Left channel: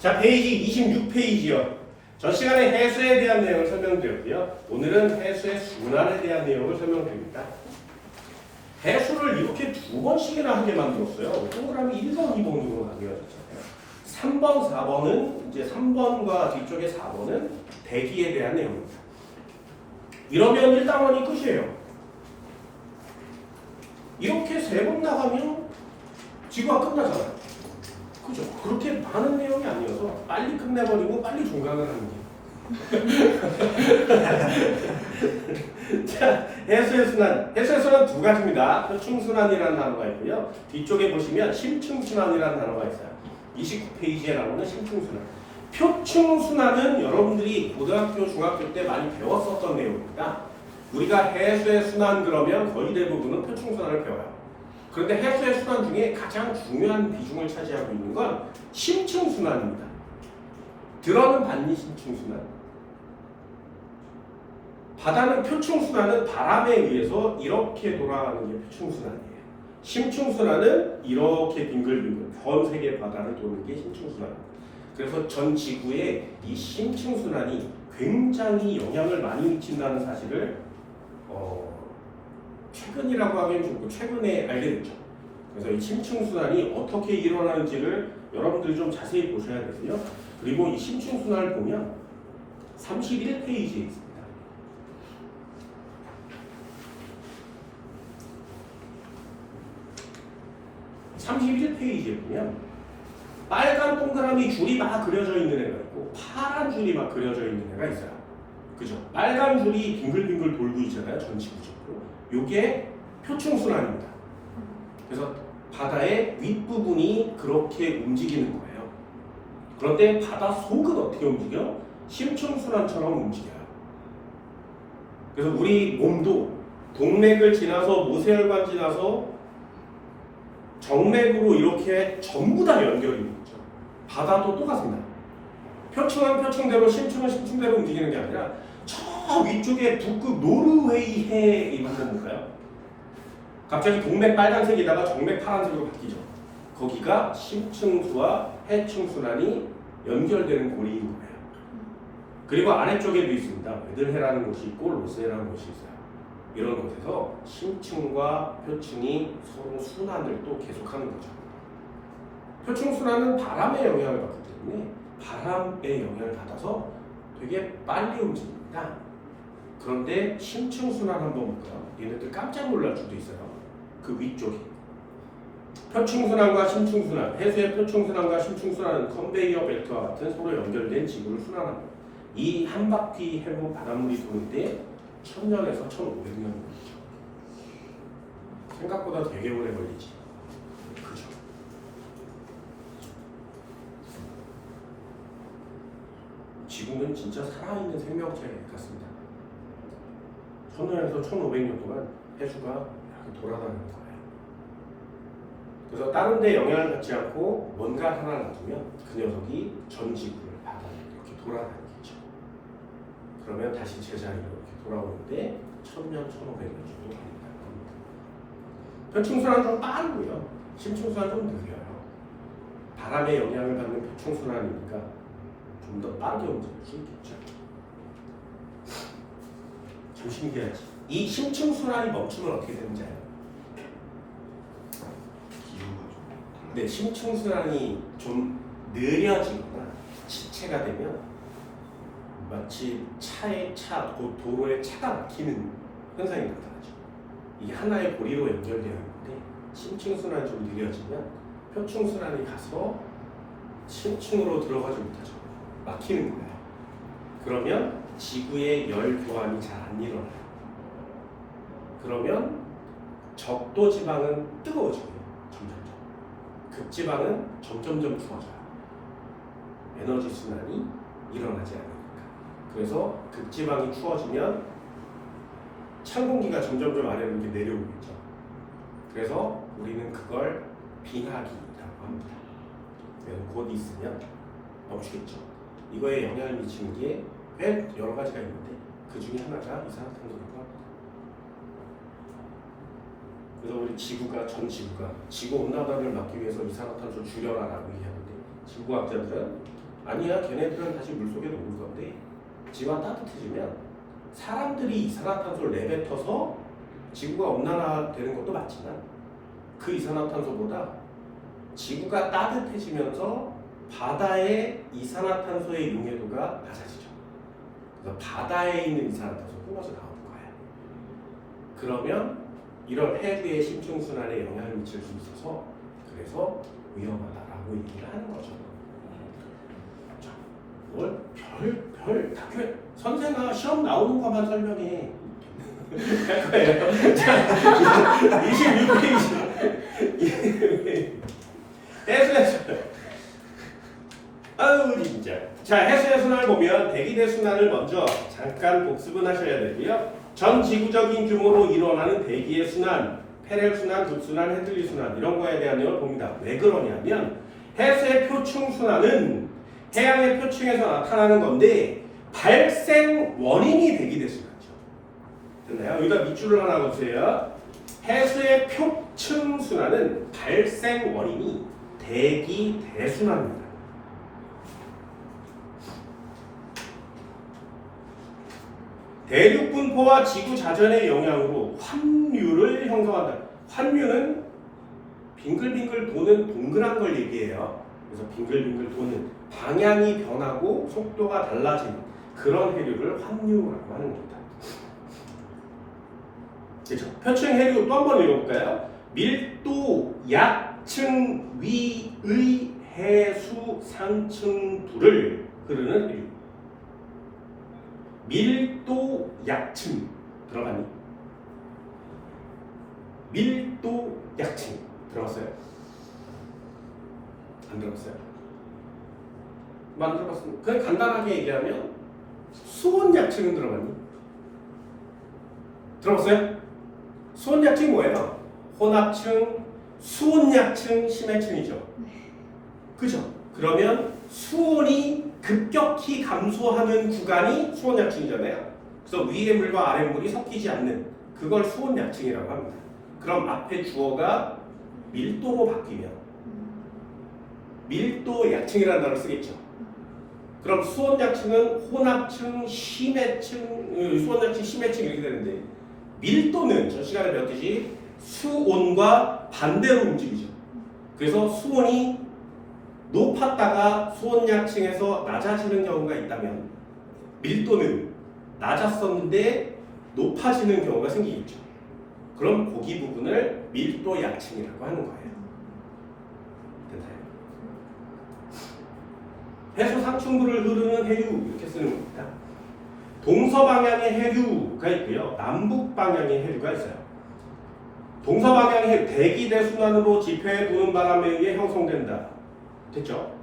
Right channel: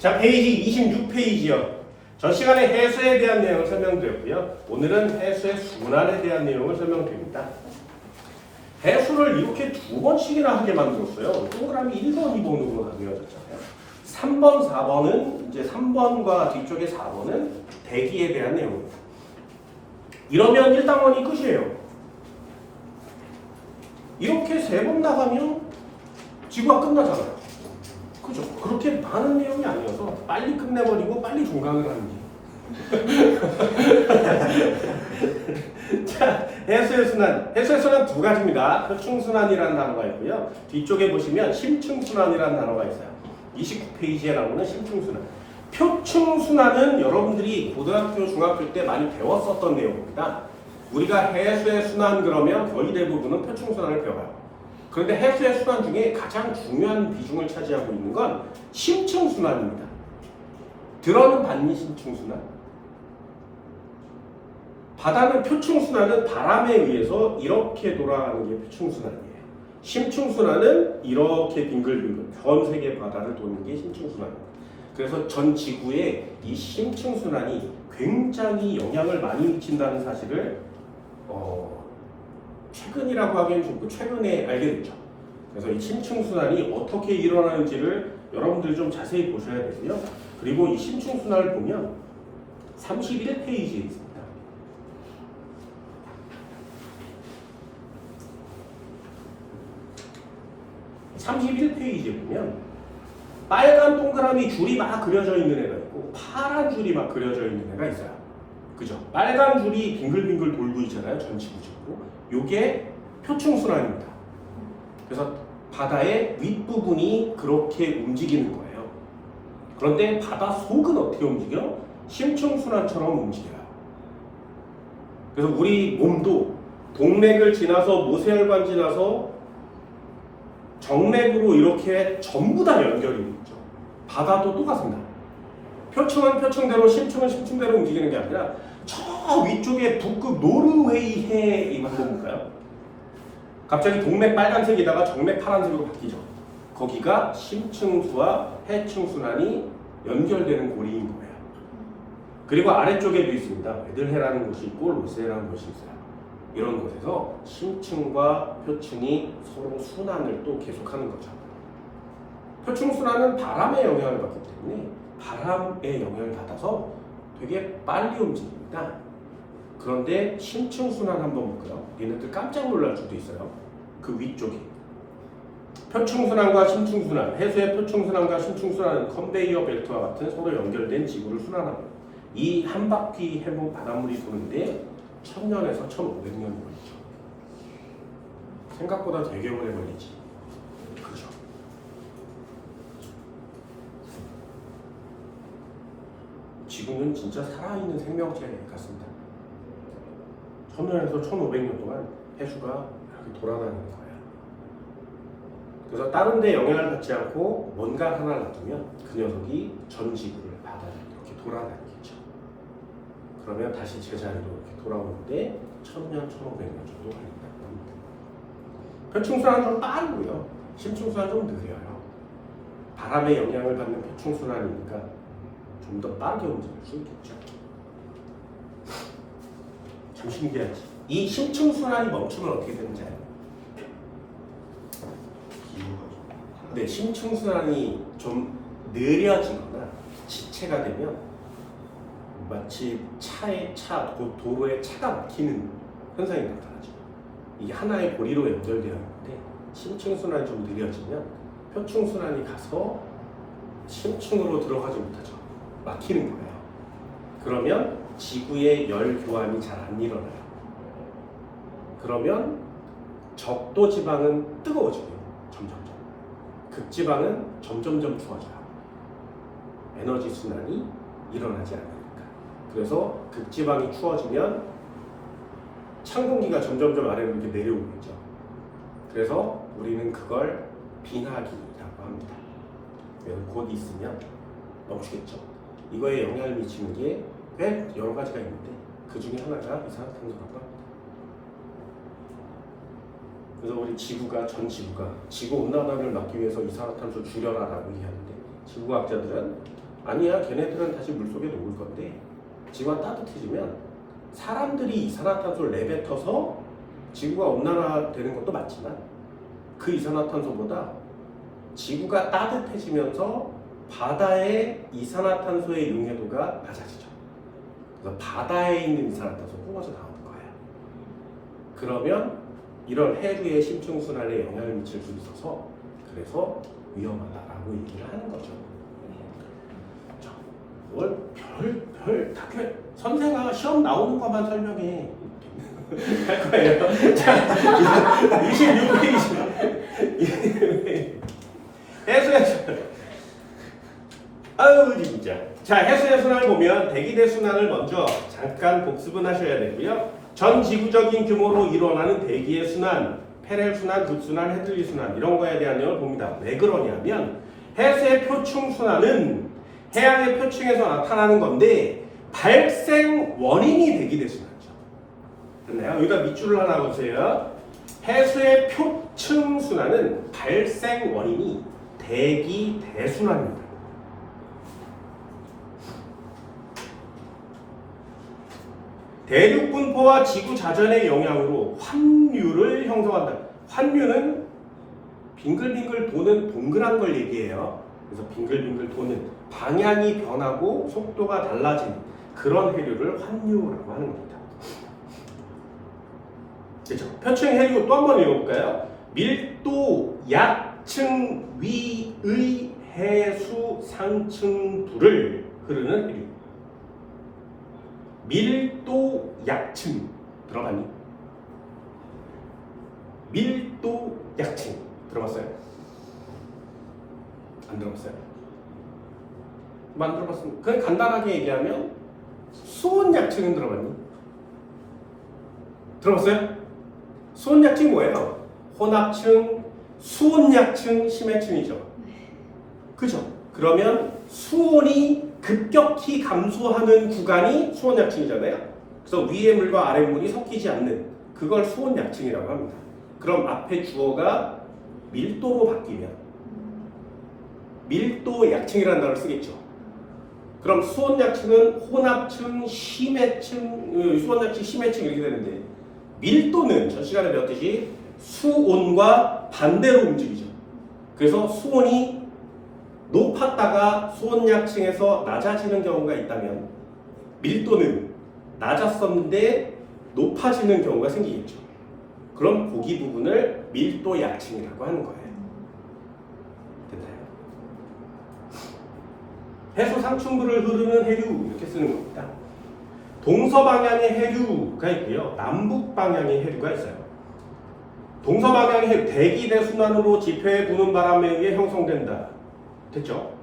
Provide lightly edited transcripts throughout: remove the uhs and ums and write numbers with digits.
자, 페이지 26페이지요. 전 시간에 해수에 대한 내용을 설명드렸고요. 오늘은 해수의 순환에 대한 내용을 설명드립니다. 해수를 이렇게 두 번씩이나 하게 만들었어요. 동그라미 1번, 2번으로 나뉘어졌잖아요. 3번, 4번은 이제 3번과 뒤쪽에 4번은 대기에 대한 내용입니다. 이러면 1단원이 끝이에요. 이렇게 세 번 나가면 지구가 끝나잖아요. 그죠? 그렇게 많은 내용이 아니어서 빨리 끝내버리고 빨리 종강을 하는 게. 자, 해수의 순환. 해수의 순환 두 가지입니다. 표충순환이라는 단어가 있고요. 뒤쪽에 보시면 심층순환이라는 단어가 있어요. 29페이지에 나오는 심층순환. 표충순환은 여러분들이 고등학교, 중학교 때 많이 배웠었던 내용입니다. 우리가 해수의 순환 그러면 거의 대부분은 표충순환을 배워요. 그런데 해수의 순환 중에 가장 중요한 비중을 차지하고 있는 건 심층순환입니다. 들어는 봤니 심층순환? 바다는 표충순환은 바람에 의해서 이렇게 돌아가는 게 표충순환이에요. 심층순환은 이렇게 빙글빙글 전 세계 바다를 도는 게 심층순환입니다. 그래서 전 지구에 이 심층순환이 굉장히 영향을 많이 미친다는 사실을 최근이라고 하기엔 좀 최근에 알게 됐죠. 그래서 이 심층순환이 어떻게 일어나는지를 여러분들이 좀 자세히 보셔야 되고요. 그리고 이 심층순환을 보면 31페이지에 있습니다. 31페이지에 보면 빨간 동그라미 줄이 막 그려져 있는 애가 있고 파란 줄이 막 그려져 있는 애가 있어요. 그죠? 빨간 줄이 빙글빙글 돌고 있잖아요. 전지구적으로. 요게 표충순환입니다. 그래서 바다의 윗부분이 그렇게 움직이는 거예요. 그런데 바다 속은 어떻게 움직여? 심층순환처럼 움직여요. 그래서 우리 몸도 동맥을 지나서 모세혈관 지나서 정맥으로 이렇게 전부 다 연결이 있죠. 바다도 똑같습니다. 표층은 표층대로, 심층은 심층대로 움직이는 게 아니라 저 위쪽에 북극 노르웨이해 이 한번 볼까요? 갑자기 동맥 빨간색이다가 정맥 파란색으로 바뀌죠. 거기가 심층수와 해층순환이 연결되는 고리인 거예요. 그리고 아래쪽에도 있습니다. 웨들해라는 곳이 있고 로스해라는 곳이 있어요. 이런 곳에서 심층과 표층이 서로 순환을 또 계속하는 거죠. 표층순환은 바람의 영향을 받기 때문에 바람의 영향을 받아서 되게 빨리 움직입니다. 그런데 심층순환 한번 볼까요? 얘네들 깜짝 놀랄 수도 있어요. 그 위쪽에 표충순환과 심층순환, 해수의 표충순환과 심층순환은 컨베이어 벨트와 같은 서로 연결된 지구를 순환합니다. 이 한 바퀴 해본 바닷물이 도는데 1000년에서 1500년이 걸리죠. 생각보다 되게 오래 걸리지. 그죠? 지구는 진짜 살아있는 생명체 같습니다. 1000년에서 1500년 동안 해수가 이렇게 돌아다니는 거예요. 그래서 다른 데 영향을 받지 않고 뭔가 하나를 놔두면 그 녀석이 전 지구를 바다를 이렇게 돌아다니겠죠. 그러면 다시 제자리로 이렇게 돌아오는데 1000년, 1500년 정도 걸린다고 합니다. 표충순환은 좀 빠르고요. 심층순환은 좀 느려요. 바람의 영향을 받는 표충순환이니까 좀 더 빠르게 움직일 수 있겠죠. 좀 신기하지. 이 심층순환이 멈추면 어떻게 되는지 알아요? 네, 심층순환이 좀 느려지거나 지체가 되면 마치 도로에 차가 막히는 현상이 나타나죠. 이게 하나의 고리로 연결되어 있는데 심층순환이 좀 느려지면 표충순환이 가서 심층으로 들어가지 못하죠. 막히는 거예요. 그러면 지구의 열 교환이 잘 안 일어나요. 그러면 적도 지방은 뜨거워지고요. 점점점. 극지방은 점점점 추워져요. 에너지 순환이 일어나지 않으니까. 그래서 극지방이 추워지면 찬 공기가 점점점 아래로 이렇게 내려오겠죠. 그래서 우리는 그걸 빙하기라고 합니다. 곧 있으면 멈추겠죠. 이거에 영향을 미치는 게 꽤 여러 가지가 있는데 그 중에 하나가 이산화탄소라고 합니다. 그래서 우리 지구가 지구 온난화를 막기 위해서 이산화탄소 줄여라라고 얘기하는데 지구과학자들은 아니야, 걔네들은 다시 물속에 녹을 건데 지구가 따뜻해지면 사람들이 이산화탄소를 내뱉어서 지구가 온난화되는 것도 맞지만 그 이산화탄소보다 지구가 따뜻해지면서 바다의 이산화탄소의 용해도가 낮아지죠. 그래서 바다에 있는 이산화탄소 뿜어져 나오는 거예요. 그러면 이런 해류의 심층순환에 영향을 미칠 수 있어서 그래서 위험하다라고 얘기를 하는 거죠. 자, 뭘 별 다큐 선생아 시험 나오는 것만 설명해. 할 거예요. 자, 26페이지. 해수의 아유 진짜. 자, 해수의 순환을 보면 대기대 순환을 먼저 잠깐 복습은 하셔야 되고요. 전 지구적인 규모로 일어나는 대기의 순환, 페렐 순환, 득순환, 헤틀리 순환 이런 거에 대한 내용을 봅니다. 왜 그러냐면 해수의 표층 순환은 해양의 표층에서 나타나는 건데 발생 원인이 대기대 순환이죠. 됐나요? 여기다 밑줄을 하나 보세요. 해수의 표층 순환은 발생 원인이 대기 대순환입니다. 대륙 분포와 지구 자전의 영향으로 환류를 형성한다. 환류는 빙글빙글 도는 동그란 걸 얘기해요. 그래서 빙글빙글 도는 방향이 변하고 속도가 달라진 그런 해류를 환류라고 하는 겁니다. 그렇죠? 표층 해류 또 한 번 읽어볼까요? 밀도 약층 위의 해수 상층부를 흐르는 해류. 밀도 약층 들어봤니? 밀도 약층 들어봤어요? 안 들어봤어요? 안 들어봤습니다. 그냥 간단하게 얘기하면 수온 약층은 들어봤니? 들어봤어요? 수온 약층 뭐예요? 혼합층, 수온 약층, 심해층이죠. 그죠? 그러면 수온이 급격히 감소하는 구간이 수온 약층이잖아요. 그래서 위의 물과 아래 물이 섞이지 않는 그걸 수온 약층이라고 합니다. 그럼 앞에 주어가 밀도로 바뀌면 밀도 약층이라는 단어를 쓰겠죠. 그럼 수온 약층은 혼합층, 심해층, 수온 약층, 심해층 이렇게 되는데 밀도는 전 시간에 배웠듯이 수온과 반대로 움직이죠. 그래서 수온이 높았다가 수온 약층에서 낮아지는 경우가 있다면 밀도는 낮았었는데 높아지는 경우가 생기겠죠. 그럼 거기 부분을 밀도 약층이라고 하는 거예요. 됐나요? 해수 상층부를 흐르는 해류 이렇게 쓰는 겁니다. 동서방향의 해류가 있고요. 남북방향의 해류가 있어요. 동서방향의 해류, 대기 대순환으로 지표에 부는 바람에 의해 형성된다. 됐죠?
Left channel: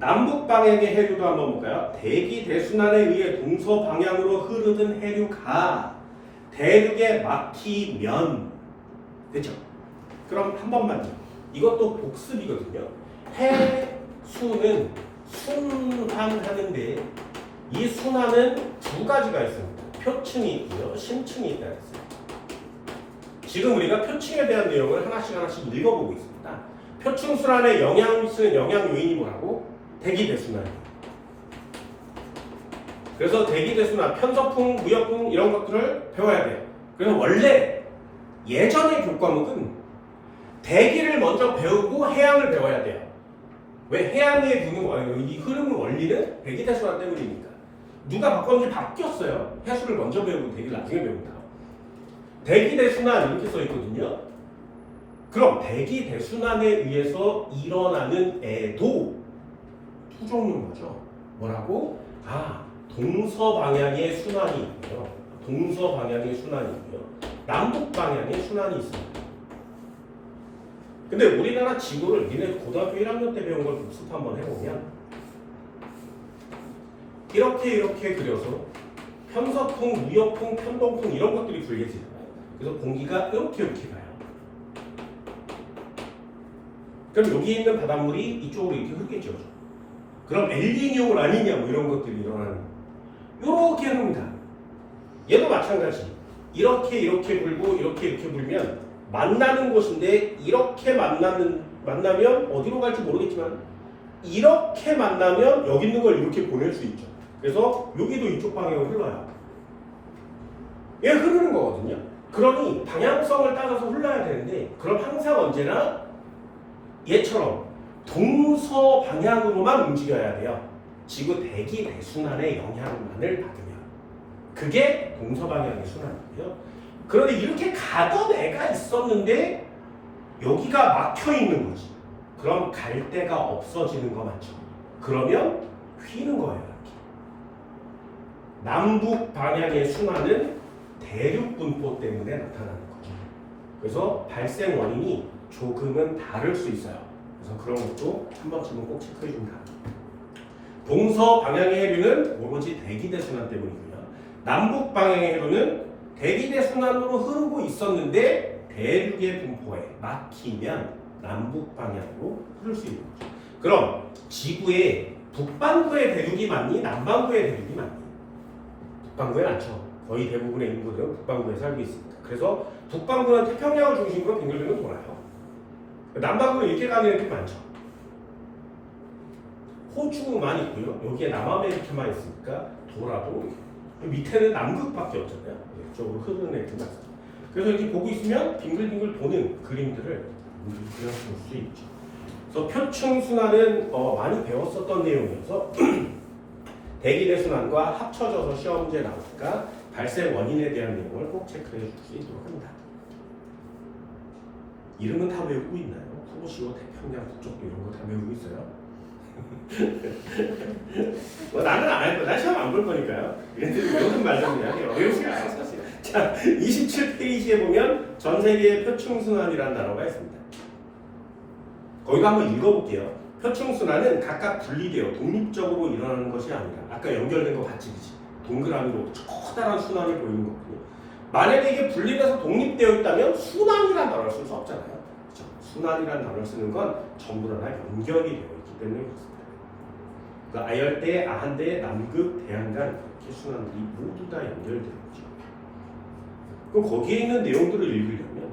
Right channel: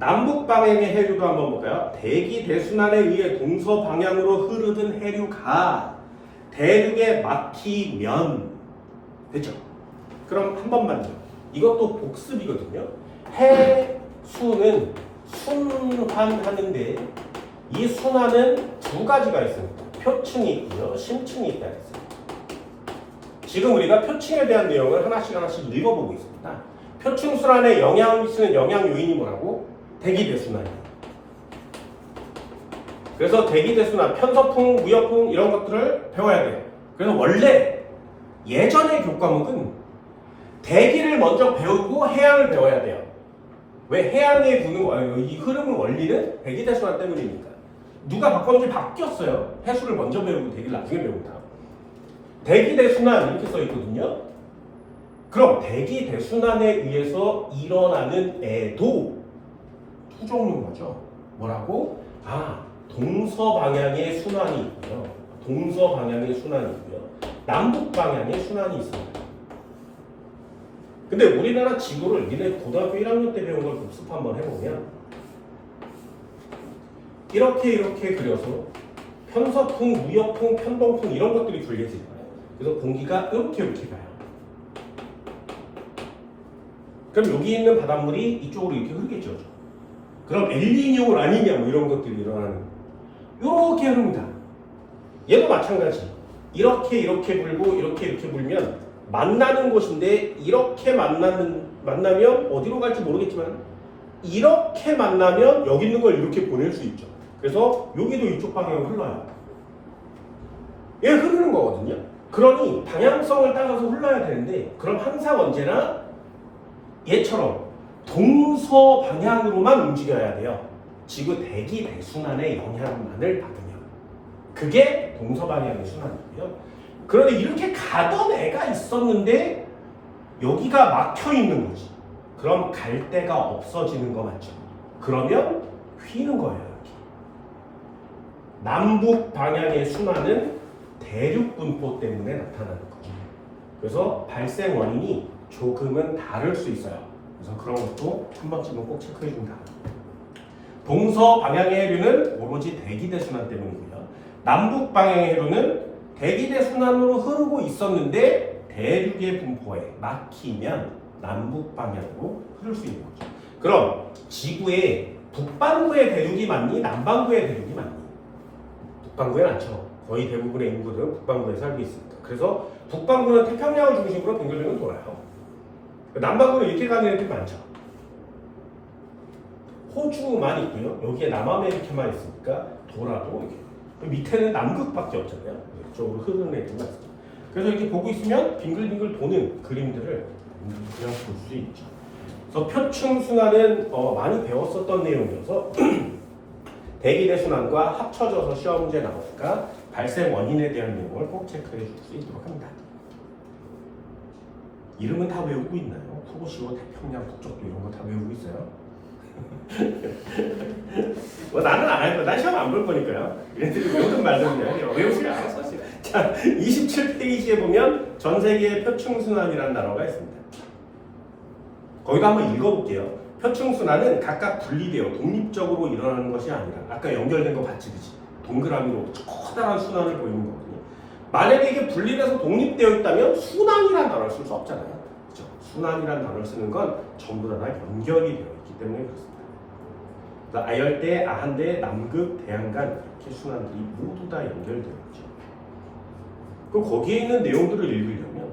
남북방향의 해류도 한번 볼까요? 대기 대순환에 의해 동서방향으로 흐르는 해류가 대륙에 막히면 됐죠? 그럼 한 번만요. 이것도 복습이거든요. 해수는 순환하는데 이 순환은 두 가지가 있습니다. 표층이 있고요. 심층이 있다 했어요. 지금 우리가 표층에 대한 내용을 하나씩 읽어보고 있습니다. 표층 순환에 영향을 미치는 영향 요인이 뭐라고? 대기 대순환이에요. 그래서 대기 대순환, 편서풍, 무역풍 이런 것들을 배워야 돼요. 그래서 원래 예전의 교과목은 대기를 먼저 배우고 해양을 배워야 돼요. 왜? 해양에 부는 이 흐르는 원리는 대기 대순환 때문이니까. 누가 바꿨는지 바뀌었어요. 해수를 먼저 배우고 대기를 나중에 배운다. 대기 대순환 이렇게 써 있거든요. 그럼 대기 대순환에 의해서 일어나는 애도 두 종류인 거죠. 뭐라고? 동서방향의 순환이 있고요. 동서방향의 순환이 있고요. 남북방향의 순환이 있습니다. 근데 우리나라 지도를 니네 고등학교 1학년 때 배운 걸 복습 한번 해보면 이렇게 그려서 편서풍, 무역풍, 편동풍 이런 것들이 분리해지잖아요. 그래서 공기가 이렇게 가요. 그럼 여기 있는 바닷물이 이쪽으로 이렇게 흐르겠죠. 그럼 엘니뇨 라니냐 뭐 이런 것들이 일어나는 이렇게 흐릅니다. 얘도 마찬가지. 이렇게 불고 이렇게 불면 만나는 곳인데 이렇게 만나면 어디로 갈지 모르겠지만 이렇게 만나면 여기 있는 걸 이렇게 보낼 수 있죠. 그래서 여기도 이쪽 방향으로 흘러요. 얘 흐르는 거거든요. 그러니 방향성을 따라서 흘러야 되는데 그럼 항상 언제나 얘처럼 동서 방향으로만 움직여야 돼요. 지구 대기 대순환의 영향만을 받으면 그게 동서 방향의 순환이고요. 그런데 이렇게 가던 애가 있었는데 여기가 막혀 있는 거지. 그럼 갈 데가 없어지는 거 맞죠? 그러면 휘는 거예요. 이렇게. 남북 방향의 순환은 대륙 분포 때문에 나타나는 거죠. 그래서 발생 원인이 조금은 다를 수 있어요. 그래서 그런 것도 한 번쯤은 꼭 체크해 줍니다. 동서 방향의 해류는 오로지 대기대 순환 때문이고요. 남북 방향의 해류는 대기대 순환으로 흐르고 있었는데 대륙의 분포에 막히면 남북 방향으로 흐를 수 있는 거죠. 그럼 지구의 북반구의 대륙이 많니? 남반구의 대륙이 많니? 북반구에 많죠. 거의 대부분의 인구들은 북반구에 살고 있습니다. 그래서 북반구는 태평양을 중심으로 빙글빙글 돌아요. 남반구는 이렇게 가는 애들이 많죠. 호주만 있고요. 여기에 남아메리카만 있으니까 돌아도 이렇게. 밑에는 남극밖에 없잖아요. 이쪽으로 흐르는 애들이 많습니다. 그래서 이렇게 보고 있으면 빙글빙글 도는 그림들을 그냥 볼 수 있죠. 그래서 표층순환은 많이 배웠었던 내용이어서 대기대 순환과 합쳐져서 시험 문제 나오니까 발생 원인에 대한 내용을 꼭 체크해 줄 수 있도록 합니다. 이름은 다 외우고 있나요? 후보시고 태평양 북쪽도 이런 거 다 외우고 있어요? 나는 안 할 거야. 난 시험 안 볼 거니까요. 얘네들이 외우는 말은 그냥 외우시면 알았어요. 자, 27페이지에 보면 전 세계의 표층순환이라는 단어가 있습니다. 거기도 한번 읽어볼게요. 표층순환은 각각 분리되어 독립적으로 일어나는 것이 아니라 아까 연결된 거 봤지, 그치? 동그라미로 커다란 순환을 보이는 거거든요. 만약에 이게 분리돼서 독립되어 있다면 순환이라는 단어를 쓸 수 없잖아요. 그렇죠? 순환이라는 단어를 쓰는 건 전부 다 연결이 되어 있기 때문에 그렇습니다. 그러니까 아열대, 아한대, 남극, 대양간 이렇게 순환들이 모두 다 연결되어 있죠. 그럼 거기에 있는 내용들을 읽으려면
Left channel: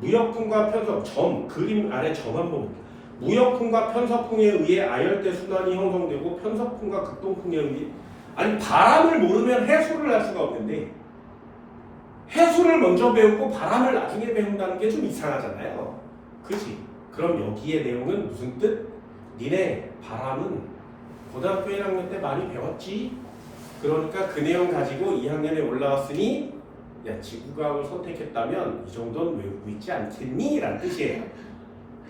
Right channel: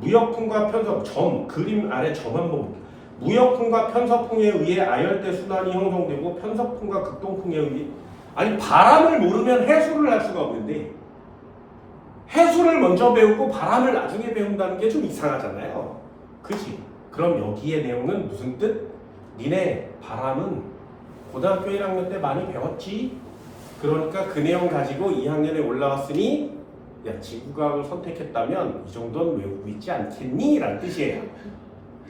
무역풍과 편석, 그림 아래 점 한번 볼게요. 무역풍과 편서풍에 의해 아열대 순환이 형성되고 편서풍과 극동풍에 의해 아니 바람을 모르면 해수를 할 수가 없는데 해수를 먼저 배우고 바람을 나중에 배운다는 게 좀 이상하잖아요. 그치? 그럼 여기의 내용은 무슨 뜻? 니네 바람은 고등학교 1학년 때 많이 배웠지? 그러니까 그 내용 가지고 2학년에 올라왔으니 야 지구과학을 선택했다면 이 정도는 외우고 있지 않겠니? 라는 뜻이에요.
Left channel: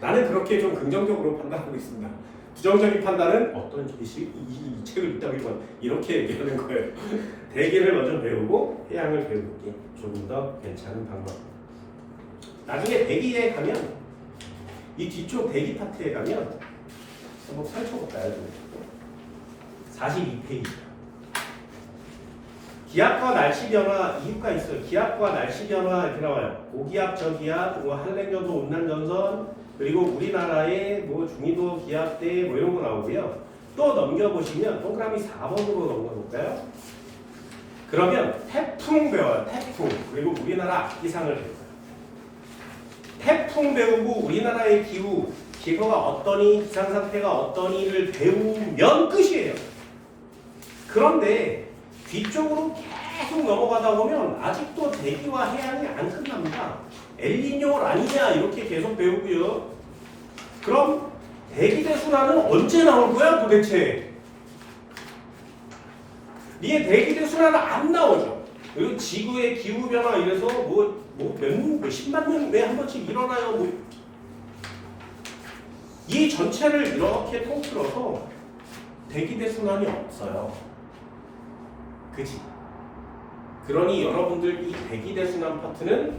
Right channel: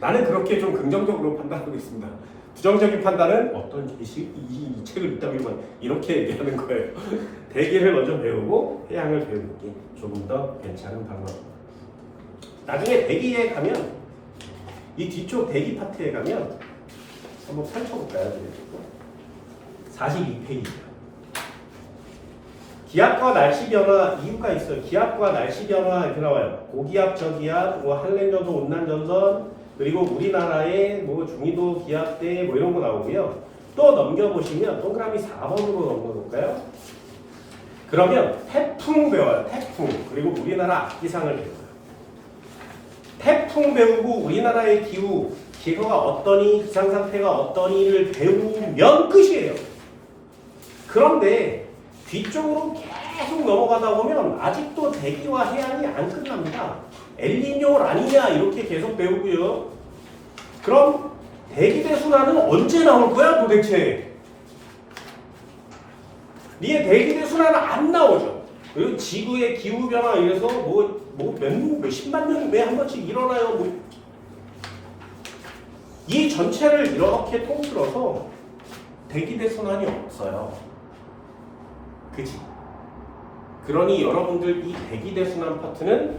나는 그렇게 좀 긍정적으로 판단하고 있습니다. 부정적인 판단은 어떤 이 책을 읽다 보면 이렇게 얘기하는 거예요. 대기를 먼저 배우고 해양을 배우는 게 조금 더 괜찮은 방법입니다. 나중에 대기에 가면 이 뒤쪽 대기 파트에 가면 한번 펼쳐볼까요? 42페이지입니다. 기압과 날씨 변화 이유가 있어요. 기압과 날씨 변화 이렇게 나와요. 고기압, 저기압, 한랭저도 온난전선 그리고 우리나라의 중위도 기압대 이런 거 나오고요. 또 넘겨보시면 동그라미 4번으로 넘겨볼까요? 그러면 태풍 배워요. 태풍. 그리고 우리나라 악기상을 배워요. 태풍 배우고 우리나라의 기후가 어떠니, 기상상태가 어떠니를 배우면 끝이에요. 그런데 뒤쪽으로 계속 넘어가다 보면 아직도 대기와 해양이 안 끝납니다. 엘니뇨 라니냐 이렇게 계속 배우고요. 그럼 대기대 순환은 언제 나올 거야 도대체? 니의 대기대 순환은 안 나오죠. 그리고 지구의 기후 변화 이래서 몇십만 년에 한 번씩 일어나요. 이 전체를 이렇게 통틀어서 대기대 순환이 없어요. 그치? 그러니 여러분들 이 대기대 순환 파트는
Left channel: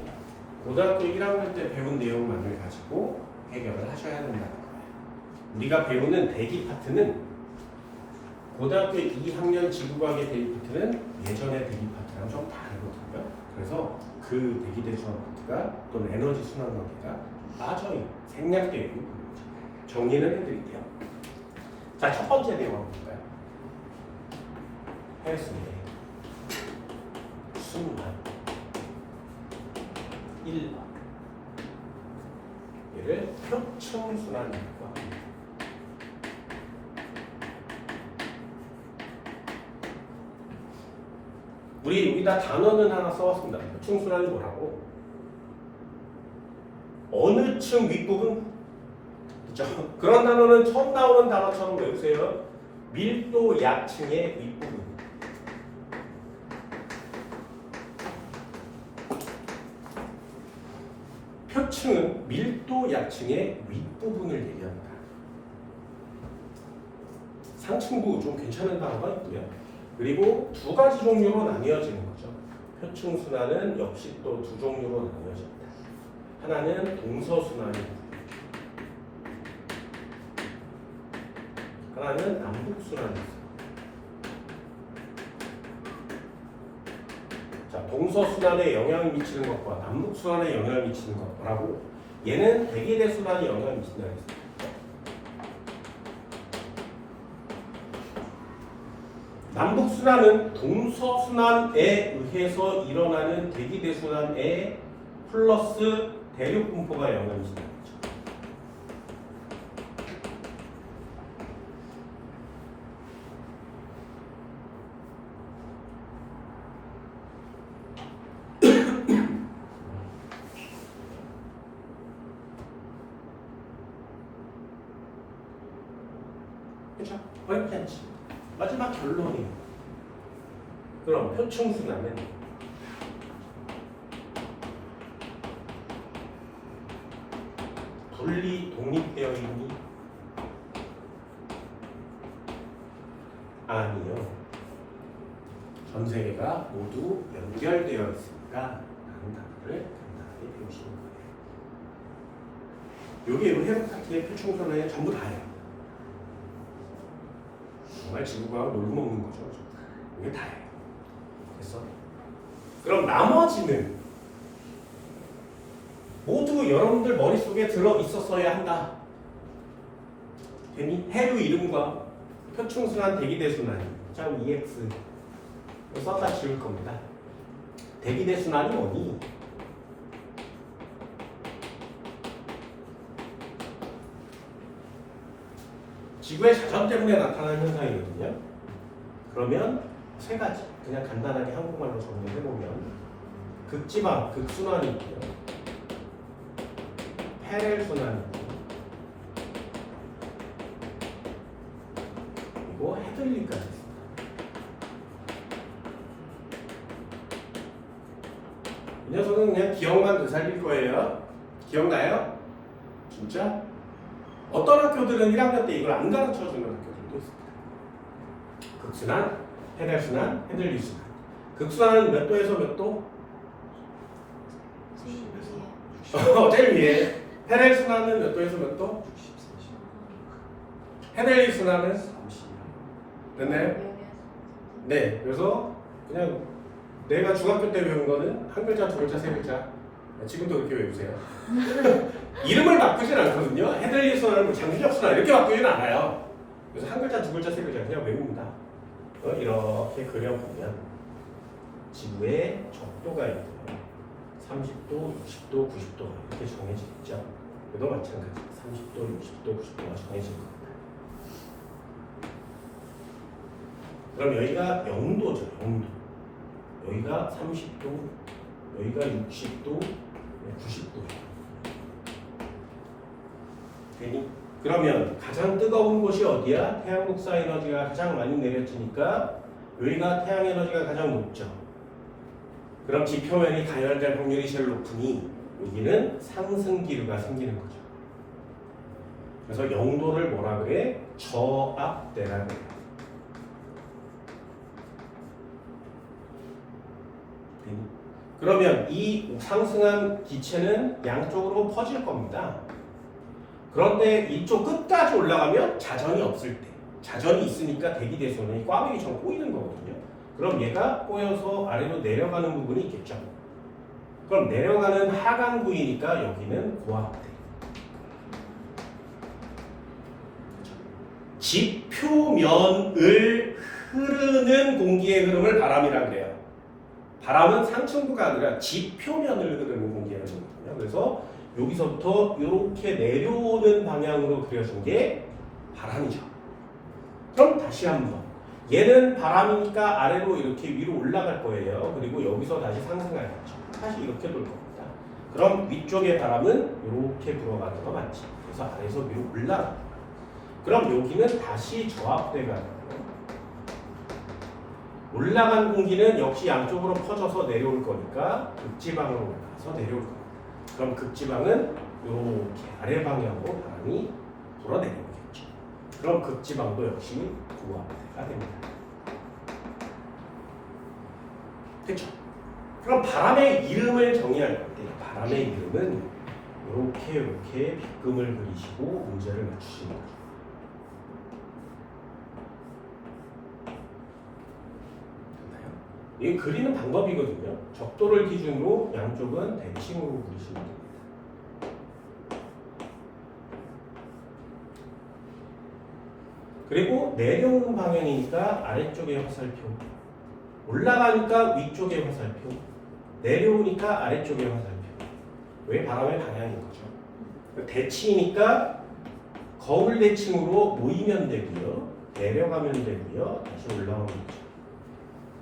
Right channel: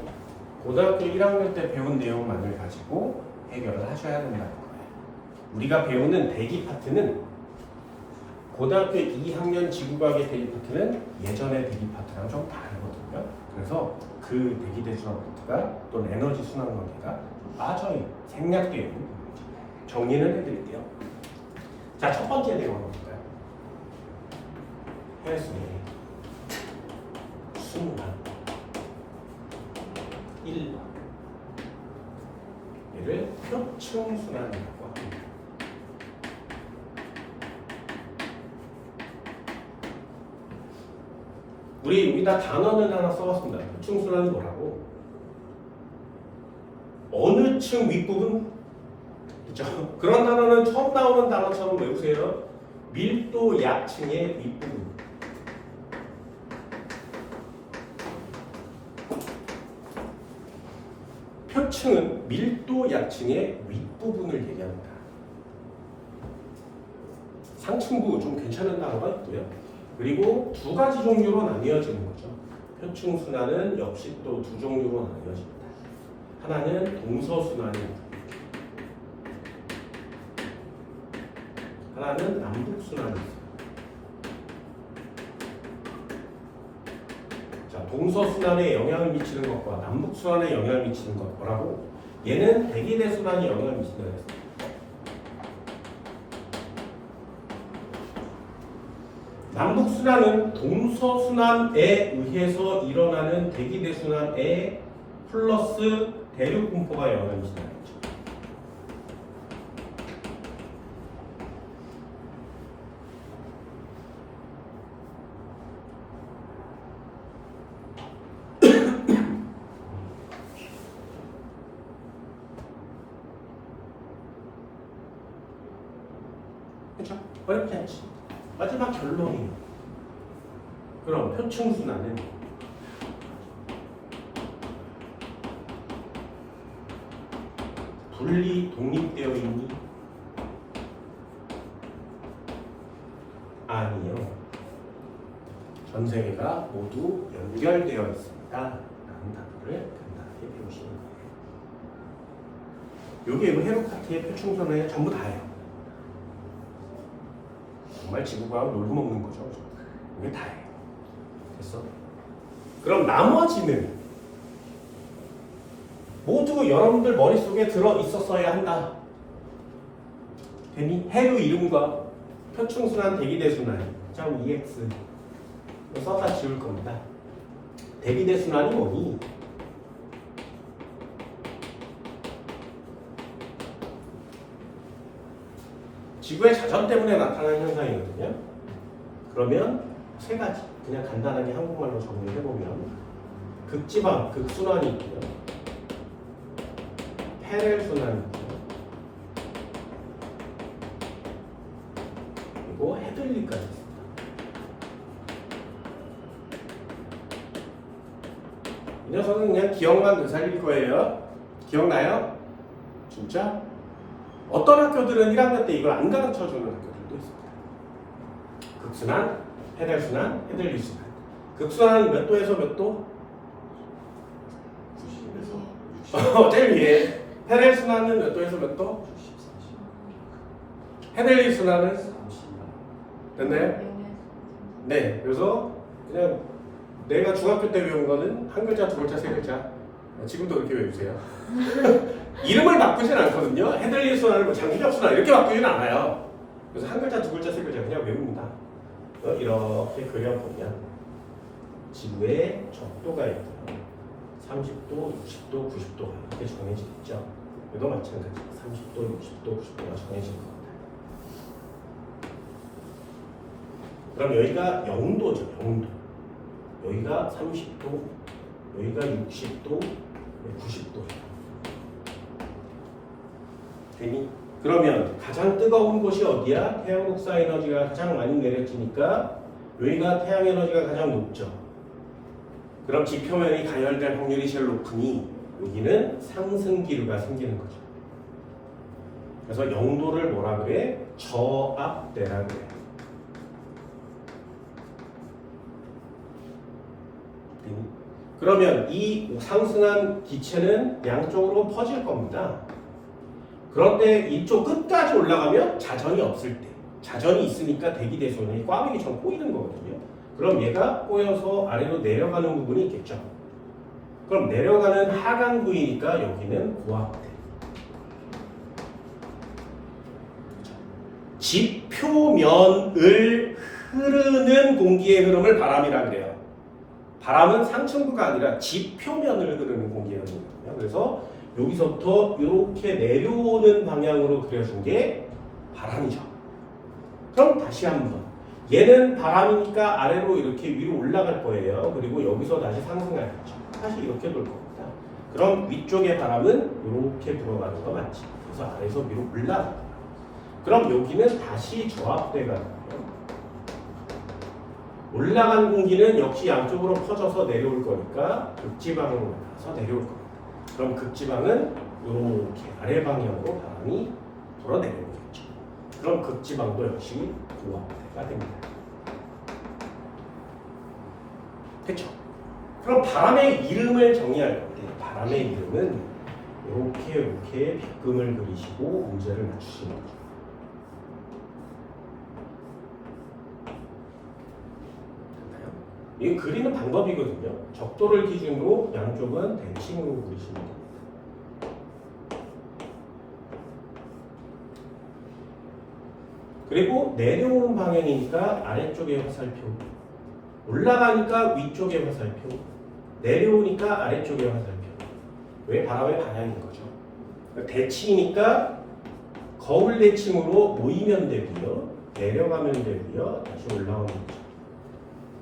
고등학교 1학년 때 배운 내용만을 가지고 해결을 하셔야 된다는 거예요. 우리가 배우는 대기 파트는 고등학교 2학년 지구과학의 대기 파트는 예전의 대기 파트랑 좀 다르거든요. 그래서 그 대기대 순환 파트가 또는 에너지 순환 관계가 빠져요. 생략되어 있는 부분이죠. 정리를 해드릴게요. 자, 첫 번째 내용 한번 볼까요? 해수의 순환 1. 얘를 표층순환이라고 합니다. 우리 여기다 단어는 하나 써왔습니다. 표층순환이 뭐라고? 어느 층 윗부분? 그죠? 그런 단어는 처음 나오는 단어처럼 외우세요. 밀도 약층의 윗부분. 표층은 밀도 약층의 윗부분을 얘기합니다. 상층부 좀 괜찮은 단어가 있고요. 그리고 두 가지 종류로 나뉘어지는 거죠. 표층순환은 역시 또 두 종류로 나뉘어집니다. 하나는 동서순환이고 하나는 남북순환이 있어요. 자, 동서순환에 영향을 미치는 것과 남북순환에 영향을 미치는 것 뭐라고? 얘는 대기대순환이 영향을 미친다 했습니다. 남북순환은 동서순환에 의해서 일어나는 대기대순환에 플러스 대륙분포가 영향을 미친다 했죠. 그렇죠? 어렵지 않지. 마지막 결론이 그럼 표층순환은 분리 독립되어 있니? 아니요. 전 세계가 모두 연결되어 있습니다. 라는 단어를 간단하게 배우시면 돼요. 여기 헤로파티의 표층순환에 전부 다예요. 정말 지구가 놀고 먹는 거죠. 이게 다예요. 됐어? 그럼 나머지는 모두 여러분들 머릿속에 들어 있었어야 한다. 괜히 해류 이름과 표층순환, 대기대순환, 자 EX 썼다 지울 겁니다. 대기대순환이 뭐니? 지구의 자전 때문에 나타나는 현상이거든요. 그러면 세 가지 그냥 간단하게 한국말로 정리를 해보면 극지방, 극순환이 있고요. 페렐순환이 있고요. 그리고 헤들리까지 있습니다. 이 녀석은 그냥 기억만 되살릴 거예요. 기억나요? 진짜? 어떤 학교들은 1학년 때 이걸 안 가르쳐주는 학교들도 있습니다. 극순환, 페렐순환, 헤들리순환. 극순환은 몇 도에서 몇 도? 90에서 제일 위에. 페렐순환은 몇 도에서 몇 도? 60, 40. 헤들리순환은 30. 됐나요? 네. 그래서 그냥 내가 중학교 때 배운 거는 한 글자, 두 글자, 세 글자. 지금도 그렇게 외우세요. 이름을 바꾸진 않거든요. 헤들리순환을 뭐 장기적순환 이렇게 바꾸지는 않아요. 그래서 한 글자, 두 글자, 세 글자 그냥 외웁니다. 이렇게 그려보면 지구에 적도가 있고요. 30도, 60도, 90도가 이렇게 정해져 있죠. 이도 마찬가지. 30도, 60도, 90도가 정해진 겁니다. 그럼 여기가 0도죠. 0도. 여기가 30도, 여기가 60도, 90도. 그러면 가장 뜨거운 곳이 어디야? 태양 복사 에너지가 가장 많이 내려지니까 여기가 태양 에너지가 가장 높죠. 그럼 지표면이 가열될 확률이 제일 높으니 여기는 상승 기류가 생기는 거죠. 그래서 0도를 뭐라 그래? 저압대라 그래요. 그러면 이 상승한 기체는 양쪽으로 퍼질 겁니다. 그런데 이쪽 끝까지 올라가면 자전이 없을 때, 자전이 있으니까 대기대순환이 꽈배기처럼 꼬이는 거거든요. 그럼 얘가 꼬여서 아래로 내려가는 부분이 있겠죠. 그럼 내려가는 하강부이니까 여기는 고압대. 지표면을 흐르는 공기의 흐름을 바람이라 그래요. 바람은 상층부가 아니라 지표면을 흐르는 공기의 흐름이거든요. 그래서 여기서부터 이렇게 내려오는 방향으로 그려준 게 바람이죠. 그럼 다시 한번 얘는 바람이니까 아래로 이렇게 위로 올라갈 거예요. 그리고 여기서 다시 상승하겠죠. 다시 이렇게 돌 겁니다. 그럼 위쪽의 바람은 이렇게 불어가는 거 맞지? 그래서 아래에서 위로 올라가. 그럼 여기는 다시 저압돼 가는 거예요. 올라간 공기는 역시 양쪽으로 퍼져서 내려올 거니까 극지방으로 가서 내려올 겁니다. 그럼 극지방은 이렇게 아래 방향으로 바람이 불어내려오겠죠. 그럼 극지방도 역시 고압대가 됩니다. 됐죠? 그럼 바람의 이름을 정의할 건데 바람의 이름은 이렇게 빗금을 그리시고 문제를 맞추시는 거죠. 이 그리는 방법이거든요. 적도를 기준으로 양쪽은 대칭으로 그리시면 됩니다. 그리고 내려오는 방향이니까 아래쪽에 화살표, 올라가니까 위쪽에 화살표, 내려오니까 아래쪽에 화살표. 왜? 바람의 방향인 거죠. 대칭이니까 거울 대칭으로 모이면 되고요, 내려가면 되고요, 다시 올라오면 되죠.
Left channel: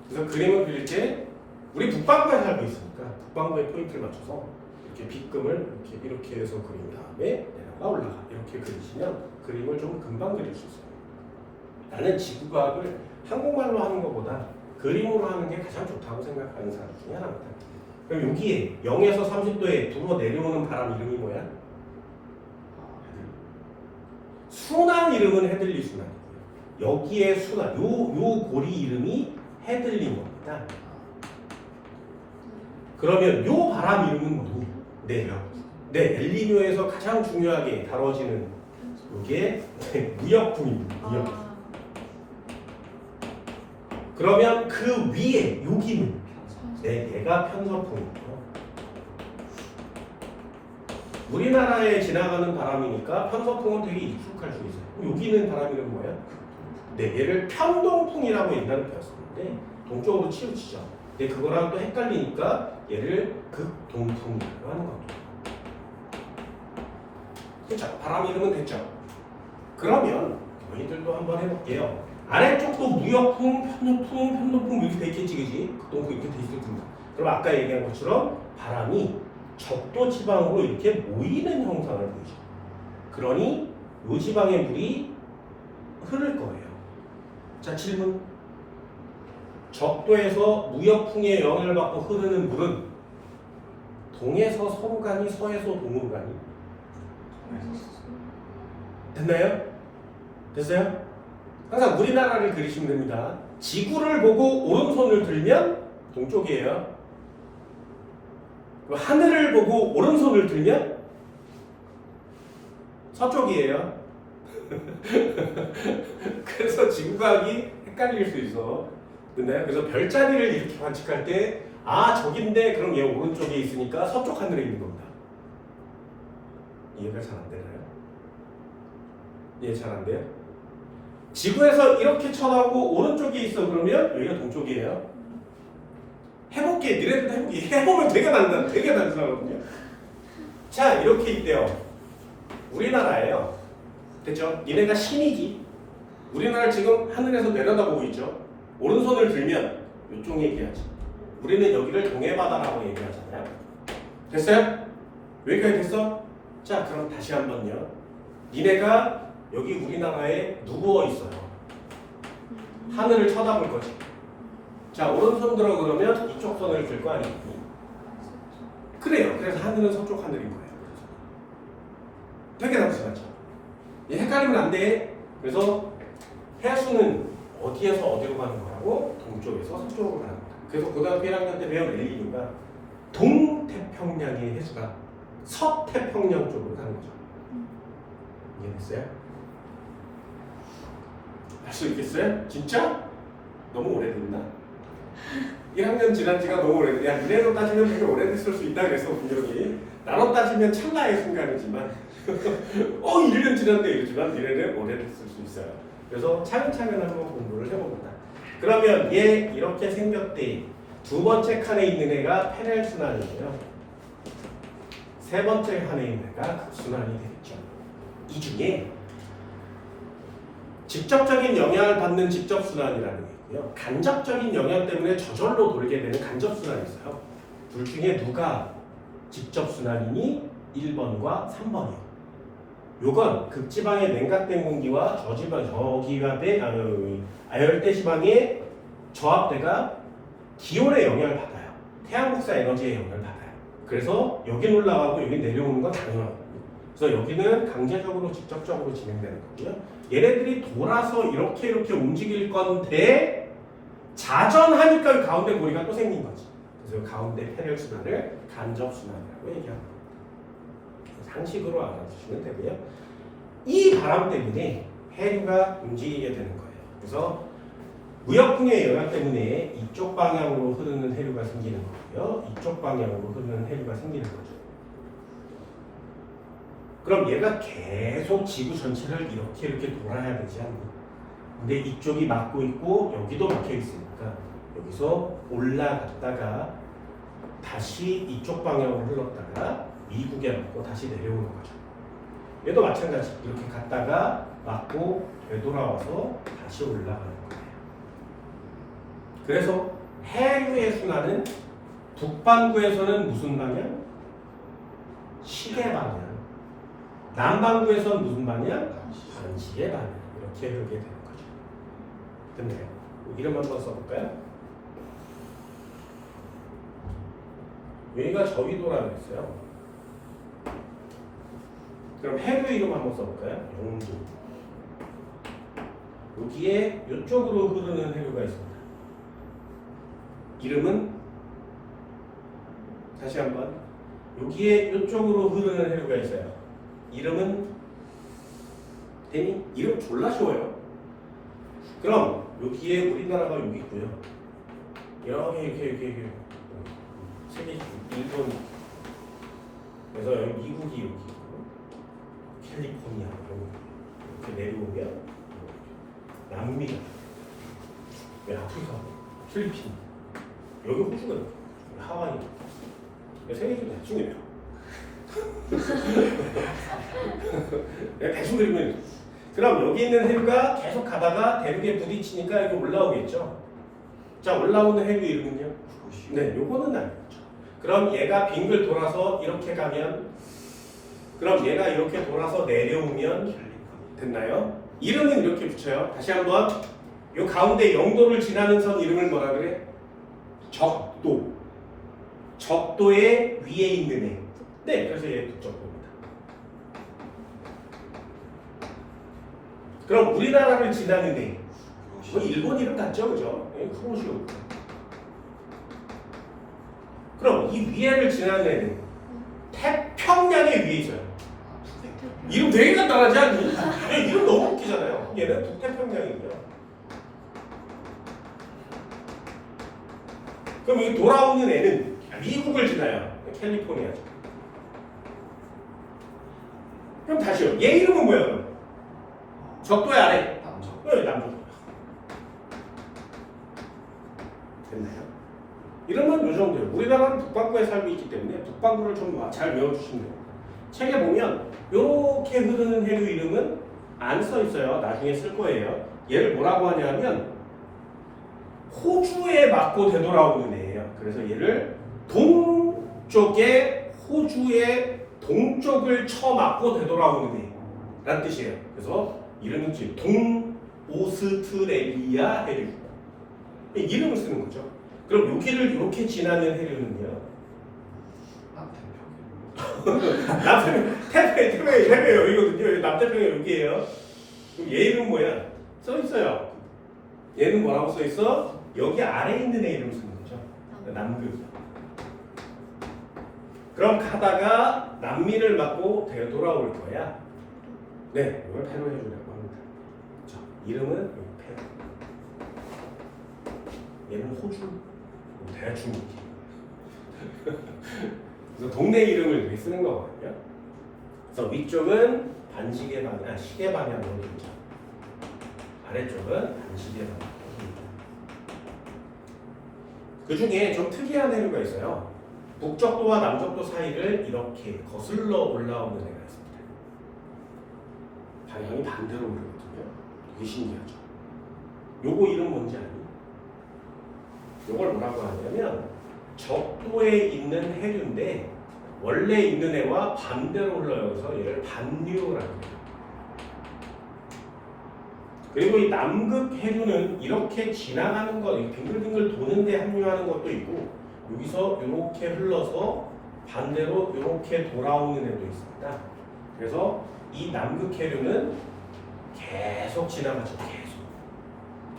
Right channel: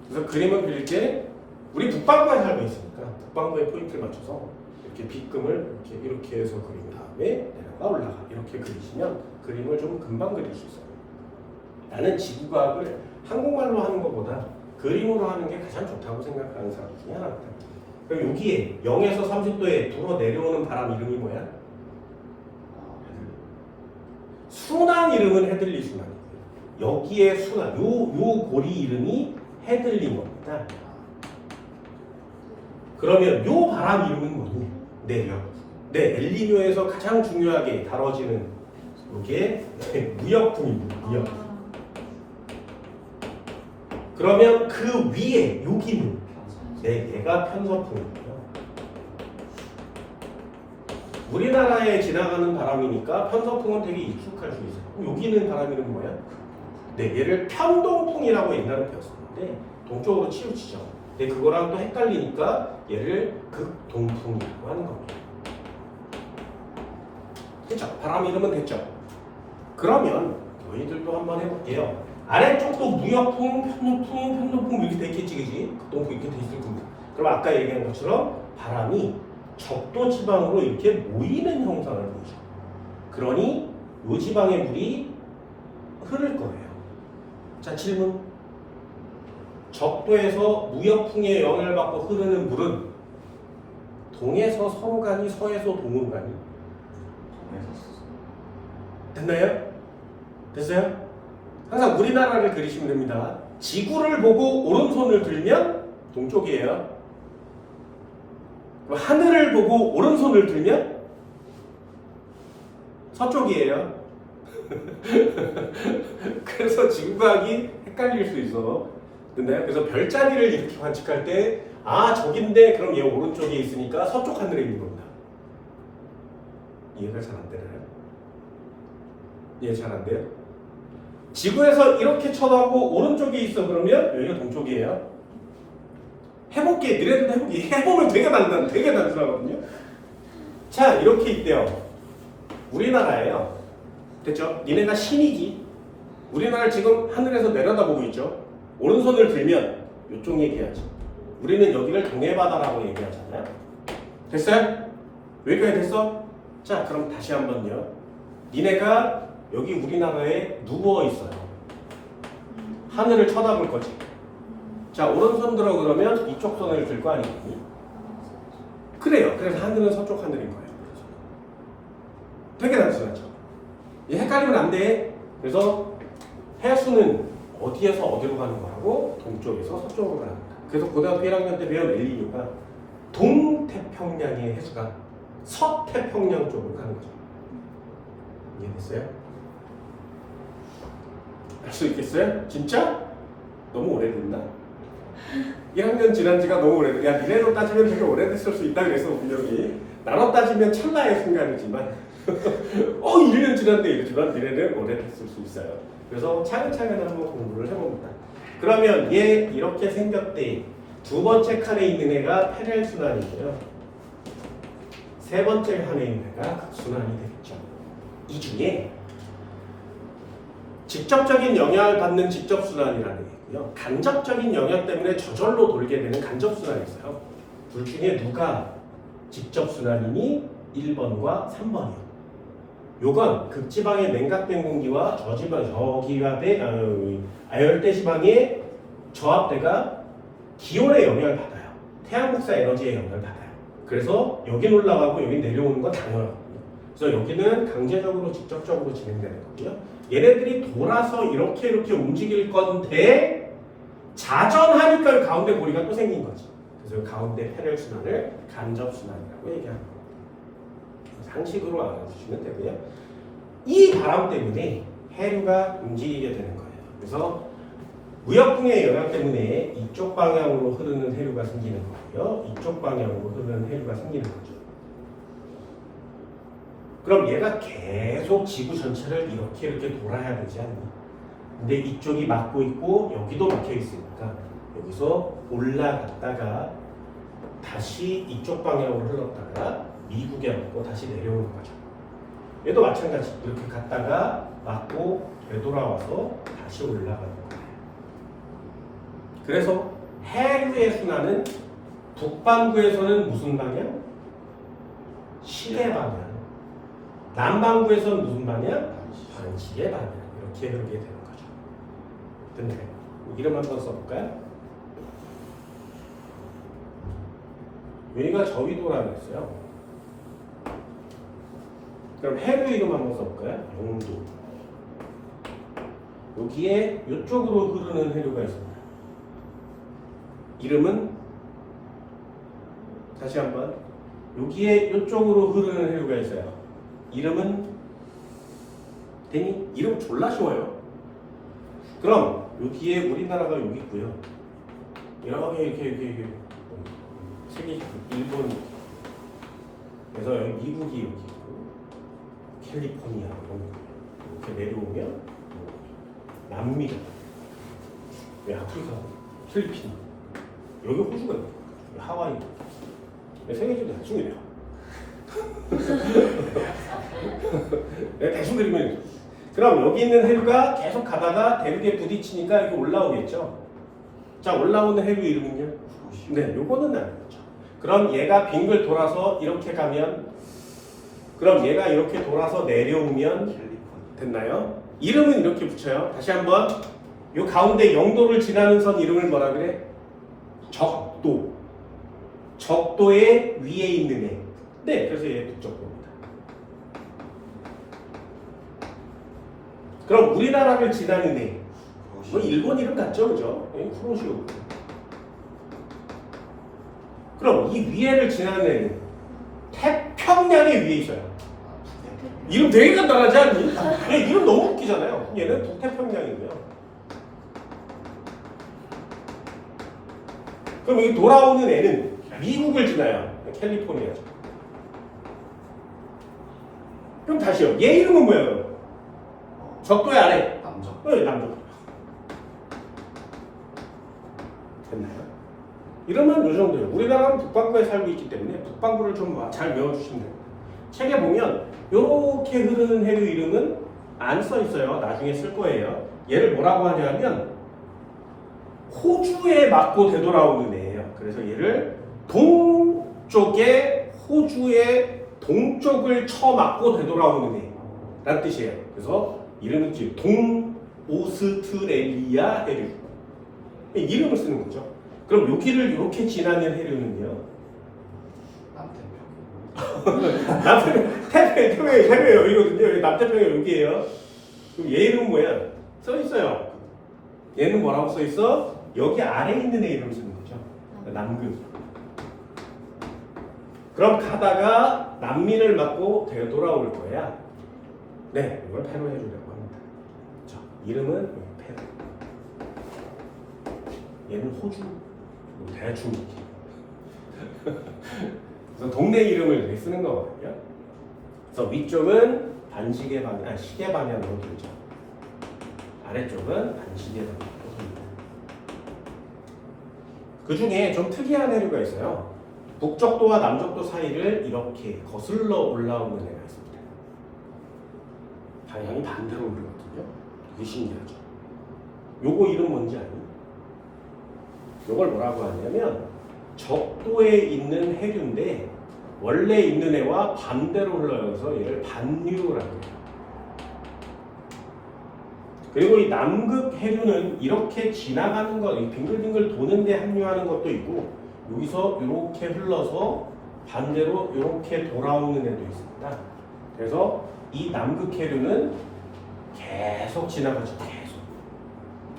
그래서 그림을 그릴 때 우리 북반구에 살고 있으니까 북반구에 포인트를 맞춰서 이렇게 빗금을 이렇게 해서 그린 다음에 내려가 올라가 이렇게 그리시면 그림을 좀 금방 그릴 수 있어요. 나는 지구과학을 한국말로 하는 것보다 그림으로 하는 게 가장 좋다고 생각하는 사람 중에 하나입니다. 그럼 여기에 0에서 30도에 불어 내려오는 바람 이름이 뭐야? 순환 이름은 헤들리 순환이에요. 여기에 순환, 요 고리 이름이 헤들린 겁니다. 그러면 요 바람 이름은 뭐니? 네, 엘니뇨에서 가장 중요하게 다뤄지는 이게 무역풍입니다. 무역풍. 그러면 그 위에 여기는 얘가 편서풍이고요. 우리나라에 지나가는 바람이니까 편서풍은 되게 익숙할 수 있어요. 여기는 바람이는 뭐야? 네, 얘를 편동풍이라고 옛날에 배웠었는데 동쪽으로 치우치죠. 근데 그거랑 또 헷갈리니까 얘를 극동풍이라고 하는 겁니다. 됐죠? 바람 이름은 됐죠? 그러면 너희들도 한번 해볼게요. 아래쪽도 무역풍, 편동풍 이렇게 돼 있겠지, 그지? 극동풍 이렇게 돼 있을 겁니다. 그럼 아까 얘기한 것처럼 바람이 적도 지방으로 이렇게 모이는 형상을 보이죠. 그러니 이 지방의 물이 흐를 거예요. 자, 질문. 적도에서 무역풍의 영향을 받고 흐르는 물은 동에서 서로 가니 서에서 동으로 가니? 됐나요? 됐어요? 항상 우리나라를 그리시면 됩니다. 지구를 보고 오른손을 들면 동쪽이에요. 하늘을 보고 오른손을 들면 서쪽이에요. 그래서 지구과학이 헷갈릴 수 있어. 근데 그래서 별자리를 이렇게 관측할 때 저긴데 그럼 얘 오른쪽에 있으니까 서쪽 하늘에 있는 겁니다. 이해가 잘 안 되나요? 이해 잘 안 돼요? 지구에서 이렇게 쳐다보고 오른쪽에 있어 그러면 여기가 동쪽이에요. 해볼게. 미래도 해볼게. 해보면 되게 단순하거든요. 자, 이렇게 있대요. 우리나라예요. 됐죠? 얘네가 신이지. 우리나라 지금 하늘에서 내려다보고 있죠. 오른손을 들면 이쪽 얘기하지. 우리는 여기를 동해바다라고 얘기하잖아요. 됐어요? 여기까지 됐어? 자, 그럼 다시 한번요. 니네가 여기 우리나라에 누워 있어요. 하늘을 쳐다볼 거지. 자, 오른손 들어 그러면 이쪽 손을 들 거 아니니? 그래요. 그래서 하늘은 서쪽 하늘인 거예요. 되게 단순하죠. 얘 헷갈리면 안 돼. 그래서 해수는 어디에서 어디로 가는 거라고? 동쪽에서 서쪽으로 가는 거다. 그래서 고등학교 1학년 때 배운 엘니뇨가 동태평양의 해수가 서태평양 쪽으로 가는 거죠. 이해됐어요? 할 수 있겠어요? 진짜? 너무 오래됐나? 1학년 지난 지가 너무 오래됐. 야, 니네로 따지면 되게 오래됐을 수 있다 그랬어, 분명히. 나로 따지면 찰나의 순간이지만 1년 지났네 이러지만 니네는 오래됐을 수 있어요. 그래서 차근차근 한번 공부를 해봅니다. 그러면 얘 이렇게 생겼대. 두 번째 칸에 있는 애가 패렐순환이고요. 세 번째 칸에 있는 애가 극순환이 되겠죠. 이 중에 직접적인 영향을 받는 직접순환이라는 게 있고요. 간접적인 영향 때문에 저절로 돌게 되는 간접순환이 있어요. 둘 중에 누가 직접순환이니? 1번과 3번이요. 요건 극지방의 냉각된 공기와 아열대 지방의 저압대가 기온의 영향을 받아요. 태양 복사 에너지의 영향을 받아요. 그래서 여긴 올라가고 여긴 내려오는 건 당연하거든요. 그래서 여기는 강제적으로 직접적으로 진행되는 거고요. 얘네들이 돌아서 이렇게 움직일 건데 자전하니까 가운데 고리가 또 생긴 거지. 그래서 가운데 패널 순환을 간접 순환이라고 얘기하는 거예요. 상식으로 알아두시면 되고요. 이 바람 때문에 해류가 움직이게 되는 거예요. 그래서 무역풍의 영향 때문에 이쪽 방향으로 흐르는 해류가 생기는 거고요. 이쪽 방향으로 흐르는 해류가 생기는 거죠. 그럼 얘가 계속 지구 전체를 이렇게 돌아야 되지 않니? 근데 이쪽이 막고 있고 여기도 막혀 있으니까 여기서 올라갔다가 다시 이쪽 방향으로 흘렀다가 미국에 맞고 다시 내려오는 거죠. 얘도 마찬가지. 이렇게 갔다가 맞고 되돌아와서 다시 올라가는 거예요. 그래서 해류의 순환은 북반구에서는 무슨 방향? 시계 방향. 남반구에서는 무슨 방향? 반시계 방향. 이렇게 흐르게 되는 거죠. 됐나요? 이름 한번 써볼까요? 여기가 저위도라고 했어요. 그럼 해류 이름 한번 써볼까요? 영도. 여기에 이쪽으로 흐르는 해류가 있습니다. 이름은 다시 한번 여기에 이쪽으로 흐르는 해류가 있어요. 이름은 이름 졸라 쉬워요. 그럼 여기에 우리나라가 여기 있고요. 이렇게 세계 일본 그래서 여기 미국이 여기 있고 캘리포니아 이렇게 내려오면 남미가 아프리카 필리핀 여기 호주가 있고 하와이 세계적으로 대충이에요. 대충 그리면 그럼 여기 있는 해류가 계속 가다가 대륙에 부딪히니까 이렇게 올라오겠죠. 자 올라오는 해류 이름은요? 네, 요거는 아니죠. 그럼 얘가 빙글 돌아서 이렇게 가면 그럼 얘가 이렇게 돌아서 내려오면 됐나요? 이름은 이렇게 붙여요. 다시 한번 요 가운데 영도를 지나는 선 이름을 뭐라 그래? 적도. 적도의 위에 있는 애. 네, 그래서 얘 북적도입니다. 그럼 우리나라를 지나는 애. 뭐 일본 이름 같죠, 그죠? 쿠로시오. 그럼 이 위에를 지나는 애는 태평양의 위에 있어요. 이름 되게 간단하지 않니? 이름 너무 웃기잖아요. 얘는 북태평양이고요. 그럼 이 돌아오는 애는 미국을 지나요. 캘리포니아죠. 그럼 다시요. 얘 이름은 뭐예요? 적도의 아래. 남적. 네, 남적. 됐나요? 이러면 이 정도예요. 우리나라는 북반구에 살고 있기 때문에 북반구를 좀 잘 외워주시면 돼요. 책에 보면 이렇게 흐르는 해류 이름은 안 써 있어요. 나중에 쓸 거예요. 얘를 뭐라고 하냐면 호주에 맞고 되돌아오는 애예요. 그래서 얘를 동쪽에 호주의 동쪽을 쳐맞고 되돌아오는 애라는 뜻이에요. 그래서 이름이 동오스트레일리아 해류. 이름을 쓰는 거죠. 그럼 여기를 이렇게 지나는 해류는요? 남태평양이 해류 여기거든요. 남태평양 여기예요. 그럼 얘 이름 뭐야? 써 있어요. 얘는 뭐라고 써 있어? 여기 아래에 있는 애 이름 쓰는 거죠. 남극. 그럼 가다가 남미를 맞고 되돌아올 거야. 네, 이걸 패로 해주려고 합니다. 자, 이름은 패로. 얘는 호주. 대충 그래서 동네 이름을 이렇게 쓰는 거거든요. 그래서 위쪽은 반시계 방향, 시계 방향으로 돌죠. 아래쪽은 반시계 방향으로 돌립니다. 그 중에 좀 특이한 해류가 있어요. 북적도와 남적도 사이를 이렇게 거슬러 올라오는 애가 있습니다. 방향이 반대로 흐르거든요. 이게 신기하죠. 요거 이름 뭔지 아니? 요걸 뭐라고 하냐면 적도에 있는 해류인데 원래 있는 애와 반대로 흘러서 얘를 반류라고 해요. 그리고 이 남극 해류는 이렇게 지나가는 거, 빙글빙글 도는데 합류하는 것도 있고 여기서 이렇게 흘러서 반대로 이렇게 돌아오는 애도 있습니다. 그래서 이 남극 해류는 계속 지나가죠. 계속.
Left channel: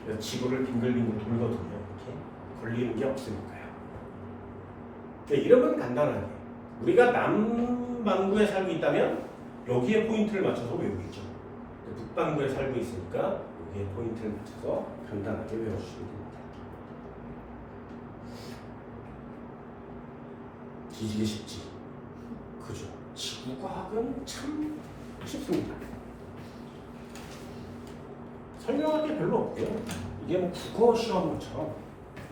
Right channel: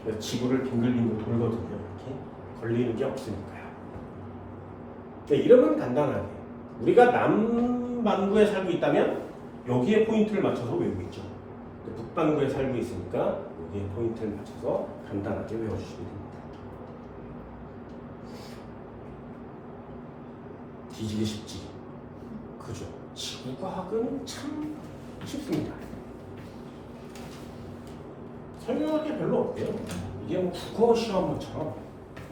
그래서 지구를 빙글빙글 돌거든요. 이렇게 걸리는 게 없으니까요. 이름은 간단하게 우리가 남반구에 살고 있다면 여기에 포인트를 맞춰서 외우고 있죠. 북반구에 살고 있으니까 여기에 포인트를 맞춰서 간단하게 외워주시면 됩니다. 뒤지기 쉽지. 그죠? 지구과학은 참 쉽습니다. 설명할 게 별로 없고요. 이게 뭐 국어 시험처럼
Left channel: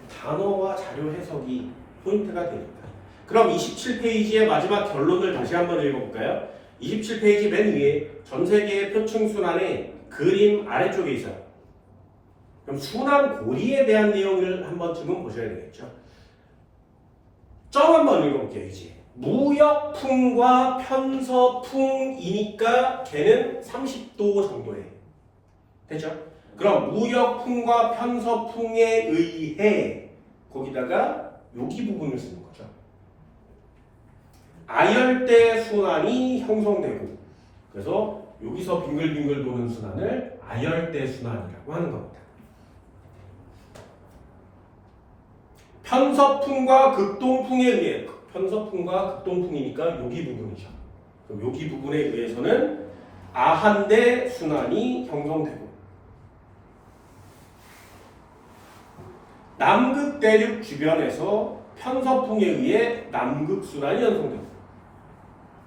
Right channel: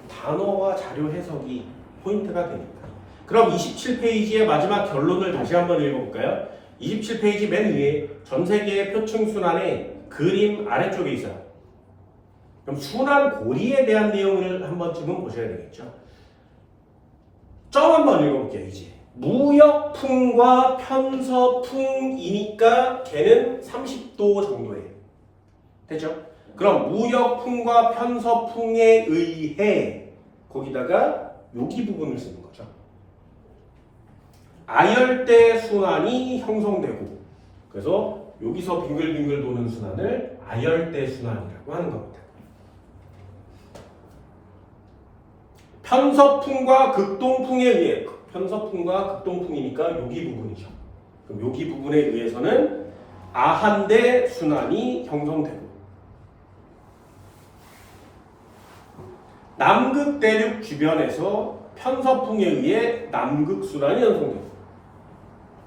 단어와 자료 해석이 포인트가 되니까. 그럼 27페이지의 마지막 결론을 다시 한번 읽어볼까요? 27페이지 맨 위에 전 세계의 표층 순환의 그림 아래쪽에 있어요. 그럼 순환 고리에 대한 내용을 한 번쯤은 보셔야 되겠죠. 점 한번 읽어볼게요. 이제 무역풍과 편서풍이니까 걔는 30도 정도에 됐죠? 그럼 무역풍과 편서풍에 의해 거기다가 여기 부분을 쓰는 거죠. 아열대 순환이 형성되고 그래서 여기서 빙글빙글 도는 순환을 아열대 순환이라고 하는 겁니다. 편서풍과 극동풍에 의해 편서풍과 극동풍이니까 여기 부분이죠. 그럼 여기 부분에 의해서는 아한대 순환이 형성되고 남극 대륙 주변에서 편서풍에 의해 남극 순환이 형성되고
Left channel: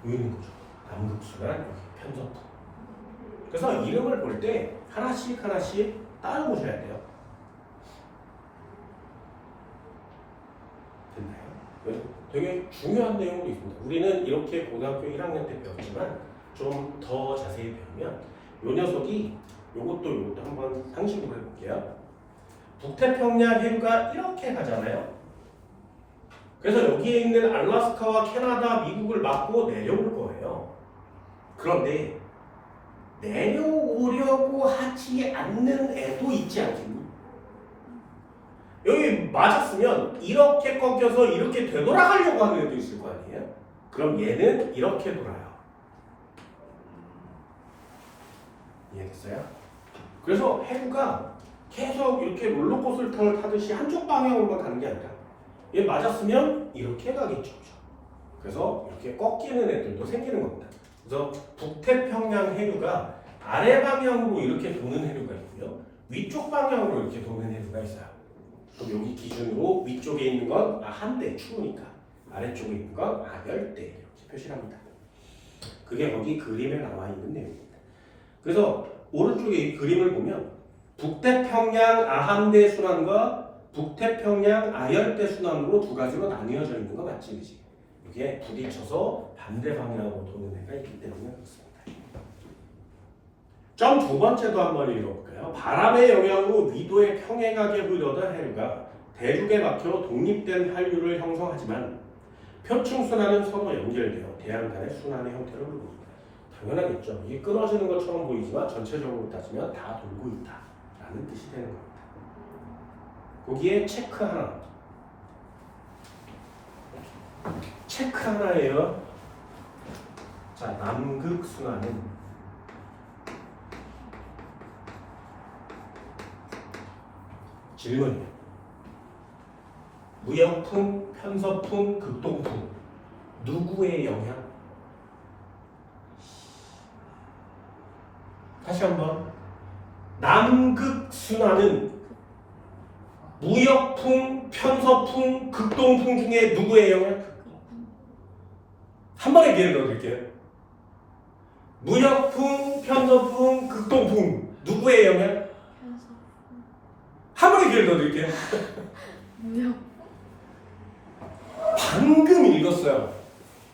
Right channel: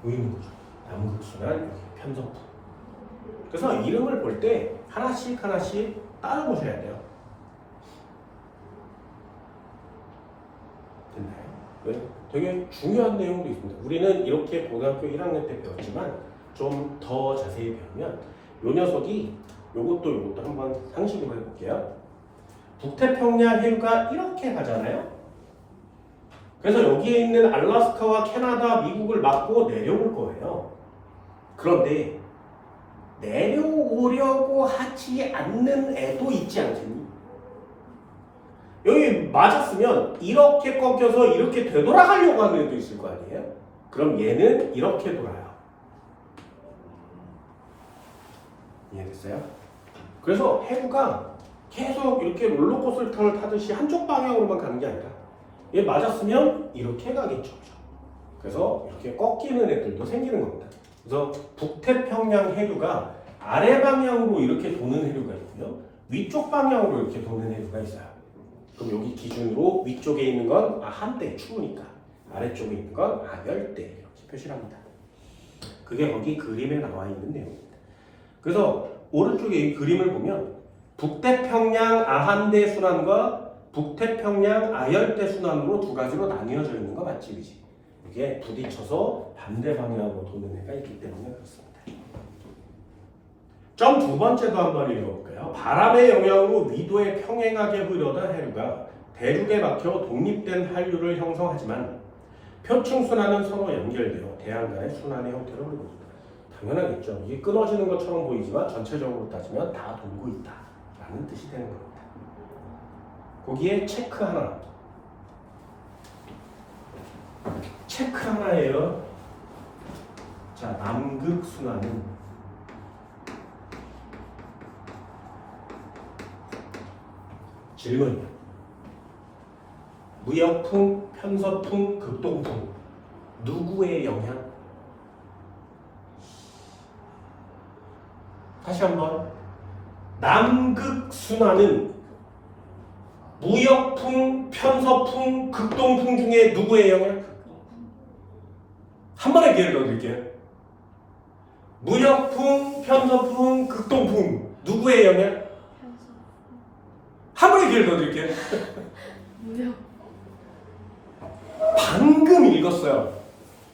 여기 있는 거죠. 남극 순환, 편서풍. 그래서 이름을 볼 때 하나씩 하나씩 따라보셔야 돼요. 됐나요? 네? 되게 중요한 내용도 있습니다. 우리는 이렇게 고등학교 1학년 때 배웠지만 좀 더 자세히 배우면 요 녀석이 요것도 한번 상식으로 해볼게요. 북태평양 해류가 이렇게 가잖아요. 그래서 여기에 있는 알래스카와 캐나다, 미국을 막고 내려올 거예요. 그런데 내려오려고 하지 않는 애도 있지 않겠니? 여기 맞았으면 이렇게 꺾여서 이렇게 되돌아가려고 하는 애도 있을 거 아니에요? 그럼 얘는 이렇게 돌아요. 이해됐어요? 그래서 해구가 계속 이렇게 롤러코스터를 타듯이 한쪽 방향으로만 가는 게 아니라 얘 맞았으면 이렇게 가겠죠. 그래서 이렇게 꺾이는 애들도 생기는 겁니다. 그래서 북태평양 해류가 아래 방향으로 이렇게 도는 해류가 있고요. 위쪽 방향으로 이렇게 도는 해류가 있어요. 그럼 여기 기준으로 위쪽에 있는 건 한대 추우니까 아래쪽에 있는 건 아열대 이렇게 표시를 합니다. 그게 거기 그림에 나와 있는 내용입니다. 그래서 오른쪽에 이 그림을 보면 북태평양 아한대 순환과 북태평양 아열대 순환으로 두 가지로 나뉘어져 있는 거 맞지, 그지? 이게 부딪혀서 반대 방향으로 도는 애가 있기 때문에 그렇습니다. 점 두 번째도 한번 읽어볼까요? 바람의 영향으로 위도에 평행하게 흐르던 해류가 대륙에 막혀 독립된 한류를 형성하지만 표층 순환은 서로 연결되어 대양 간의 순환의 형태로 흐르고 있다. 당연하겠죠. 이게 끊어지는 것처럼 보이지만 전체적으로 따지면 다 돌고 있다라는 뜻이 되는 겁니다. 거기에 체크 하나. 체크 하나예요. 자, 남극 순환은 질문이요. 무역풍, 편서풍, 극동풍 누구의 영향? 다시 한번. 남극 순환은 무역풍, 편서풍, 극동풍 중에 누구의 영향? 한 번에 기회를 더 드릴게요. 무역풍, 편서풍, 극동풍 누구의 영향? 한 번에 기회를 더 드릴게요. 방금 읽었어요.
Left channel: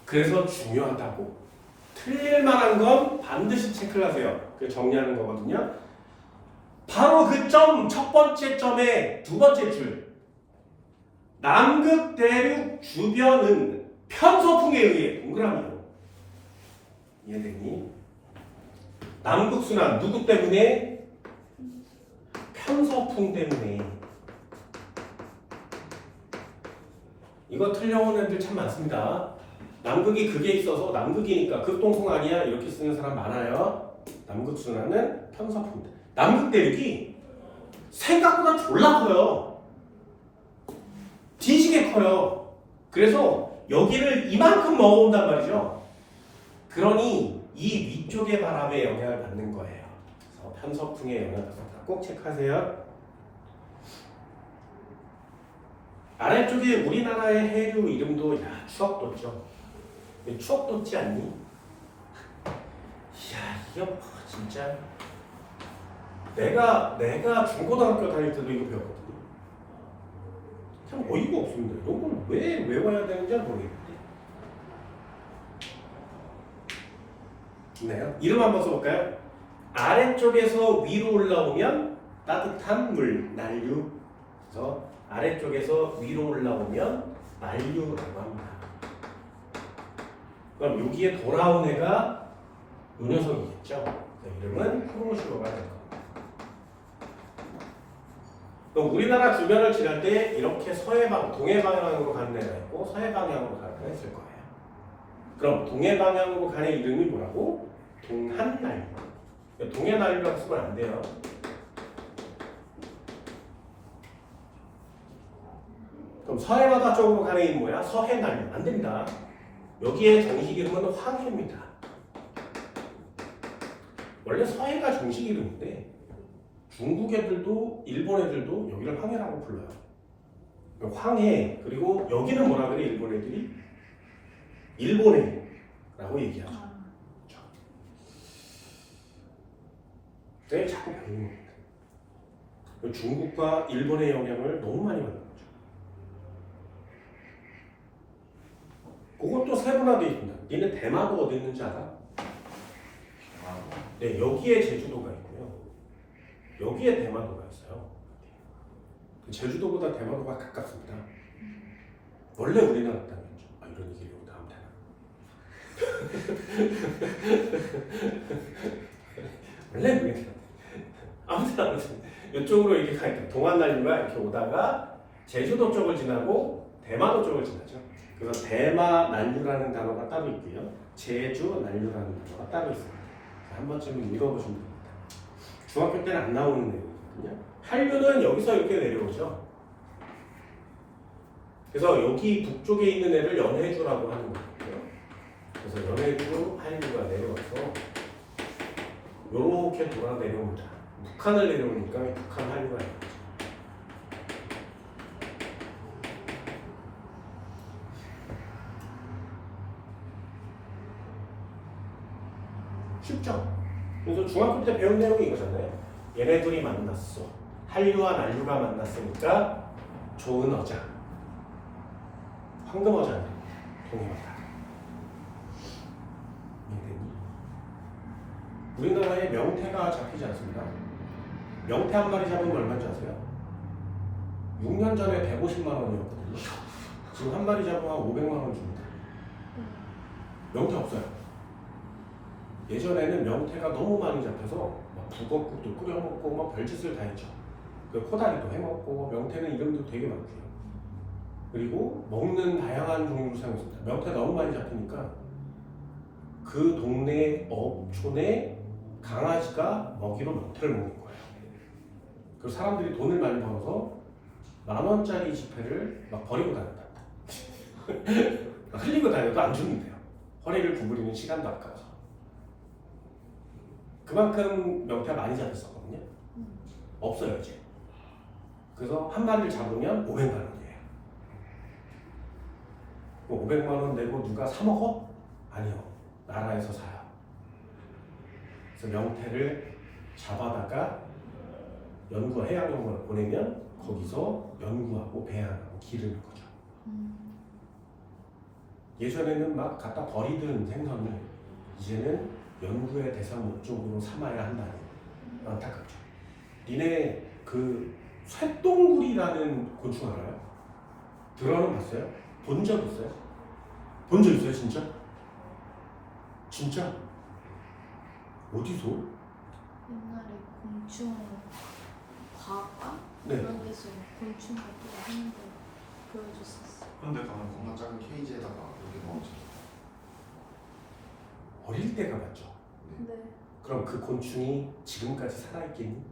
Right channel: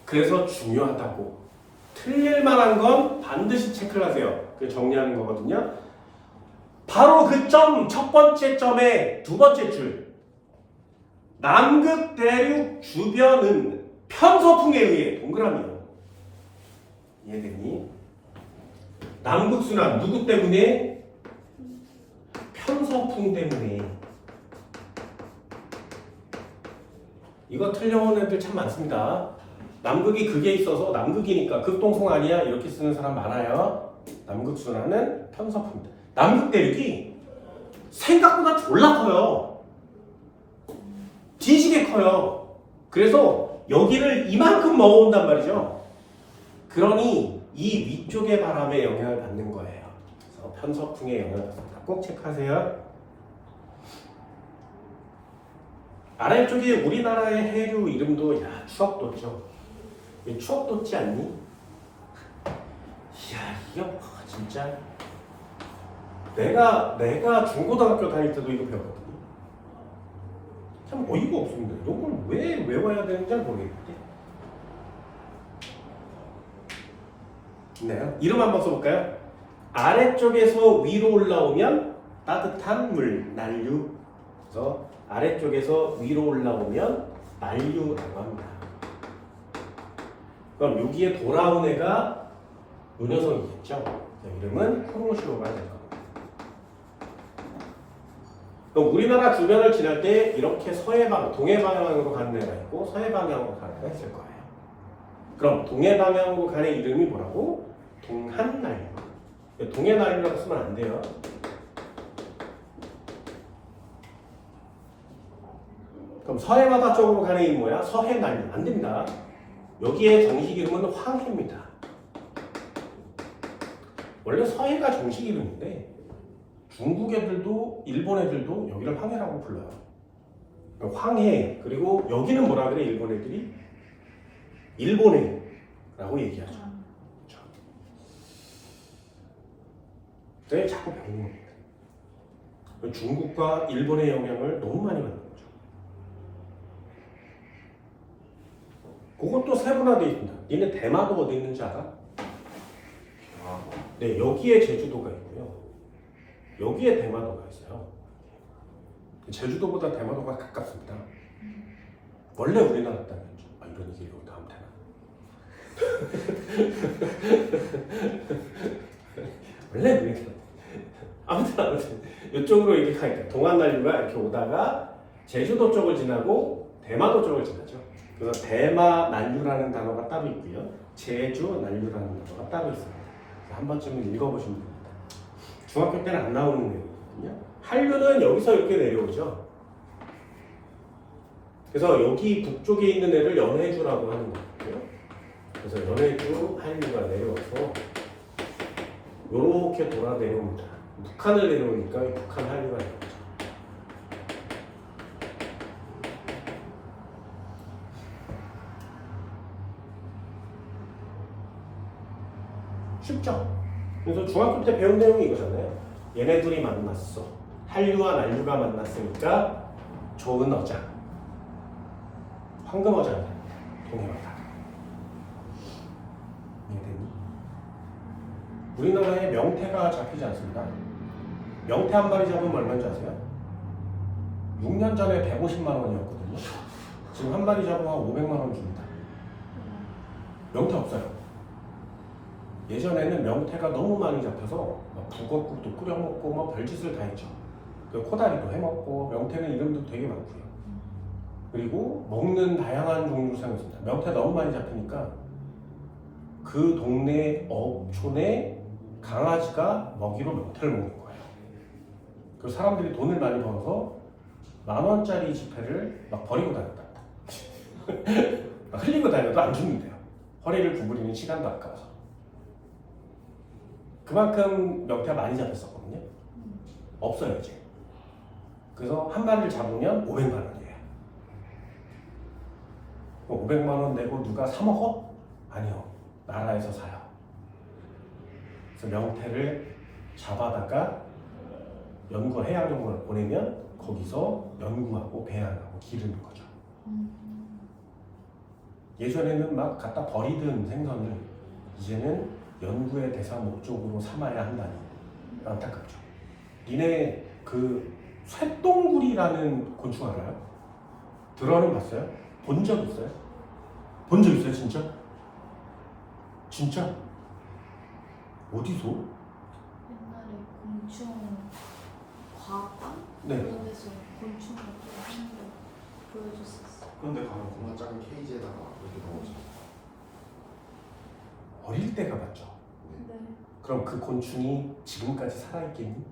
그래서 중요하다고. 틀릴 만한 건 반드시 체크를 하세요. 그 정리하는 거거든요. 바로 그 점, 첫 번째 점의 두 번째 줄. 남극 대륙 주변은 편서풍에 의해 동그라미요. 이해되니? 남극순환 누구 때문에? 편서풍 때문에. 이거 틀려온 애들 참 많습니다. 남극이 극에 있어서 남극이니까 극동풍 아니야? 이렇게 쓰는 사람 많아요. 남극순환은 편서풍. 남극 대륙이 생각보다 졸라 커요. 뒤지게 커요. 그래서 여기를 이만큼 먹어온단 말이죠. 그러니 이 위쪽의 바람에 영향을 받는 거예요. 그래서 편서풍에 영향을 받습니다. 꼭 체크하세요. 아래쪽에 우리나라의 해류 이름도 추억도죠. 추억도지 않니? 이야, 이거 진짜 내가 중고등학교 다닐 때도 이거 배웠거든요. 참 어이가 없습니다. 이걸 왜 외워야 되는지 모르겠는데. 네, 이름 한번 써볼까요? 아래쪽에서 위로 올라오면 따뜻한 물, 난류. 그래서 아래쪽에서 위로 올라오면 만류라고 합니다. 그럼 여기에 돌아온 애가 요 녀석이겠죠. 이름은 쿠로시오가 될 겁니다. 그럼 우리나라 주변을 지날 때 이렇게 동해 방향으로 가는 애가 있고 서해 방향으로 가는 애가 있을 거예요. 그럼 동해 방향으로 가는 이름이 뭐라고? 동한난류. 동해난류라고 쓰면 안 돼요. 그럼 서해 바다 쪽으로 가는 이름이 뭐야? 서해난류. 안 됩니다. 여기에 정식 이름은 황해입니다. 원래 서해가 정식 이름인데 중국 애들도 일본 애들도 여기를 황해라고 불러요. 황해. 그리고 여기는 뭐라 그래? 일본 애들이? 일본해라고 얘기하죠. 그래서 자꾸 배우는 거예요. 중국과 일본의 영향을 너무 많이 받는 거죠. 그것도 세분화되어 있습니다. 니네 대마도 어디 있는지 알아? 네, 여기에 제주도가 있고요. 여기에 대마도가 있어요. 제주도보다 대마도가 가깝습니다. 원래 우리나라 땅이었죠. 이런 얘기 여기도 하면 되나? 원래 우리나라. 아무튼 이쪽으로 이렇게 가니까 동한난류가 이렇게 오다가 제주도 쪽을 지나고 대마도 쪽을 지나죠. 그래서 대마난류라는 단어가 따로 있고요. 제주난류라는 단어가 따로 있습니다. 한 번쯤은 읽어보시면 됩니다. 중학교 때는 안 나오는 내용이거든요. 한류는 여기서 이렇게 내려오죠. 그래서 여기 북쪽에 있는 애를 연해주라고 하는 거고요. 그래서 연해주 한류가 내려와서 이렇게 돌아 내려옵니다. 북한을 내려오니까 북한 한류가 내려오죠. 쉽죠? 그래서 중학교 때 배운 내용이 이거잖아요. 얘네 둘이 만났어. 한류와 난류가 만났으니까 좋은 어장. 황금 어장. 동해바다. 이해되니? 우리나라에 명태가 잡히지 않습니다. 명태 한 마리 잡으면 얼마인지 아세요? 6년 전에 150만 원이었거든요. 지금 한 마리 잡으면 한 500만 원 줍니다. 명태 없어요. 예전에는 명태가 너무 많이 잡혀서 북엇국도 끓여 먹고 별짓을 다 했죠. 코다리도 해 먹고 명태는 이름도 되게 많고요. 그리고 먹는 다양한 종류로 사용했습니다. 명태 너무 많이 잡히니까 그 동네 어촌에 강아지가 먹이로 명태를 먹는 거예요. 그리고 사람들이 돈을 많이 벌어서 10,000원짜리 지폐를 막 버리고 다녔다. 흘리고 다녀도 안 죽는데요. 허리를 구부리는 시간도 아까워서. 그만큼 명태가 많이 잡혔었거든요. 없어요 이제. 그래서 한 마리를 잡으면 500만 원이에요. 500만 원 내고 누가 사 먹어? 아니요. 나라에서 사요. 그래서 명태를 잡아다가 연구 해양용을 보내면 거기서 연구하고 배양하고 기르는 거죠. 예전에는 막 갖다 버리던 생선을 이제는 연구의 대상 목적으로 삼아야 한다니 안타깝죠. 니네 그 쇠똥구리라는 곤충 알아요? 들어는 봤어요? 본 적 있어요? 본 적 있어요 진짜? 진짜? 어디서? 옛날에 곤충 과학관? 네. 그런 데서 곤충 같은 거 하는 거 보여줬었어. 그런데 가면 겁나 작은 케이지에다가 이렇게 넣어줘. 어릴 때 가봤죠. 네. 그럼 그 곤충이 지금까지 살아있겠니?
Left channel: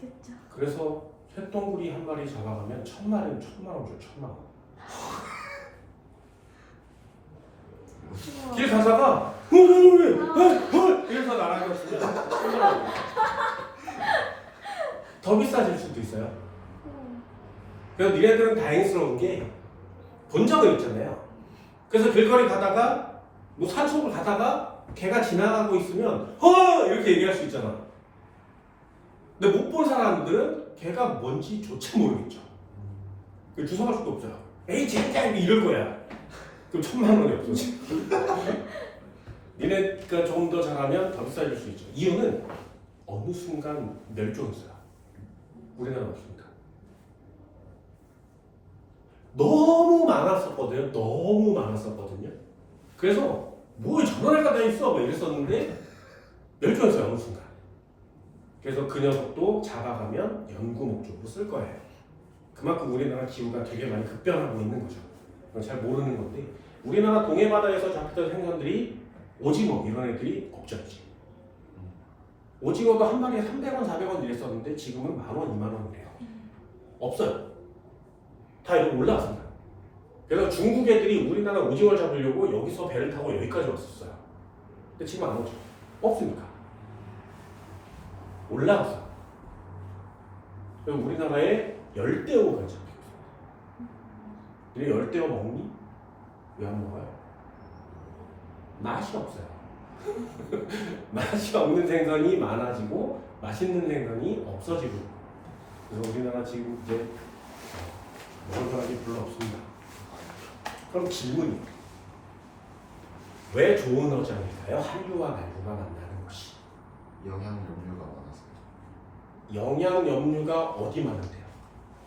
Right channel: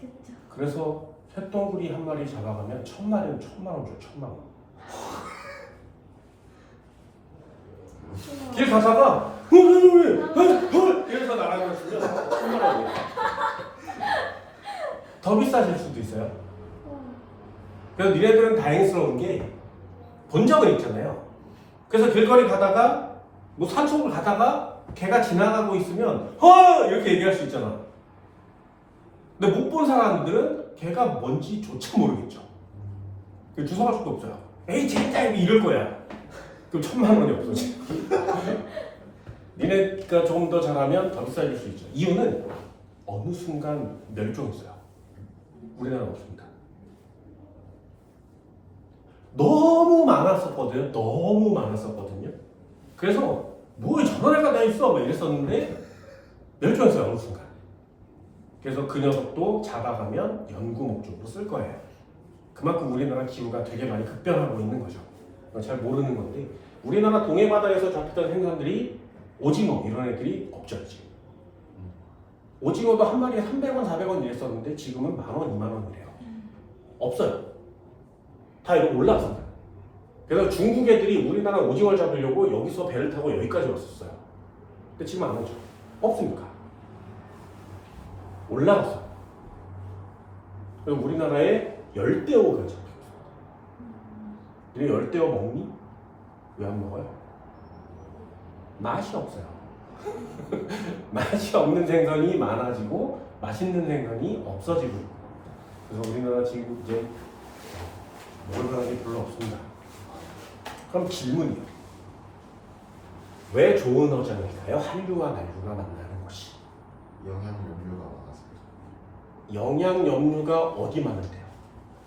그쵸. 그래서 쇠똥구리 한 마리 잡아가면 1,000마리는 1,000만 원 줘. 1,000만 원. 길 가다가 이래서 날아갔으면 1,000만 원이야. 더 비싸질 수도 있어요. 그래서 니네들은 다행스러운 게 본 적은 있잖아요. 그래서 길거리 가다가 뭐 산속을 가다가 개가 지나가고 있으면 이렇게 얘기할 수 있잖아. 근데 못 본 사람들은 개가 뭔지조차 모르겠죠. 주워갈 수도 없어요. 에이 진짜 이럴 거야. 그럼 1,000만 원이 없어지. 니네가 조금 더 잘하면 더 비싸질 수 있죠. 이유는 어느 순간 멸종했어요. 우리나라는 없습니다. 너무 많았었거든요. 너무 많았었거든요. 그래서 뭐 전원회가 다 있어 뭐 이랬었는데 멸종했어요. 어느 순간. 그래서 그 녀석도 잡아가면 연구 목적으로 쓸 거예요. 그만큼 우리나라 기후가 되게 많이 급변하고 있는 거죠. 잘 모르는 건데 우리나라 동해바다에서 잡히던 생선들이 오징어 이런 애들이 없죠 지금. 오징어도 한 마리에 300원, 400원 이랬었는데 지금은 10,000원, 20,000원이래요. 없어요. 다 이렇게 올라왔습니다. 그래서 중국 애들이 우리나라 오징어를 잡으려고 여기서 배를 타고 여기까지 왔었어요. 근데 지금 안 오죠. 없으니까. 올라왔어. 그럼 우리나라에 열대어가 잡히고 있습니다. 이 열대어 먹니? 왜 안 먹어요? 맛이 없어요. 맛이 없는 생선이 많아지고 맛있는 생선이 없어지고 있고. 그래서 우리나라 지금 이제 먹을 사람이 별로 없습니다. 그럼 질문이에요. 왜 좋은 어장일까요? 한류와 난류가 만나는 것이. 영양 염료가 많아서. 영양 염류가 어디 많은데요?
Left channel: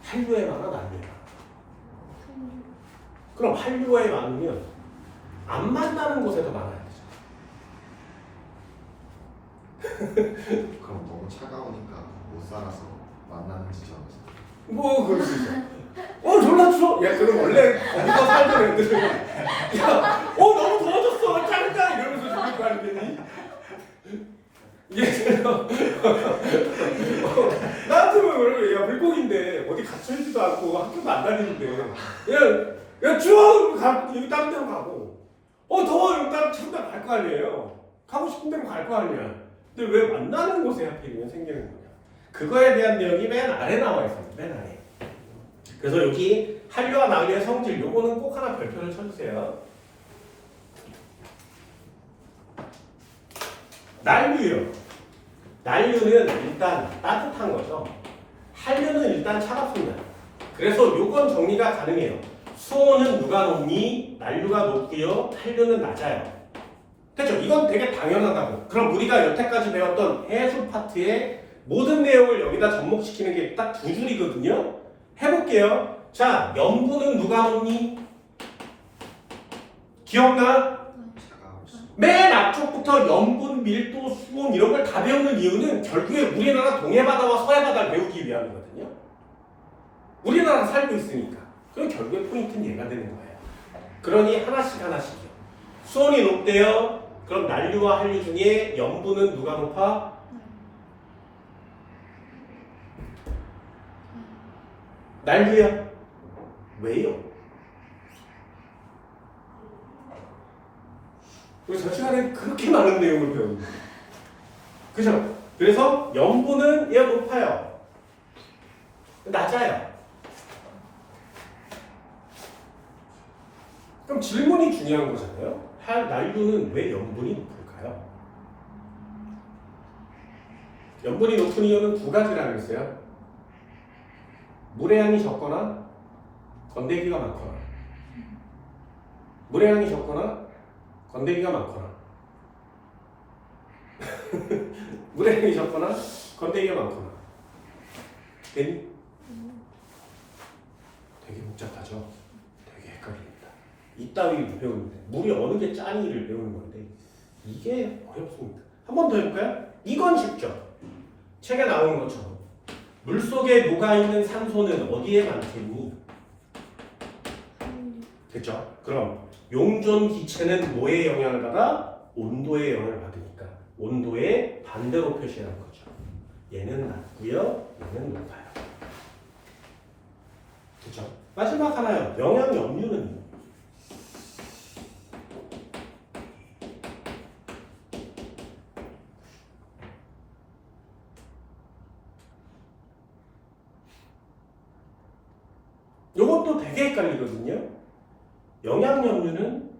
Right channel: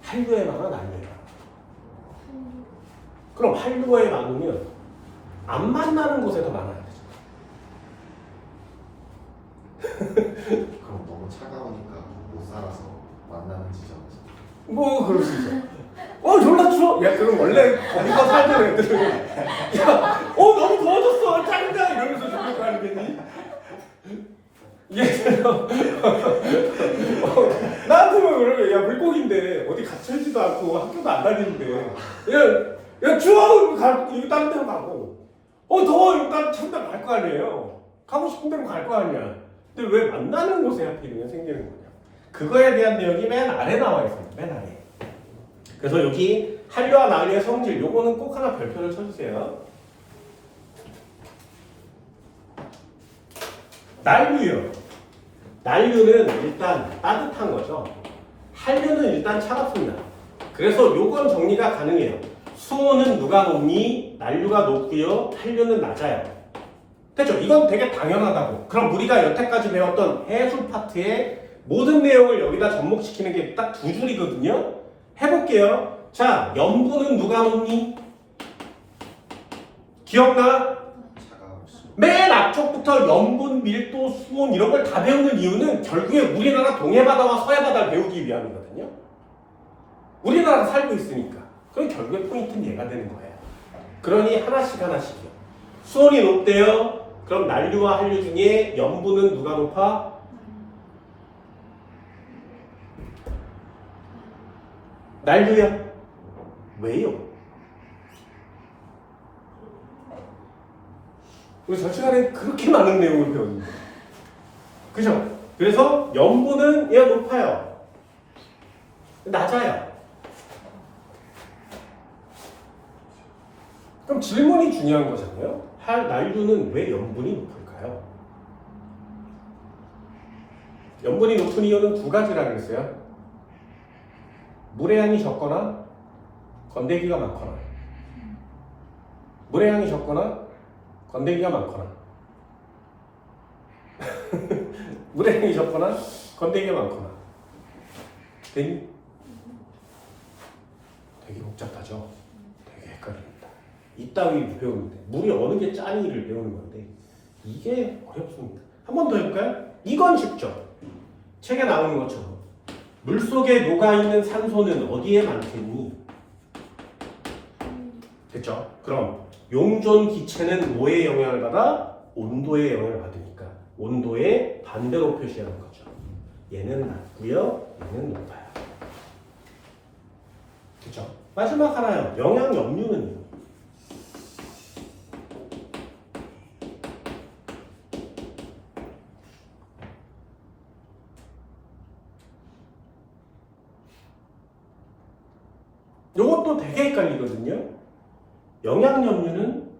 한류에 많아 난류에 많아? 그럼 한류에 많으면 안 만나는 곳에 더 많아야 되죠. 그럼 너무 차가우니까 못 살아서 만나는 지점에서. 뭐 그럴 수 있어. 졸라 추워. 야 그럼 원래 거기서 살던 애들은 야 너무 더워졌어. 짱이다 이러면서 죽을 거 아니겠니? 나한테는 그래. 야 물고기인데 어디 갇혀있지도 않고 학교도 안 다니는데 그냥 야 추워 이거 다른 데로 가고 더워 이거 다른 데로 갈 거 아니에요. 가고 싶은 데로 갈 거 아니야. 근데 왜 만나는 곳에 하필이면 생기는 거냐? 그거에 대한 내용이 맨 아래 나와 있어요. 맨 아래. 그래서 여기 한류와 난류의 성질 요거는 꼭 하나 별표를 쳐주세요. 난류요. 난류는 일단 따뜻한 거죠. 한류는 일단 차갑습니다. 그래서 요건 정리가 가능해요. 수온은 누가 높니? 난류가 높고요. 한류는 낮아요. 됐죠? 이건 되게 당연하다고. 그럼 우리가 여태까지 배웠던 해수 파트의 모든 내용을 여기다 접목시키는 게 딱 두 줄이거든요. 해볼게요. 자, 염분은 누가 높니? 기억나? 차가워서. 맨 앞쪽부터 염분, 밀도, 수온 이런 걸 다 배우는 이유는 결국에 우리나라 동해바다와 서해바다를 배우기 위함이거든요. 우리나라 살고 있으니까. 그럼 결국에 포인트는 얘가 되는 거예요. 그러니 하나씩 하나씩이요. 수온이 높대요. 그럼 난류와 한류 중에 염분은 누가 높아? 난류야. 왜요? 우리 저 시간에 그렇게 많은 내용을 배웠는데. 그죠? 그래서 염분은 얘 높아요. 낮아요. 그럼 질문이 중요한 거잖아요. 난류는 왜 염분이 높을까요? 염분이 높은 이유는 두 가지라고 했어요. 물의 양이 적거나 건더기가 많거나. 물의 양이 적거나 건더기가 많거나. 물의 양이 적거나 건더기가 많거나. 되니? 되게 복잡하죠? 되게 헷갈립니다. 이따위 배우는데 물이 어느 게 짠이를 배우는 건데 이게 어렵습니다. 한 번 더 해볼까요? 이건 쉽죠? 책에 나오는 것처럼 물속에 녹아있는 산소는 어디에 많겠니? 됐죠? 그럼 용존 기체는 뭐에 영향을 받아? 온도에 영향을 받으니까 온도의 반대로 표시하는 거죠. 얘는 낮고요, 얘는 높아요. 그렇죠? 마지막 하나요. 영양 염류는요. 이것도 되게 헷갈리거든요. 영양 염류는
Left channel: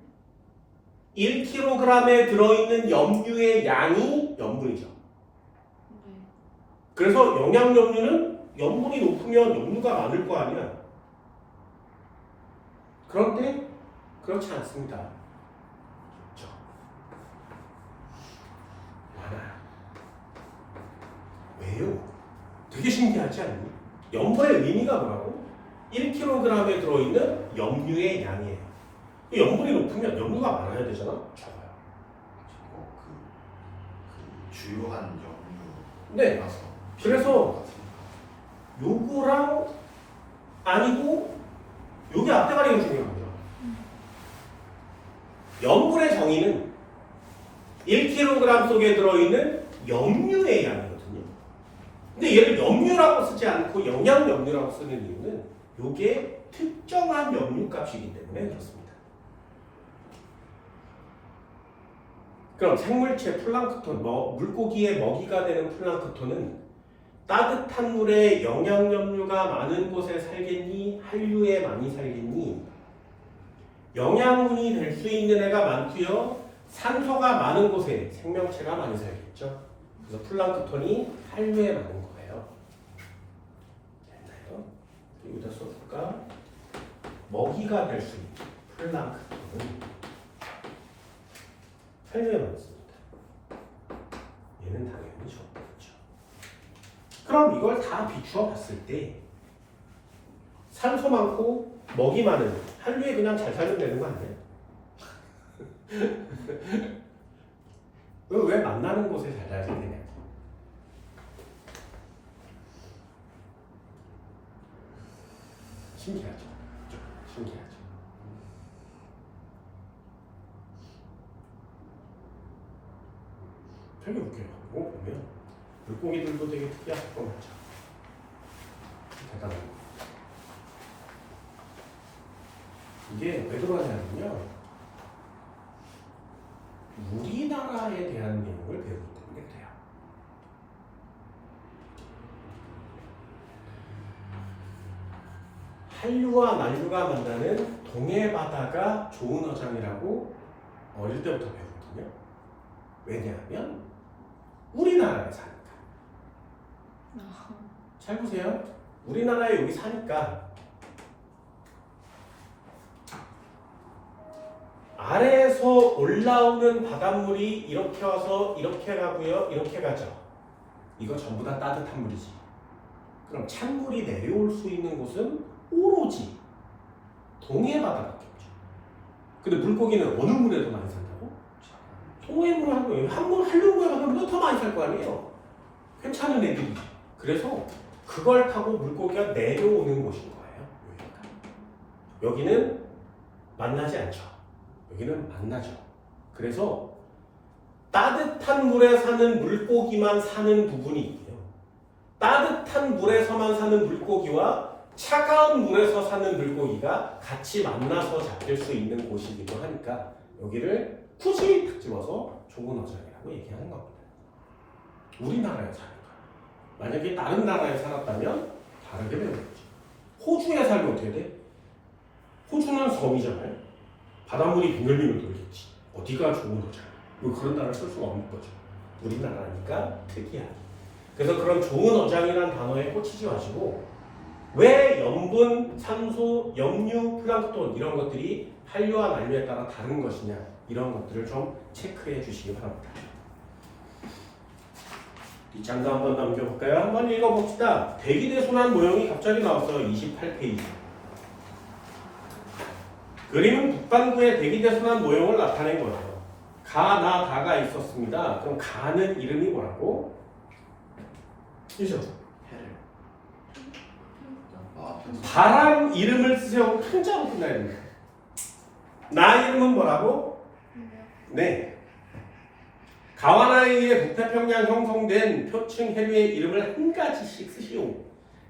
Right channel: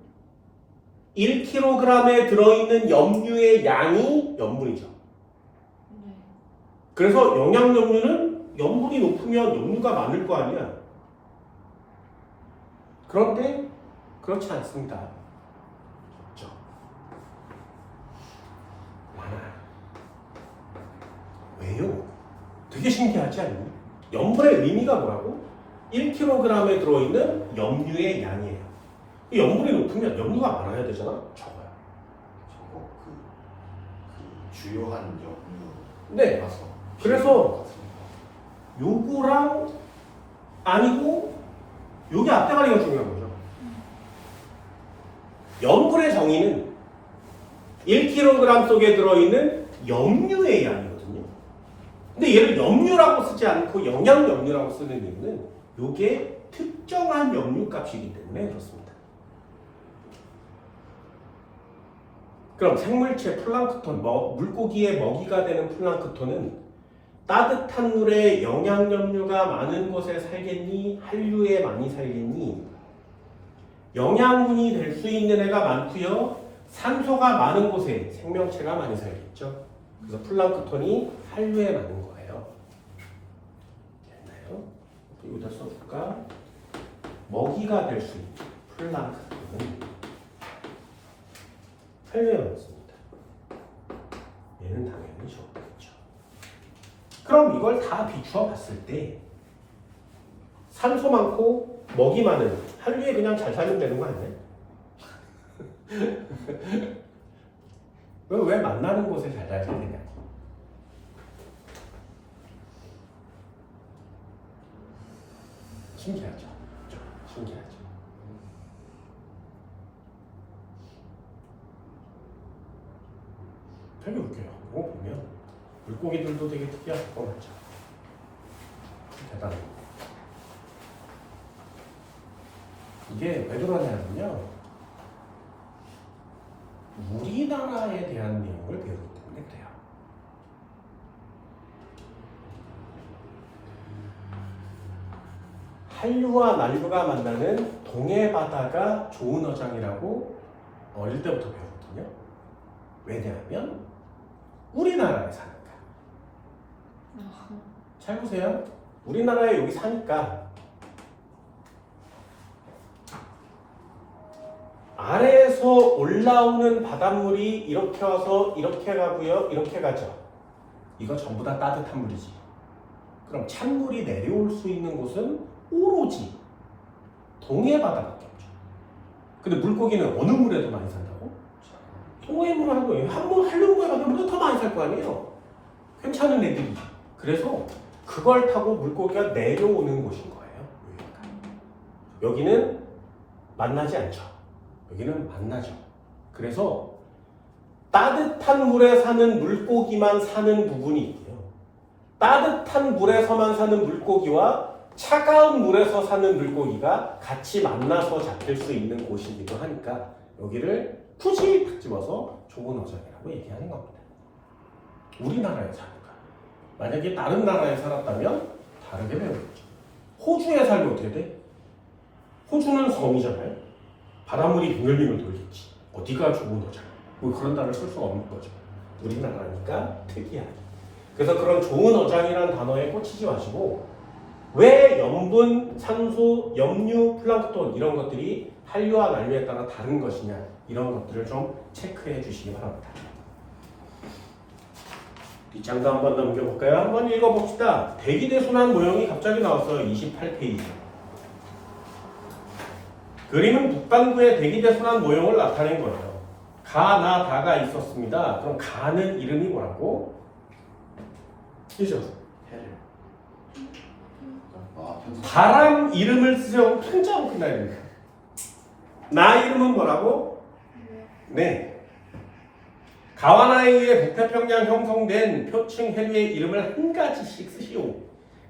1kg에 들어있는 염류의 양이 염분이죠. 네. 그래서 영양 염류는 염분이 높으면 염류가 많을 거 아니야. 그런데 그렇지 않습니다. 그렇죠? 많아요. 왜요? 되게 신기하지 않니? 염분의 의미가 뭐라고? 1kg에 들어있는 염류의 양이에요. 이 염분이 높으면 염류가 많아야 되잖아? 적어요. 저거 그 주요한 염류. 네. 나서 그래서 요거랑 아니고 요게 앞대가리가 중요한 거죠. 염분의 정의는 1kg 속에 들어있는 염류의 양이거든요. 근데 얘를 염류라고 쓰지 않고 영양 염류라고 쓰는 이유는 요게 특정한 염류 값이기 때문에 그렇습니다. 그럼 생물체 플랑크톤, 물고기의 먹이가 되는 플랑크톤은 따뜻한 물에 영양 염류가 많은 곳에 살겠니? 한류에 많이 살겠니? 영양분이 될 수 있는 애가 많고요. 산소가 많은 곳에 생명체가 많이 살겠죠. 그래서 플랑크톤이 한류에 많은 거예요. 됐나요? 여기다 써볼까? 먹이가 될 수 있는 플랑크톤은 한류에 많습니다. 얘는 당연히 적겠죠. 그럼 이걸 다 비추어 봤을 때 산소 많고 먹이 많은 한류에 그냥 잘 살면 되는 거 아니에요? 왜 만나는 곳에 잘 살게 되냐? 신기하죠? 신기하죠? 되게 웃겨요. 이거 보면 물고기들도 되게 특이하고 뻔하죠. 대단합니다. 이게 왜 그러냐면요. 우리나라에 대한 내용을 배우기 때문에 그래요. 한류와 난류가 만나는 동해 바다가 좋은 어장이라고 어릴 때부터 배웠거든요. 왜냐하면 우리나라에 사니까. 잘 보세요. 우리나라에 여기 사니까 아래에서 올라오는 바닷물이 이렇게 와서 이렇게 가고요. 이렇게 가죠. 이거 전부 다 따뜻한 물이지. 그럼 찬물이 내려올 수 있는 곳은 오로지 동해 바다밖에 없죠. 근데 물고기는 어느 물에도 많이 산다고? 동해물 하는 거예요. 한번 한류물에 가면 더 많이 살 거 아니에요. 괜찮은 애들이. 그래서 그걸 타고 물고기가 내려오는 곳인 거예요. 여기는 만나지 않죠. 여기는 만나죠. 그래서 따뜻한 물에 사는 물고기만 사는 부분이 있고요. 따뜻한 물에서만 사는 물고기와 차가운 물에서 사는 물고기가 같이 만나서 잡힐 수 있는 곳이기도 하니까 여기를 굳이 딱 집어서 좁은 어장이라고 얘기하는 겁니다. 우리나라에 사니까. 만약에 다른 나라에 살았다면 다르게 배워야죠. 호주에 살면 어떻게 돼? 호주는 섬이잖아요. 바닷물이 빙글빙글 돌겠지. 어디가 좋은 어장? 뭐 그런 단어를 쓸 수가 없는 거죠. 우리나라니까 특이하게. 그래서 그런 좋은 어장이라는 단어에 꽂히지 마시고 왜 염분, 산소, 염류, 플랑크톤 이런 것들이 한류와 난류에 따라 다른 것이냐 이런 것들을 좀 체크해 주시기 바랍니다. 뒷장도 한번 넘겨볼까요? 한번 읽어봅시다. 대기대순환 모형이 갑자기 나왔어요. 28페이지. 그림은 북반구의 대기대순환 모형을 나타낸 거예요. 가, 나, 다가 있었습니다. 그럼 가는 이름이 뭐라고? 그죠? 해를. 아, 편수. 바람 이름을 쓰세요. 편자로 끝나야 됩니다. 나 이름은 뭐라고? 네. 가와 나에 의해 북태평양 형성된 표층 해류의 이름을 한 가지씩 쓰시오.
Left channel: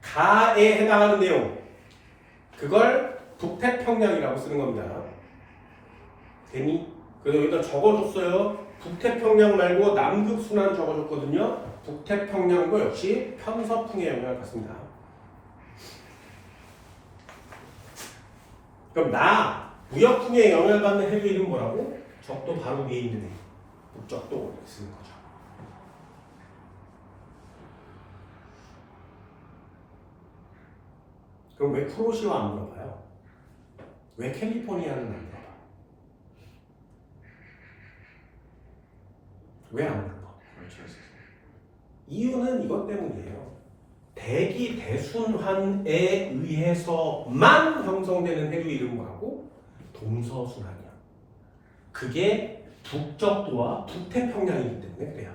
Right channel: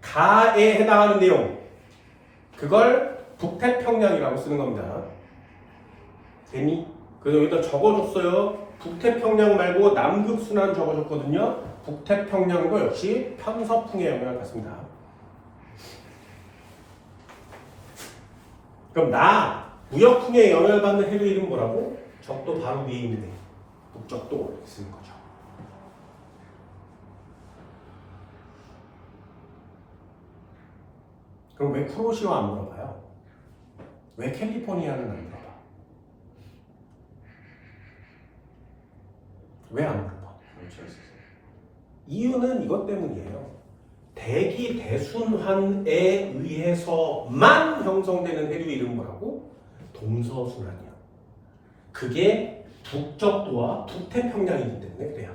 가에 해당하는 내용. 그걸 북태평양이라고 쓰는 겁니다. 되니? 그래서 여기다 적어줬어요. 북태평양 말고 남극순환 적어줬거든요. 북태평양도 역시 편서풍의 영향을 받습니다. 그럼 나 무역풍의 영향을 받는 해류 이름 뭐라고? 적도 바로 위에 있는 애. 북적도 쓰는 거죠. 그럼 왜 쿠로시오 안 물어봐요? 왜 캘리포니아는 안 물어봐? 왜 안 물어봐? 그렇죠. 이유는 이것 때문이에요. 대기 대순환에 의해서만 형성되는 해류 이름 뭐라고? 동서순환이야. 그게 북적도와 북태평양이기 때문에 그래요.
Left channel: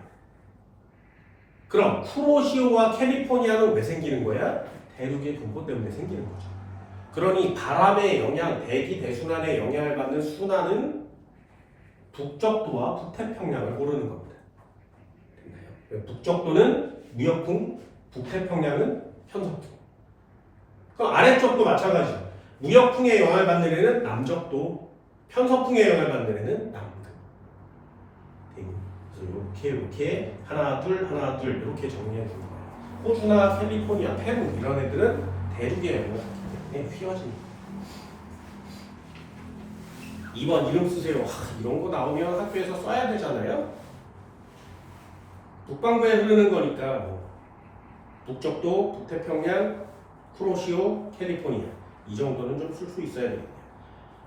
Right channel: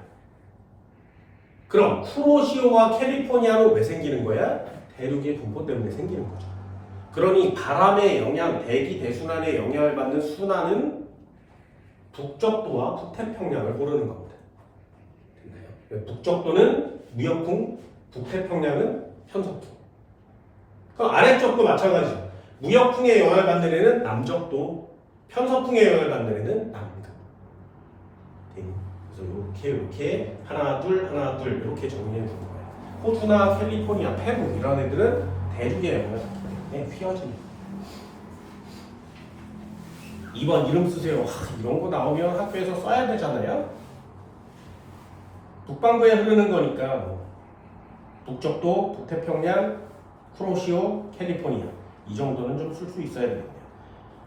그럼 쿠로시오와 캘리포니아는 왜 생기는 거야? 대륙의 분포 때문에 생기는 거죠. 그러니 바람의 영향, 대기 대순환의 영향을 받는 순환은 북적도와 북태평양을 고르는 겁니다. 됐나요? 북적도는 무역풍, 북태평양은 편서풍. 그럼 아래쪽도 마찬가지죠. 무역풍의 영향을 받는 애는 남적도, 편서풍의 영향을 받는 애는 남극. 그래서 이렇게 하나 둘 이렇게 정리해 주는 거예요. 호주나 캘리포니아, 페루 이런 애들은 대륙의 영향을 받기 때문에 휘어집니다. 2번 이름 쓰세요. 이런 거 나오면 학교에서 써야 되잖아요. 북반구에 흐르는 거니까 북적도, 북태평양, 쿠로시오, 캘리포니아 이 정도는 좀 쓸 수 있어야 되겠네요.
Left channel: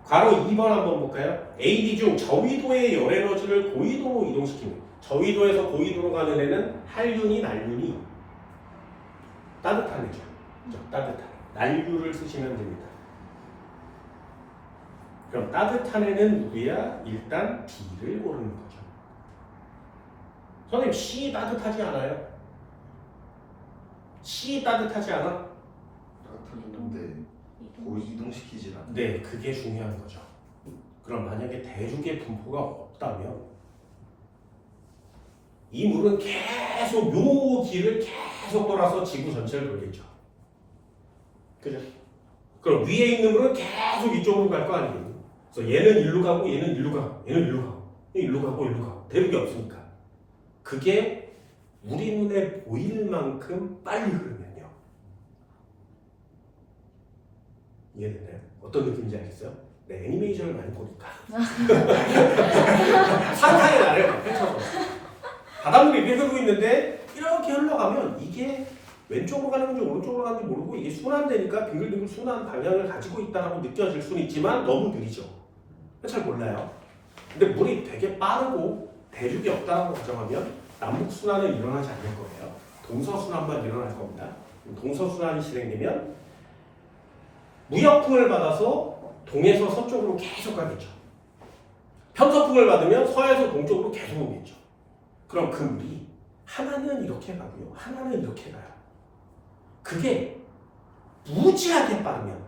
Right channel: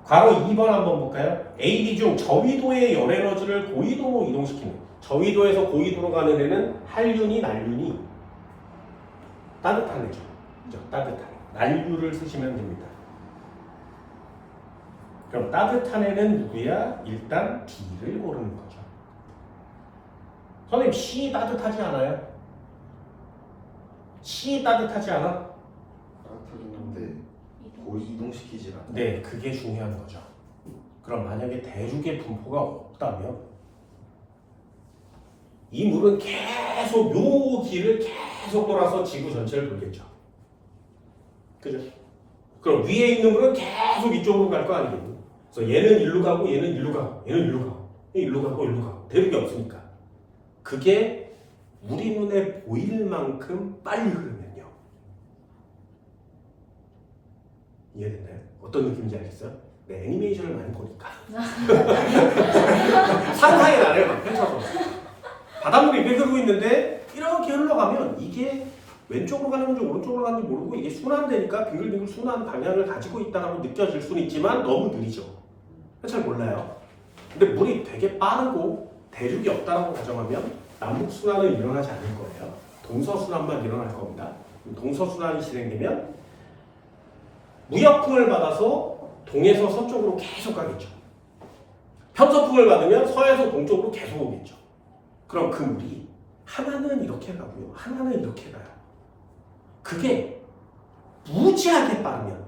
괄호 2번 한번 볼까요? AD 중 저위도의 열 에너지를 고위도로 이동시키는, 저위도에서 고위도로 가는 애는 한륜이 난륜이 따뜻한 애죠. 그죠? 따뜻한 난류를 쓰시면 됩니다. 그럼 따뜻한 애는 누구야? 일단 D를 고르는 거죠. 선생님 C 따뜻하지 않아요? C 따뜻하지 않아? 따뜻하긴 한데 고위 이동시키질 않아요. 네, 그게 중요한 거죠. 그럼 만약에 대륙의 분포가 없다면 이 물은 계속 요 길을 계속 돌아서 지구 전체를 돌겠죠. 그죠? 그럼 위에 있는 물은 계속 이쪽으로 갈 거 아니에요. 그래서 얘는 일로 가고 얘는 일로 가고 얘는 일로 가고 일로 가고 일로 가고 대륙이 없으니까 그게 우리 눈에 보일 만큼 빨리 흐르면요. 이해됐나요? 어떤 느낌인지 알겠어요? 네, 애니메이션을 많이 보니까 상상의 나래를 막 펼쳐서 바닷물이 이렇게 흐르고 있는데 이렇게 흘러가면 이게 왼쪽으로 가는 건지 오른쪽으로 가는지 모르고 이게 순환되니까 빙글빙글 순환 방향을 가지고 있다고 느껴질 수는 있지만 너무 느리죠. 잘 몰라요. 근데 물이 되게 빠르고 대륙이 없다고 가정하면 남북 순환은 일어나지 않을 거예요. 동서 순환만 일어날 겁니다. 동서 순환이 진행되면 무역풍을 받아서 동에서 서쪽으로 계속 가겠죠. 편서풍을 받으면 서에서 동쪽으로 계속 오겠죠. 그럼 그 물이 하나는 이렇게 가고요. 하나는 이렇게 가요. 그게 무지하게 빠르면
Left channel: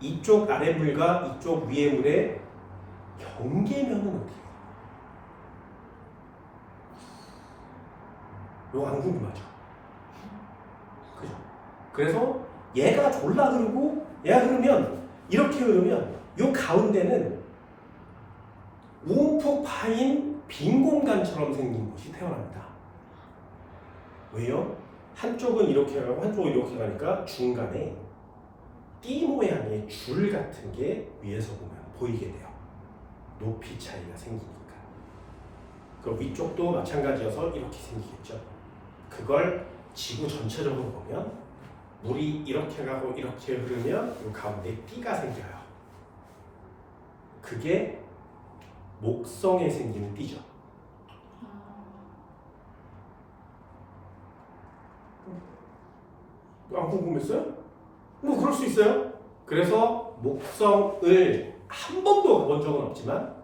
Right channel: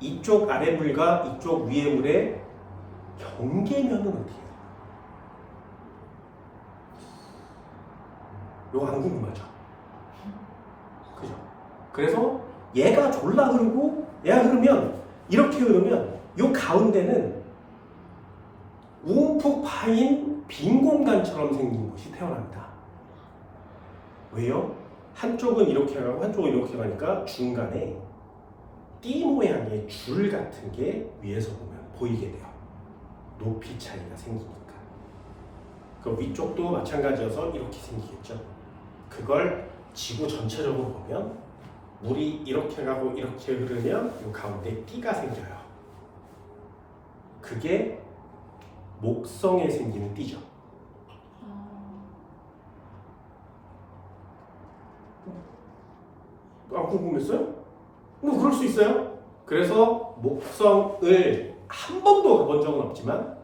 이쪽 아래 물과 이쪽 위의 물의 경계면은 어떻게 해요? 이거 안 궁금하죠? 그죠? 그래서 얘가 졸라 흐르고 얘가 흐르면 이렇게 흐르면 이 가운데는 움푹 파인 빈 공간처럼 생긴 것이 태어납니다. 왜요? 한쪽은 이렇게 가고 한쪽은 이렇게 가니까 중간에 띠 모양의 줄 같은 게 위에서 보면 보이게 돼요. 높이 차이가 생기니까. 그 위쪽도 마찬가지여서 이렇게 생기겠죠. 그걸 지구 전체적으로 보면 물이 이렇게 가고 이렇게 흐르면 이 가운데 띠가 생겨요. 그게 목성에 생기는 띠죠. 안 궁금했어요? 뭐 그럴 수 있어요. 그래서 목성을 한 번도 가본 적은 없지만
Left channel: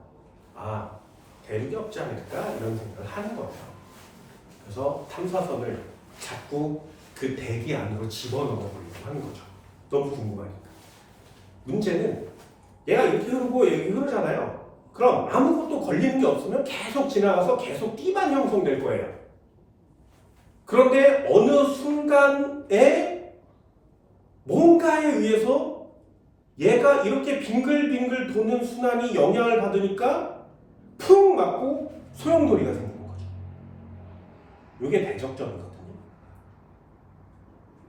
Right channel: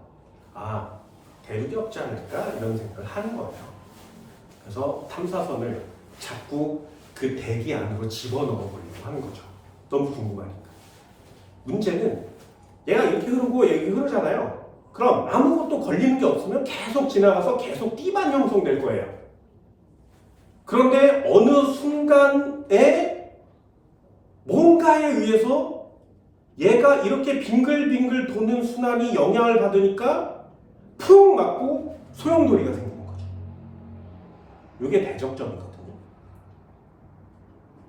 대륙이 없지 않을까 이런 생각을 하는 거예요. 그래서 탐사선을 자꾸 그 대기 안으로 집어넣어 보려고 하는 거죠. 너무 궁금하니까. 문제는 얘가 이렇게 흐르고 여기 흐르잖아요. 그럼 아무것도 걸리는 게 없으면 계속 지나가서 계속 띠만 형성될 거예요. 그런데 어느 순간에 뭔가에 의해서 얘가 이렇게 빙글빙글 도는 순환이 영향을 받으니까 푹 맞고 소용돌이가 생기는 거죠. 이게 대적점이거든요.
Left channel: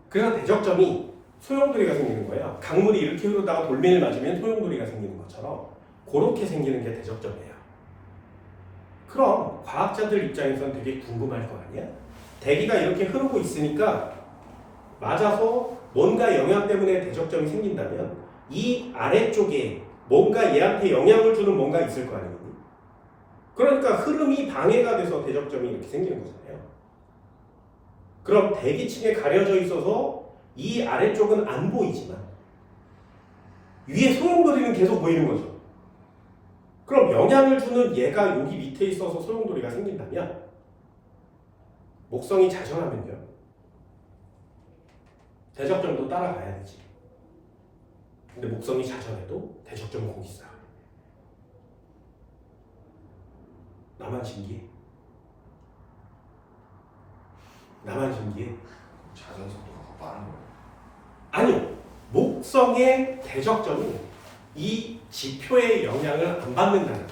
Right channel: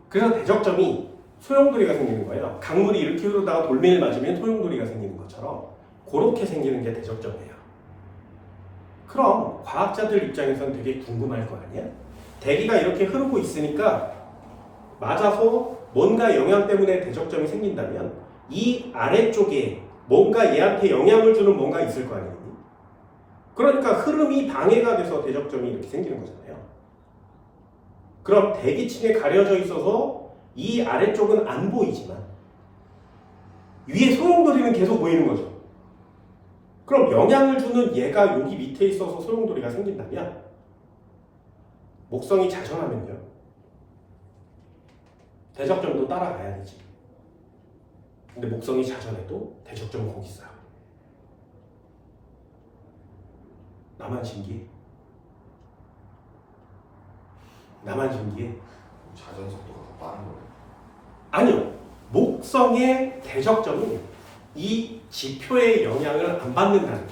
그래서 대적점이 소용돌이가 생기는 거예요. 강물이 이렇게 흐르다가 돌멩이를 맞으면 소용돌이가 생기는 것처럼 그렇게 생기는 게 대적점이에요. 그럼 과학자들 입장에서는 되게 궁금할 거 아니야? 대기가 이렇게 흐르고 있으니까 맞아서 뭔가 영향 때문에 대적점이 생긴다면 이 아래쪽에 뭔가 얘한테 영향을 주는 뭔가 있을 거 아니니? 그러니까 흐름이 방해가 돼서 대적점이 이렇게 생기는 거잖아요. 그럼 대기층에 가려져 있어서 이 아래쪽은 안 보이지만 위에 소용돌이는 계속 보이는 거죠. 그럼 영향을 주는 얘가 여기 밑에 있어서 소용돌이가 생긴다면 목성이 자전하면요 대적점도 따라가야 되지. 근데 목성이 자전해도 대적점은 거기 있어요. 나만 신기해? 나만 신기해? 자전 속도가 더 빠른 거예요. 아니요. 목성의 대적점이 이 지표의 영향을 안 받는다는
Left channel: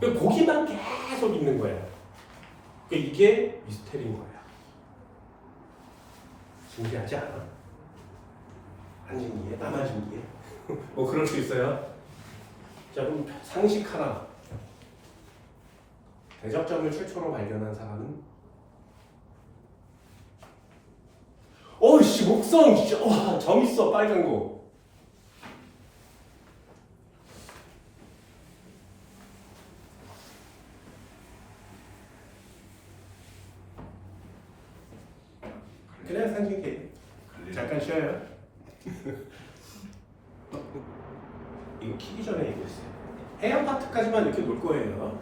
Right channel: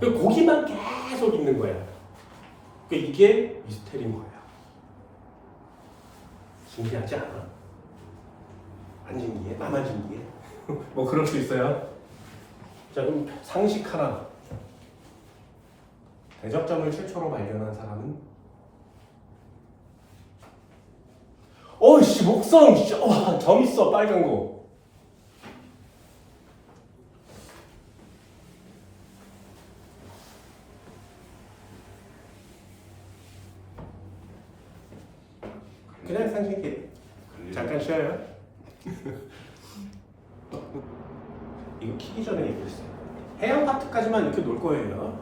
거예요. 거기만 계속 있는 거야. 이게 미스테리인 거예요. 신기하지 않아? 안 신기해? 나만 신기해? 뭐 그럴 수 있어요. 자, 그럼 상식 하나. 대적점을 최초로 발견한 사람은? 어이씨, 목성! 진짜, 점 있어, 빨간 거. 그냥 상식이에요. 잠깐 쉬어요. 이거 키기 전에 얘기했어요. 해양 파트까지만 이렇게 놀 거예요.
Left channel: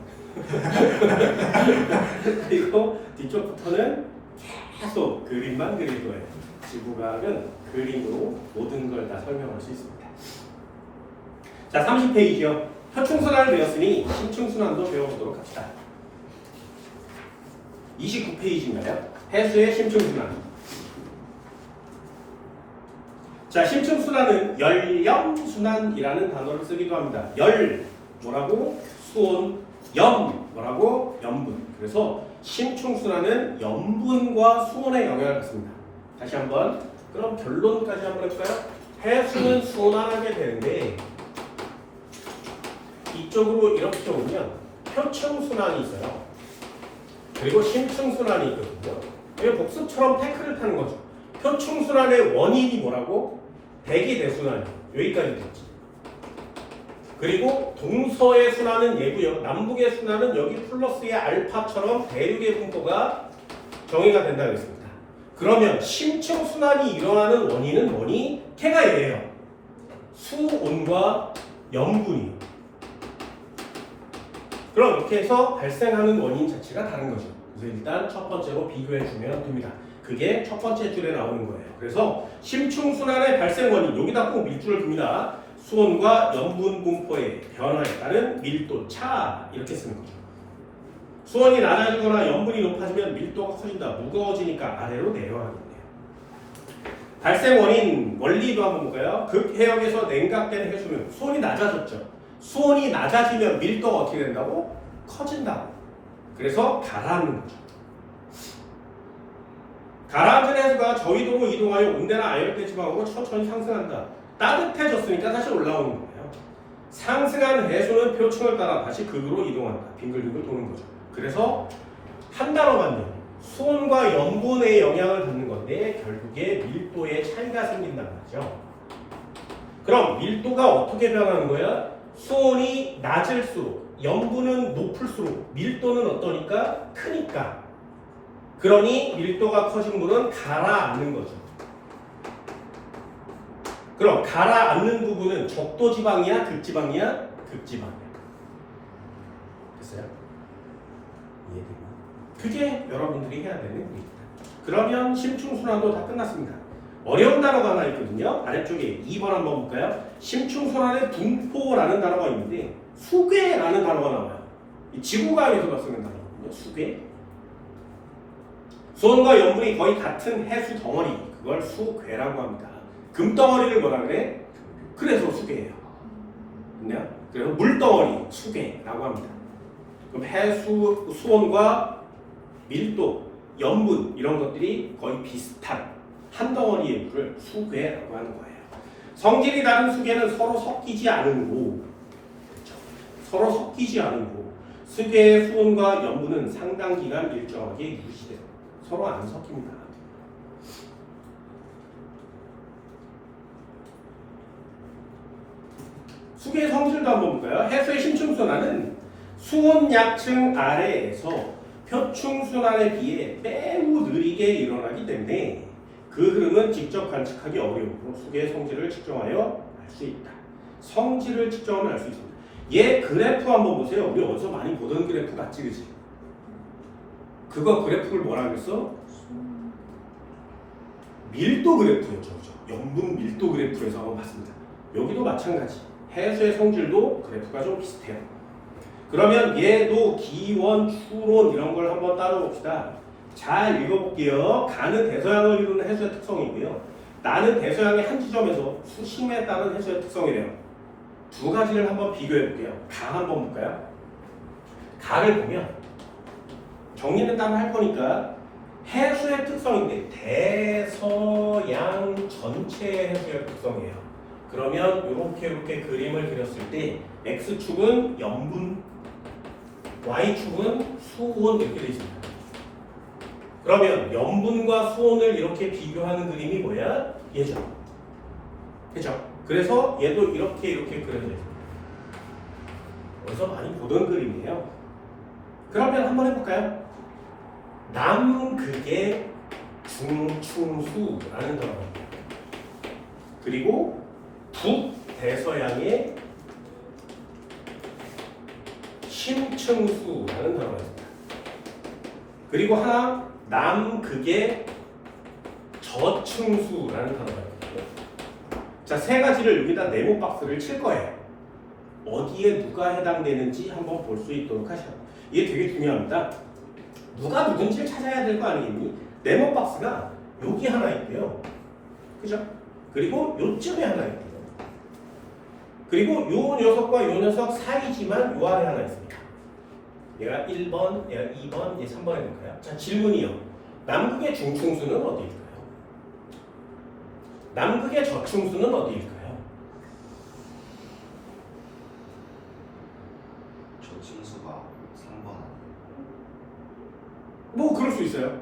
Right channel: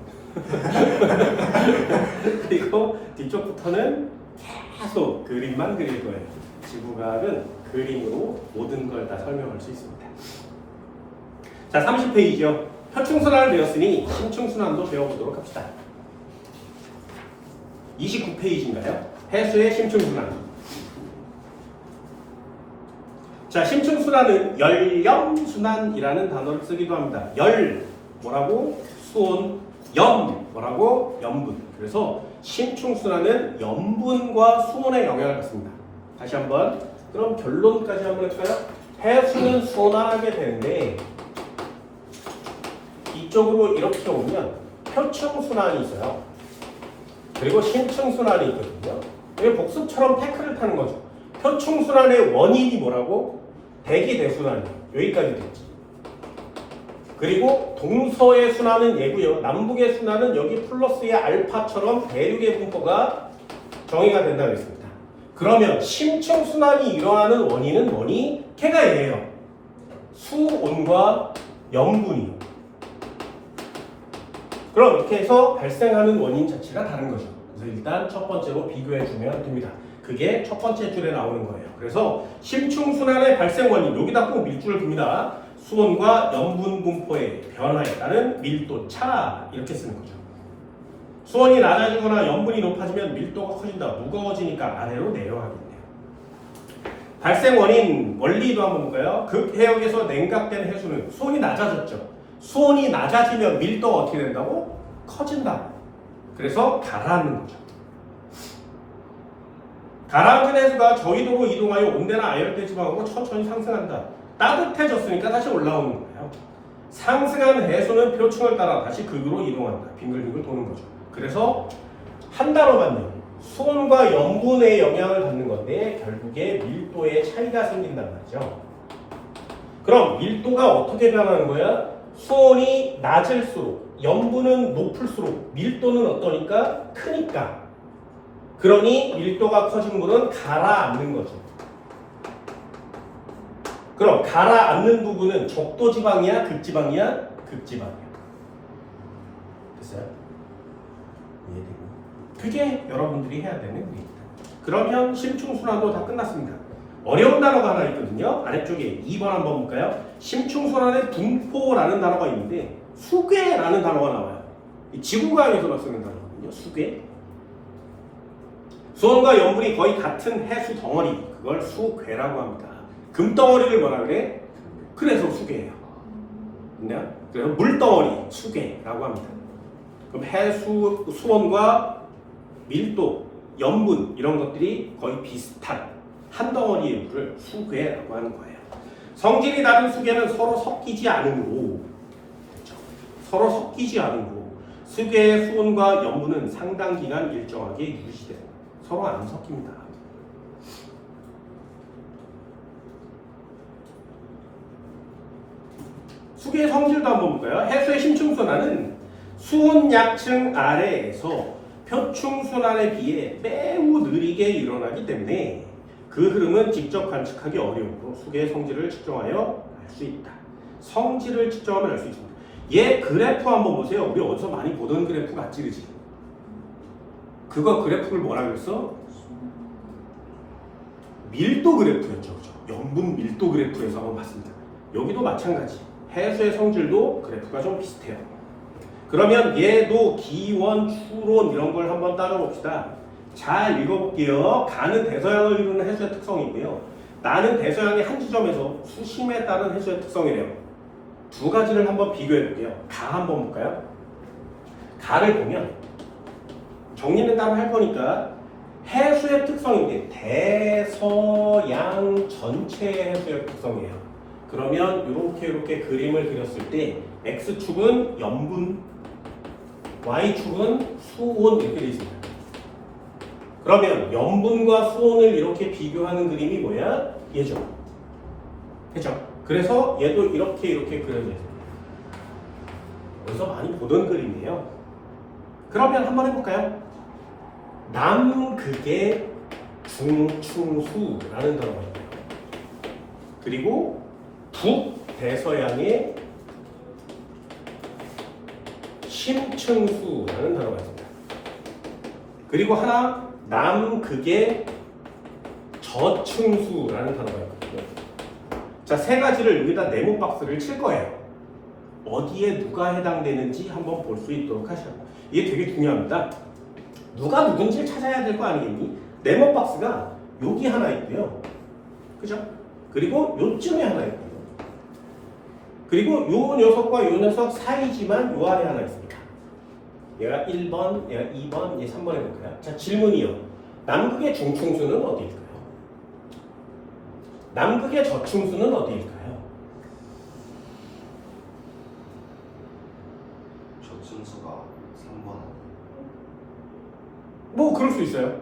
그리고 뒤쪽부터는 계속 그림만 그릴 거예요. 지구과학은 그림으로 모든 걸 다 설명할 수 있습니다. 자, 30페이지요. 표충순환을 배웠으니 심층순환도 배워보도록 합시다. 29페이지인가요? 해수의 심층순환. 자, 심층순환은 열염순환이라는 단어를 쓰기도 합니다. 열 뭐라고? 수온, 염 뭐라고? 염분. 그래서 심층순환은 염분과 수온의 영향을 받습니다. 다시 한번. 그럼 결론까지 한번 해볼까요? 해수는 순환하게 되는데 이쪽으로 이렇게 오면 표층순환이 있어요. 그리고 심층순환이 있거든요. 이게 복습처럼 태클을 타는 거죠. 표층순환의 원인이 뭐라고? 대기대순환. 여기까지 됐지. 그리고 동서의 순환은 얘고요. 남북의 순환은 여기 플러스의 알파처럼 대륙의 분포가 정의가 된다고 했습니다. 그러면 심층순환이 일어나는 원인은 뭐니? 걔가 얘예요. 수온과 염분이요. 그럼 이렇게 해서 발생하는 원인 자체가 다른 거죠. 그래서 일단 첫 번째로 비교해주면 됩니다. 그게 첫 번째 줄에 나오는 거예요. 그래서 심층순환의 발생 원인, 여기다 꼭 밀줄을 둡니다. 수온과 염분 분포의 변화에 따른 밀도 차, 이렇게 쓰는 거죠. 수온이 낮아지거나 염분이 높아지면 밀도가 커진다. 무거워지니까 아래로 내려가겠네요. 발생 원인 원리도 한번 볼까요? 극해역에서 냉각된 해수는 수온이 낮아졌죠. 수온이 낮아지면 밀도가 어떻게 된다고? 커진다. 그래서 가라앉는 거죠. 가라앉은 해수가 저위도로 이동하여 온대나 아열대 지방으로 천천히 상승한다. 따뜻해졌으니까 다시 올라오는 거예요. 상승한 해수는 표층을 따라 다시 극으로 이동한다. 빙글빙글 도는 거죠. 그래서 한 단어만요. 수온과 염분의 영향을 받는 건데 결국에 밀도의 차이가 생긴다는 거죠. 그럼 밀도가 어떻게 변하는 거야? 수온이 낮을수록 염분은 높을수록 밀도는 어떠니까? 크니까. 그러니 밀도가 커진 물은 가라앉는 거죠. 그럼 가라앉는 부분은 적도지방이야? 극지방이야? 극지방이야. 됐어요? 이해되고? 그게 여러분들이 해야 되는 일입니다. 그러면 심층순환도 다 끝났습니다. 어려운 단어가 하나 있거든요. 아래쪽에 2번 한번 볼까요? 심층순환의 분포라는 단어가 있는데 수괴라는 단어가 나와요. 이 지구과학에서 쓰는 단어거든요. 수괴. 수온과 염분이 거의 같은 해수 덩어리, 그걸 수괴라고 합니다. 금덩어리를 뭐라 그래? 그래서 수괴예요. 그래서 물덩어리, 수괴라고 합니다. 그럼 해수 수온과 밀도, 염분 이런 것들이 거의 비슷한 한 덩어리의 물을 수괴라고 하는 거예요. 성질이 다른 수괴는 서로 섞이지 않으므로, 그렇죠? 서로 섞이지 않으므로 수괴의 수온과 염분은 상당 기간 일정하게 유지돼요. 서로 안 섞입니다. 수괴의 성질도 한번 볼까요? 해수의 심층순환은 수온 약층 아래에서 표층순환에 비해 매우 느리게 일어나기 때문에 그 흐름은 직접 관측하기 어려우므로 수괴의 성질을 측정하여 알 수 있다. 성질을 측정하면 알 수 있습니다. 얘 그래프 한번 보세요. 우리 어디서 많이 보던 그래프 같지, 그치? 그거 그래프를 뭐라 그랬어? 밀도 그래프였죠, 그죠? 염분 밀도 그래프에서 한번 봤습니다. 여기도 마찬가지. 해수의 성질도 그래프가 좀 비슷해요. 그러면 얘도 기원, 추론 이런 걸 한번 따라봅시다. 잘 읽어볼게요. 가는 대서양을 이루는 해수의 특성이고요. 나는 대서양의 한 지점에서 수심에 따른 해수의 특성이래요. 두 가지를 한번 비교해 볼게요. 가 한번 볼까요? 가를 보면 정리는 따로 할 거니까 해수의 특성인데 대서양 전체의 해수의 특성이에요. 그러면 이렇게 그림을 그렸을 때 X축은 염분, Y축은 수온 이렇게 되어 있습니다. 그러면 염분과 수온을 이렇게 비교하는 그림이 뭐야? 얘죠. 그렇죠? 그래서 얘도 이렇게 그려져 있습니다. 어디서 많이 보던 그림이에요. 그러면 한번 해볼까요? 남극의 중충수라는 단어가 있고요. 그리고 북대서양의 심층수라는 단어가 있습니다. 그리고 하나 남극의 저층수라는 단어가 있거든요. 자, 세 가지를 여기다 네모 박스를 칠 거예요. 어디에 누가 해당되는지 한번 볼 수 있도록 하셔야 돼요. 이게 되게 중요합니다. 누가 누군지를 찾아야 될 거 아니겠니? 네모 박스가 여기 하나 있고요. 그죠? 그리고 요쯤에 하나 있고요. 그리고 요 녀석과 요 녀석 사이지만 요 아래 하나 있습니다. 얘가 1번, 얘가 2번, 얘 3번 해볼까요? 자, 질문이요. 남극의 중충수는 어디일까요? 남극의 저충수는 어디일까요? 저층수가 3번. 뭐 그럴 수 있어요.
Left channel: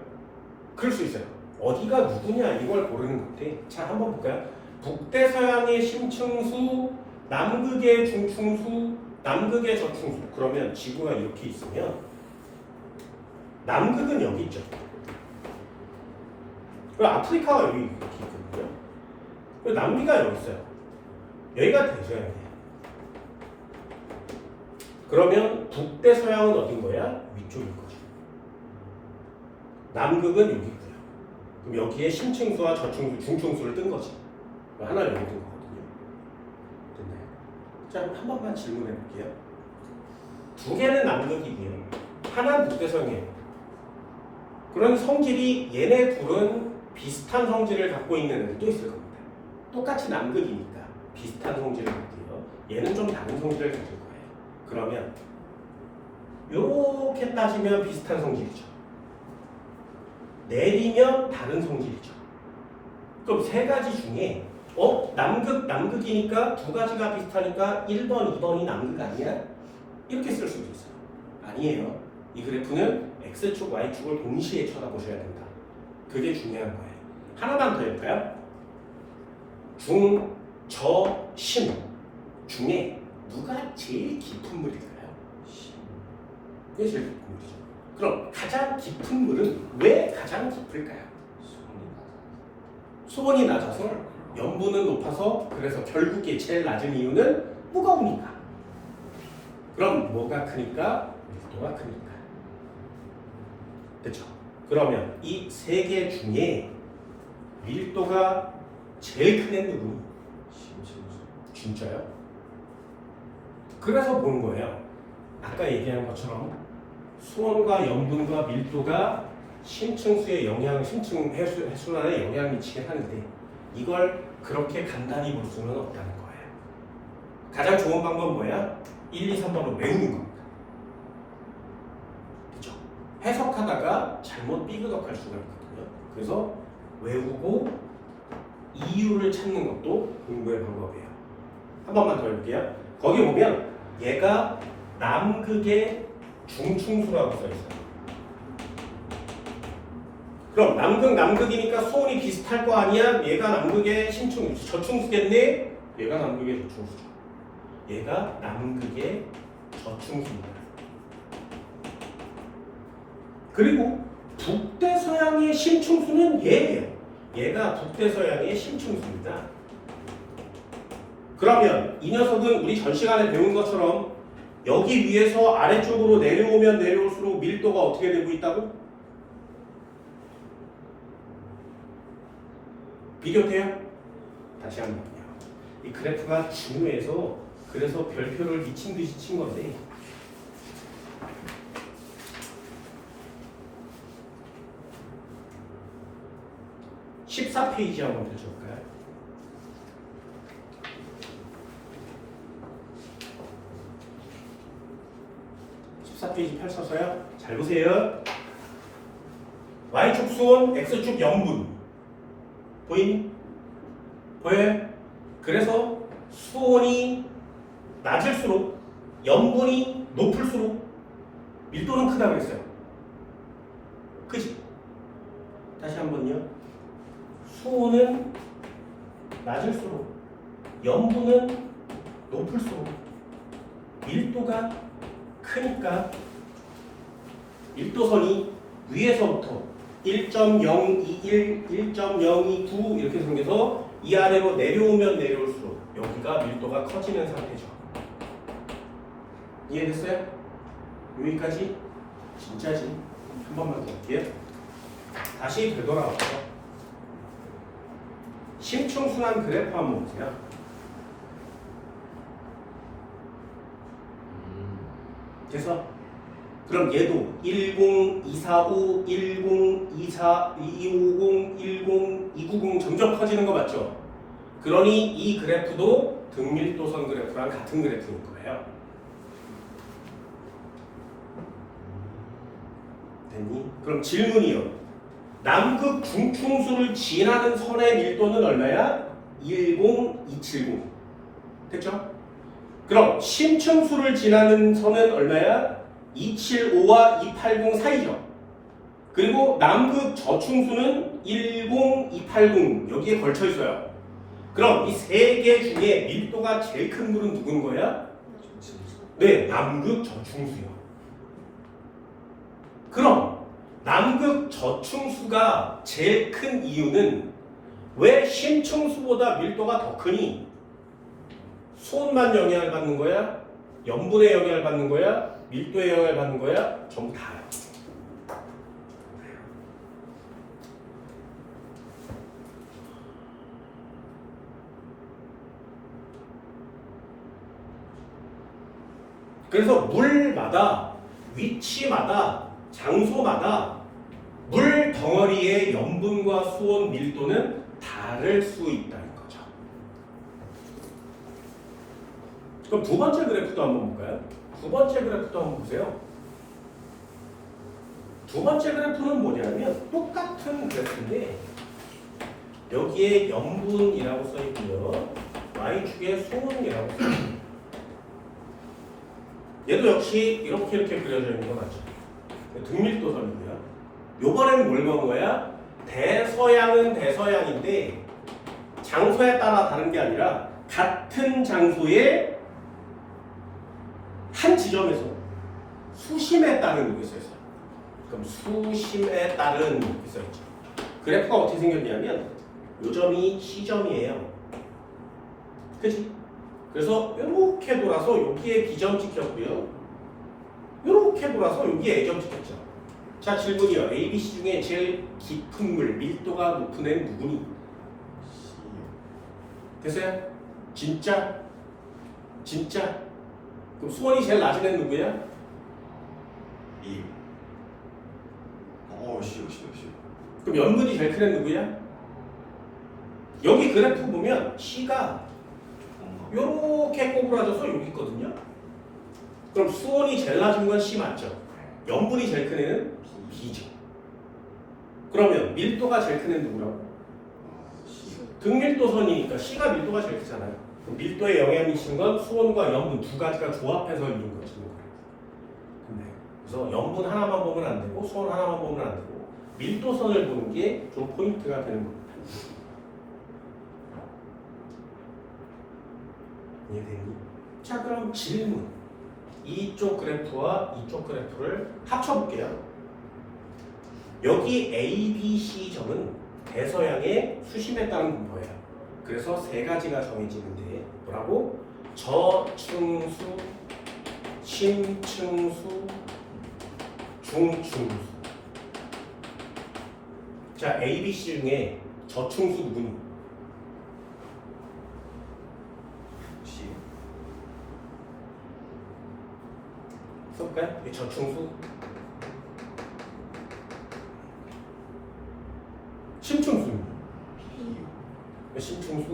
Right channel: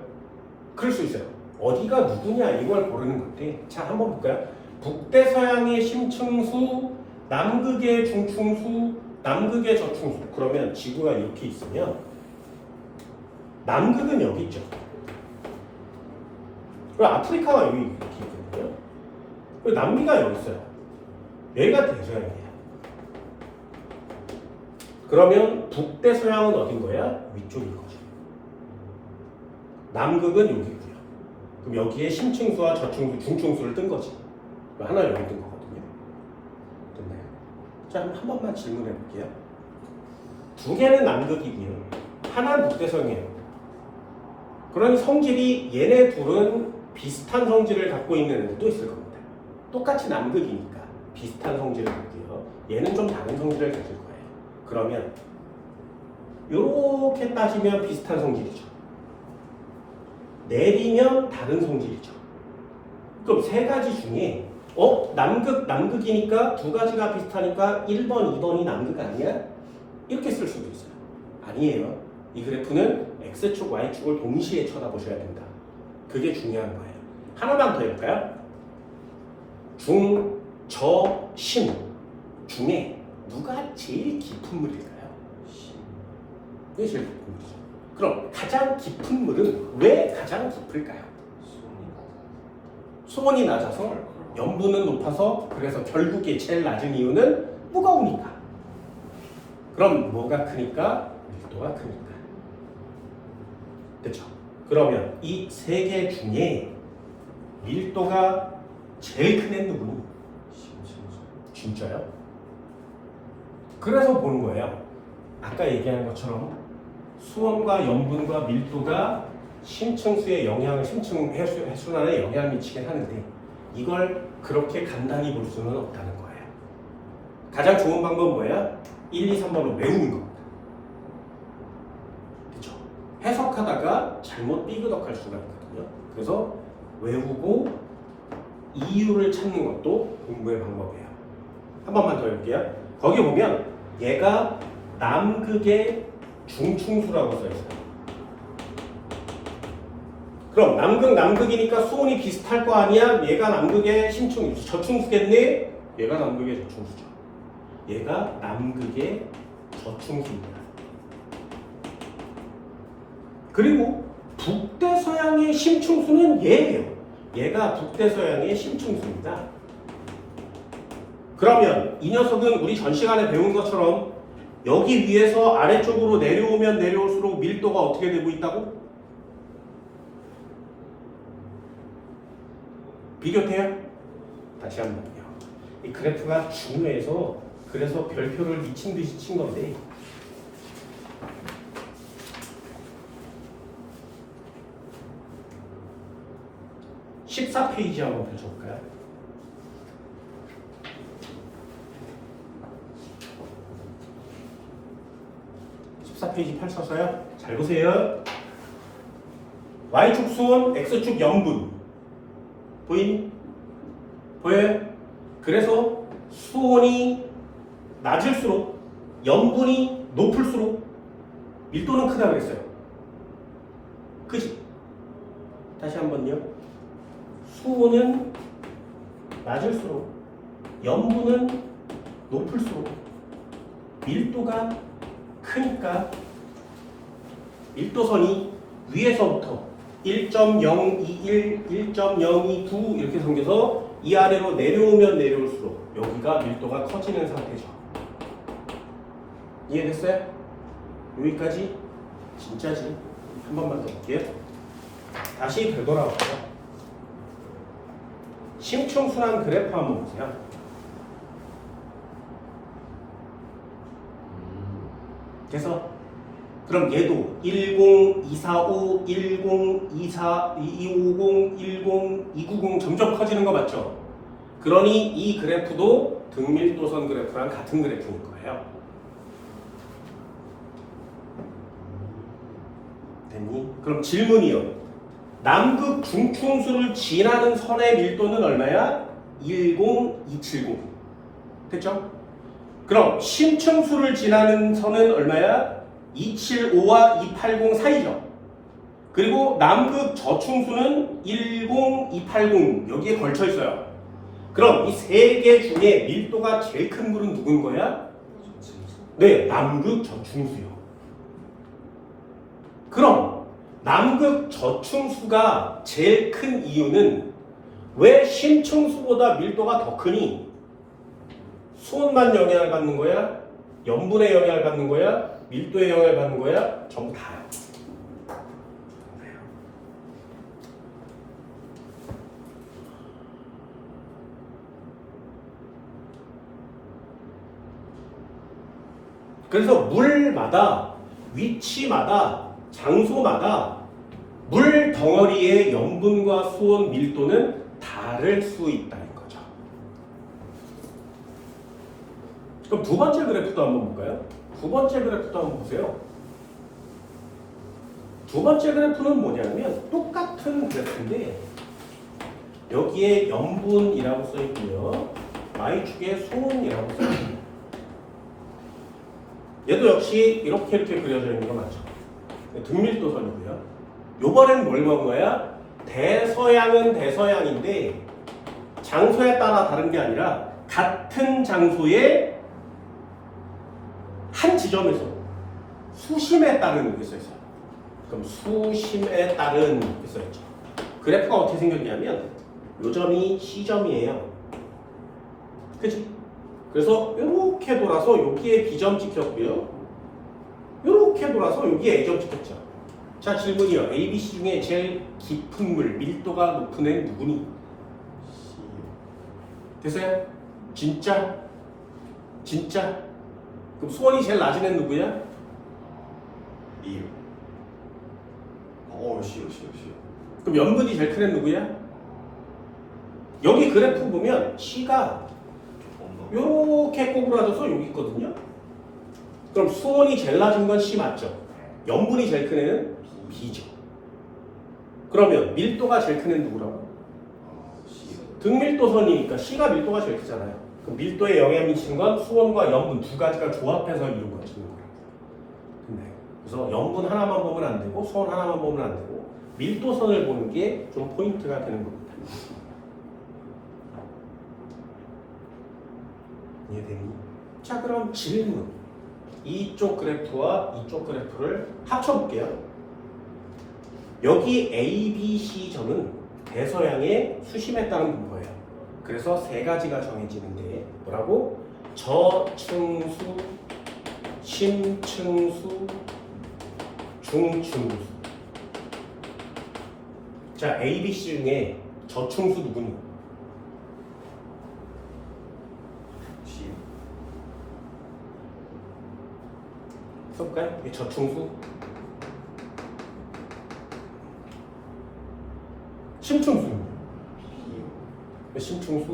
그럴 수 있어요. 어디가 누구냐 이걸 고르는 건데, 자 한번 볼까요? 북대서양의 심층수, 남극의 중충수, 남극의 저충수. 그러면 지구가 이렇게 있으면 남극은 여기 있죠. 그리고 아프리카가 여기 이렇게 있거든요. 그리고 남미가 여기 있어요. 여기가 대서양이에요. 그러면 북대서양은 어딘 거야? 위쪽일 거죠. 남극은 여기 있고요. 그럼 여기에 심층수와 저층수, 중층수를 뜬 거지. 하나 여기 뜬 거거든요. 됐나요? 자, 한 번만 질문해 볼게요. 두 개는 남극이고요. 하나는 북대서양이에요. 그런 성질이 얘네 둘은 비슷한 성질을 갖고 있는 애들도 있을 겁니다. 똑같이 남극이니까 비슷한 성질을 갖고요. 얘는 좀 다른 성질을 가질 거예요. 그러면 이렇게 따지면 비슷한 성질이죠. 내리면 다른 성질이죠. 그럼 세 가지 중에 남극이니까 두 가지가 비슷하니까 1번, 2번이 남극 아니야? 이렇게 쓸 수도 있어요. 아니에요. 이 그래프는 X축, Y축을 동시에 쳐다보셔야 된다. 그게 중요한 거예요. 하나만 더 해볼까요? 중, 저, 심 중에 누가 제일 깊은 물일까요? 이게 제일 깊은 물이죠. 그럼 가장 깊은 물은 왜 가장 깊을까요? 수온이 낮아서 염분은 높아서 그래서 결국에 제일 낮은 이유는 무거우니까. 그럼 뭐가 크니까? 밀도가 크니까. 그렇죠? 그러면 이 세 개 중에 밀도가 제일 큰 애는 누구니? 진짜요? 그래서 보는 거예요. 아까 얘기한 것처럼 수온과 염분과 밀도가 심층수의 영향을 심층 해순환에 영향을 미치게 하는데 이걸 그렇게 간단히 볼 수는 없다는 거예요. 가장 좋은 방법은 뭐야? 1, 2, 3번을 외우는 겁니다. 그렇죠? 해석하다가 잘못 삐그덕할 수가 있거든요. 그래서 외우고 이유를 찾는 것도 공부의 방법이에요. 한 번만 더 해볼게요. 거기 보면 얘가 남극의 중충수라고 써 있어요. 그럼 남극이니까 수온이 비슷할 거 아니야? 얘가 남극의 저충수겠네? 얘가 남극의 저충수죠. 얘가 남극의 저충수입니다. 그리고 북대서양의 심충수는 얘예요. 얘가 북대서양의 심충수입니다. 그러면 이 녀석은 우리 전 시간에 배운 것처럼 여기 위에서 아래쪽으로 내려오면 내려올수록 밀도가 어떻게 되고 있다고? 비교돼요? 다시 한번요. 이 그래프가 중요해서 그래서 별표를 미친 듯이 친 건데 14페이지 한번 펼쳐볼까요? 페이지 펼쳐서요. 잘 보세요. Y축 수온, X축 염분. 보이니? 보여요? 그래서 수온이 낮을수록 염분이 높을수록 밀도는 크다고 했어요. 그지? 다시 한번요. 수온은 낮을수록 염분은 높을수록 밀도가 크니까 밀도선이 위에서부터 1.021, 1.029 이렇게 생겨서 이 아래로 내려오면 내려올수록 여기가 밀도가 커지는 상태죠. 이해됐어요? 여기까지? 진짜지? 한 번만 더 할게요. 다시 되돌아갈게요. 심층순환 그래프 한번 보세요. 그래서 그럼 얘도 10, 245, 10, 24, 250, 10, 290 점점 커지는 거 맞죠? 그러니 이 그래프도 등밀도선 그래프랑 같은 그래프인 거예요. 됐니? 그럼 질문이요. 남극 중충수를 지나는 선의 밀도는 얼마야? 10270. 됐죠? 그럼 심층수를 지나는 선은 얼마야? 275와 280 사이죠. 그리고 남극 저충수는 10280 여기에 걸쳐 있어요. 그럼 이 세 개 중에 밀도가 제일 큰 물은 누군 거야? 네, 남극 저충수요. 그럼 남극 저충수가 제일 큰 이유는 왜 심층수보다 밀도가 더 크니? 수온만 영향을 받는 거야? 염분의 영향을 받는 거야? 밀도의 영향을 받는 거야? 전부 다요. 그래서 물마다 위치마다 장소마다 물 덩어리의 염분과 수온 밀도는 다를 수 있다는 거죠. 그럼 두 번째 그래프도 한번 볼까요? 두 번째 그래프도 한번 보세요. 두 번째 그래프는 뭐냐면 똑같은 그래프인데 여기에 염분이라고 써 있고요. Y축에 수온이라고 써 있습니다. 얘도 역시 이렇게 그려져 있는 거 맞죠? 등밀도선이고요. 요번에는 뭘 본 거야? 대서양은 대서양인데 장소에 따라 다른 게 아니라 같은 장소에 한 지점에서 수심에 따른 게 있어요. 그럼 수심에 따른 이렇게 써있죠. 그래프가 어떻게 생겼냐면 요 점이 C점이에요. 그치? 그래서 이렇게 돌아서 여기에 B점 찍혔고요. 이렇게 돌아서 여기에 A점 찍혔죠. 자, 질문이요. A, B, C 중에 제일 깊은 물, 밀도가 높은 애는 누구니? 됐어요? 진짜? 진짜? 그럼 수원이 제일 낮은 애는 누구야? 이. 쉬워. 그럼 염분이 제일 큰 애는 누구야? 여기 그래프 보면 C가 요렇게 꼬부라져서 여기 있거든요. 그럼 수온이 제일 낮은 건 C 맞죠? 염분이 제일 큰 애는 B죠. 그러면 밀도가 제일 큰 애는 누구라고? 등밀도선이니까 C가 밀도가 제일 크잖아요. 그럼 밀도에 영향을 미치는 건 수온과 염분 두 가지가 조합해서 이룬 거라고. 그래서 염분 하나만 보면 안 되고 수온 하나만 보면 안 되고 밀도선을 보는 게 좀 포인트가 되는 겁니다. 이해되니? 자, 그럼 질문. 이쪽 그래프와 이쪽 그래프를 합쳐볼게요. 여기 A, B, C 점은 대서양의 수심에 따른 분포예요. 그래서 세 가지가 정해지는데 뭐라고? 저층수, 심층수, 중층수. 자, A, B, C 중에 저층수 누구니? 써볼까요? 이게 저층수, 심층수입니다. 심층수,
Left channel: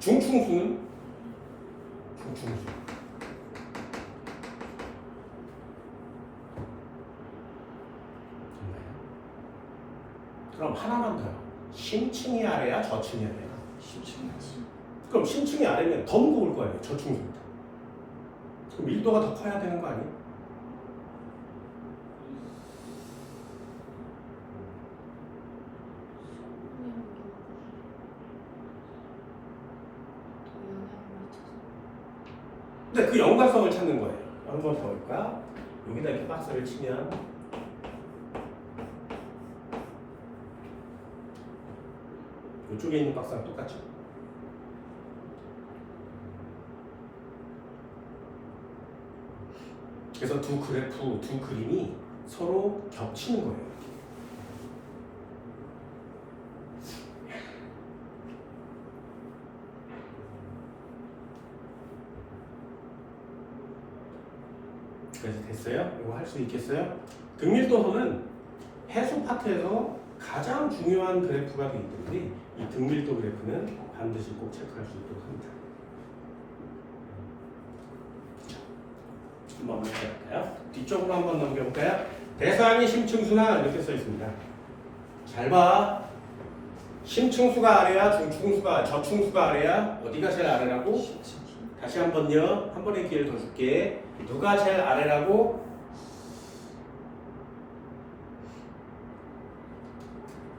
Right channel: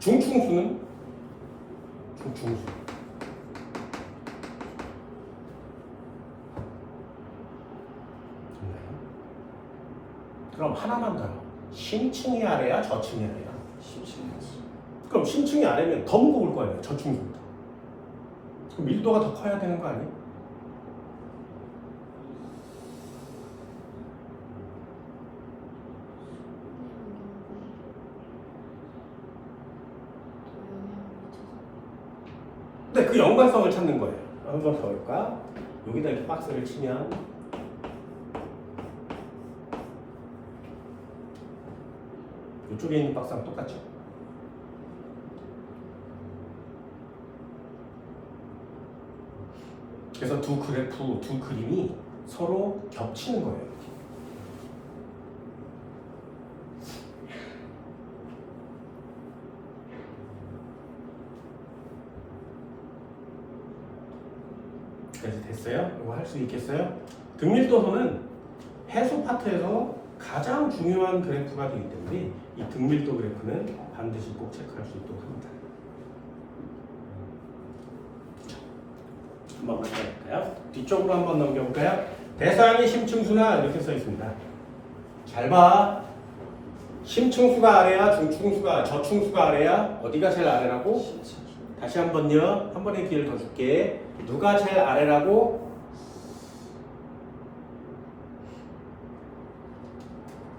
중층수는 중층수. 그럼 하나만 더요. 심층이 아래야, 저층이 아래야? 그럼 심층이 아래면 더 무거울 거 아니에요? 저층수보다. 그럼 밀도가 더 커야 되는 거 아니에요? 근데 그 연관성을 찾는 거예요. 한번 더 할까? 여기다 이렇게 박스를 치면 이쪽에 있는 박스랑 똑같죠? 그래서 두 그래프, 두 그림이 서로 겹치는 거예요. 그래서 됐어요? 이거 할 수 있겠어요? 등밀도선은 해수 파트에서 가장 중요한 그래프가 되기 때문에 이 등밀도 그래프는 반드시 꼭 체크할 수 있도록 합니다. 한번 넘겨볼까요? 뒤쪽으로 한번 넘겨볼까요? 대서양의 심층수나 이렇게 써 있습니다. 잘 봐. 심층수가 아래야, 중층수가, 저층수가 아래야? 어디가 제일 아래라고? 다시 한 번요. 한 번의 기회를 더 줄게. 누가 제일 아래라고?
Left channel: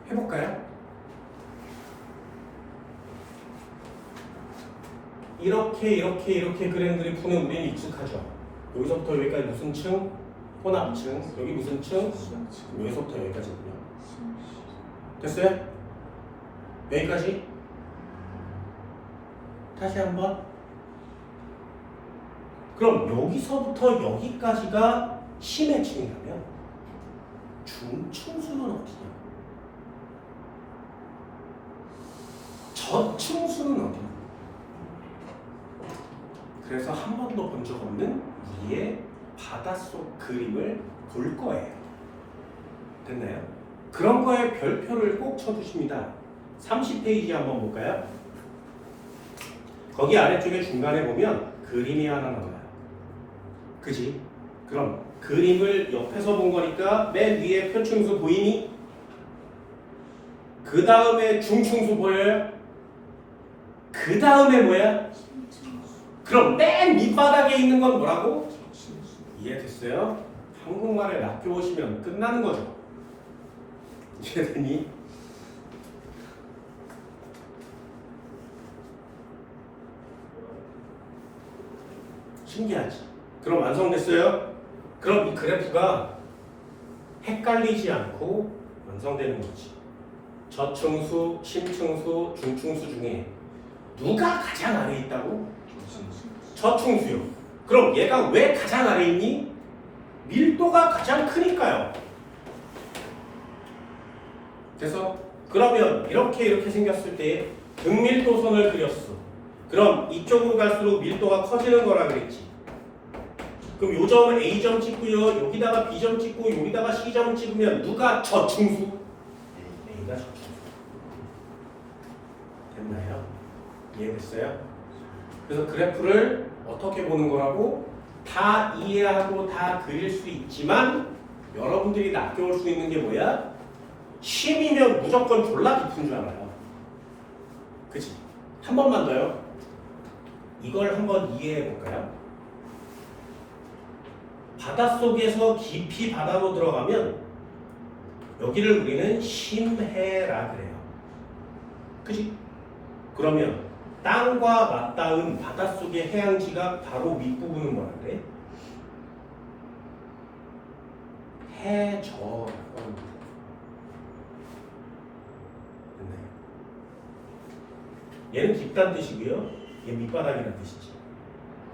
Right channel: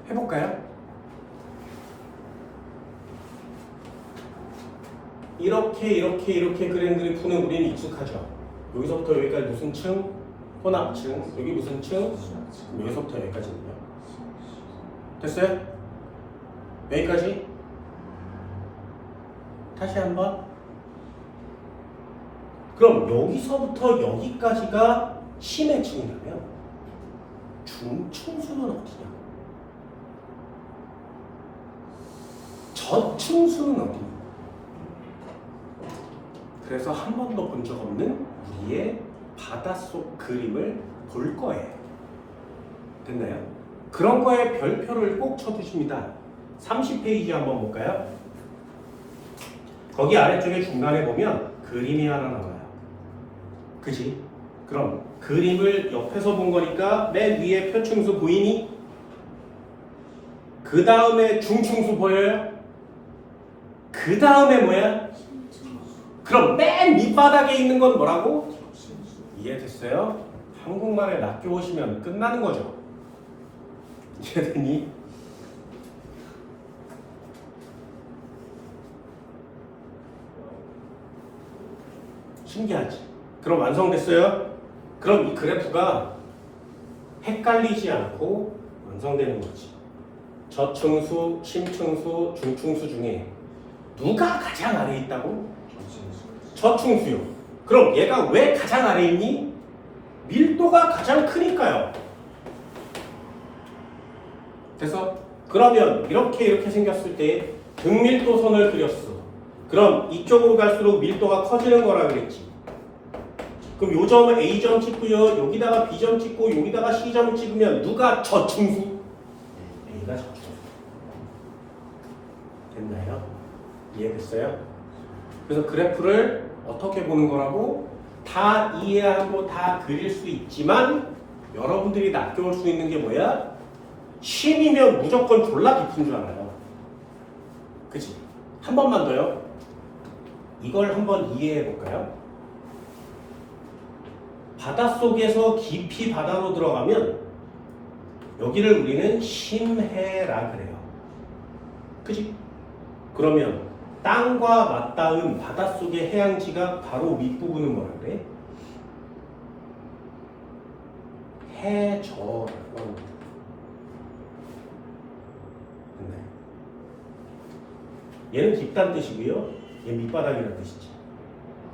해볼까요? 이렇게 그림들을 푸는 우리는 익숙하죠. 여기서부터 여기까지 무슨 층? 혼합층. 여기 무슨 층? 여기서부터 여기까지입니다. 됐어요? 여기까지? 다시 한번. 그럼 여기서부터 여기까지가 심의 층이라면 중층수는 어디냐? 저층수는 어디냐? 그래서 한 번도 본 적 없는 우리의 바닷속 그림을 볼 거예요. 됐나요? 그런 거에 별표를 꼭 쳐두십니다. 30페이지 한번 볼까요? 거기 아래쪽에 중간에 보면 그림이 하나 나와요. 그지? 그럼 그림을 옆에서 본 거니까 맨 위에 표층수 보이니? 그 다음에 중층수 보여요? 그 다음에 뭐야? 그럼 맨 밑바닥에 있는 건 뭐라고? 이해됐어요? 한국말을 낚여오시면 끝나는 거죠. 이해되니? 신기하지? 그럼 완성됐어요? 그럼 이 그래프가 헷갈리지 않고 완성되는 거지. 저층수, 심층수, 중층수 중에 누가 가장 아래에 있다고? 저층수요. 그럼 얘가 왜 가장 아래에 있니? 밀도가 가장 크니까요. 그래서 그러면 이렇게 생겼을 때 등밀도선을 그렸어. 그럼 이쪽으로 갈수록 밀도가 커지는 거라 그랬지. 그럼 요 점은 A점 찍고요. 여기다가 B점 찍고 여기다가 C점 찍으면 누가 저층수? A가 저층수. 됐나요? 이해됐어요? 그래서 그래프를 어떻게 보는 거라고? 다 이해하고 다 그릴 수 있지만 여러분들이 낚여올 수 있는 게 뭐야? 쉼이면 무조건 졸라 깊은 줄 알아요. 그치? 한 번만 더요. 이걸 한번 이해해 볼까요? 바닷속에서 깊이 바다로 들어가면 여기를 우리는 심해라 그래요. 그치? 그러면 땅과 맞닿은 바닷속의 해양지가 바로 윗부분은 뭐라는데? 해저. 얘는 깊다는 뜻이고요. 얘 밑바닥이라는 뜻이지.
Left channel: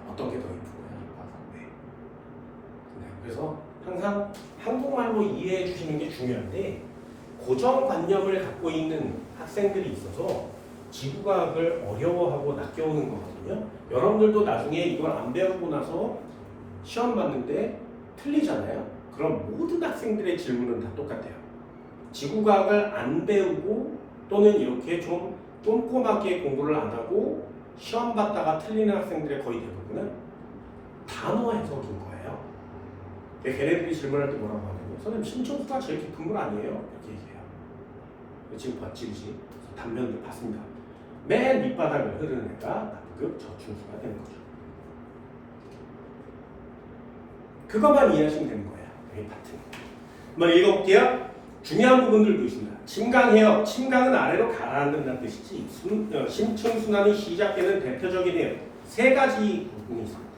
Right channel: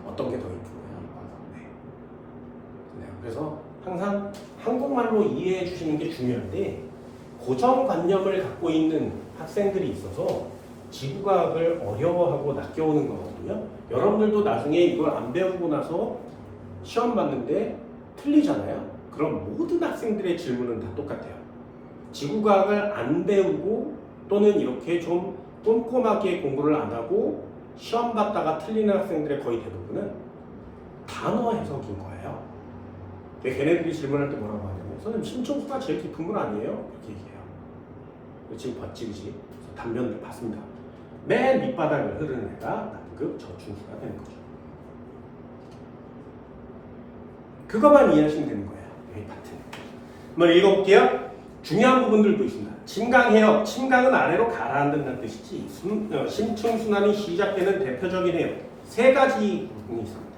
어떤 게 더 깊으냐? 네. 그래서 항상 한국말로 이해해 주시는 게 중요한데 고정관념을 갖고 있는 학생들이 있어서 지구과학을 어려워하고 낚여오는 거거든요. 여러분들도 나중에 이걸 안 배우고 나서 시험 봤는데 틀리잖아요. 그럼 모든 학생들의 질문은 다 똑같아요. 지구과학을 안 배우고 또는 이렇게 좀 꼼꼼하게 공부를 안 하고 시험 봤다가 틀리는 학생들의 거의 대부분은 단어 해석인 거예요. 걔네들이 질문할 때 뭐라고 하냐면 선생님 심층수가 제일 깊은 건 아니에요? 이렇게 얘기해요. 지금 봤지 그치? 단면을 봤습니다. 맨 밑바닥을 흐르는 애가 남극 저층수가 되는 거죠. 그것만 이해하시면 되는 거예요. 여기 파트는. 한번 읽어볼게요. 중요한 부분들도 있습니다. 침강해요. 침강은 아래로 가라앉는다는 뜻이지. 심층순환이 시작되는 대표적인 세 가지 부분이 있습니다.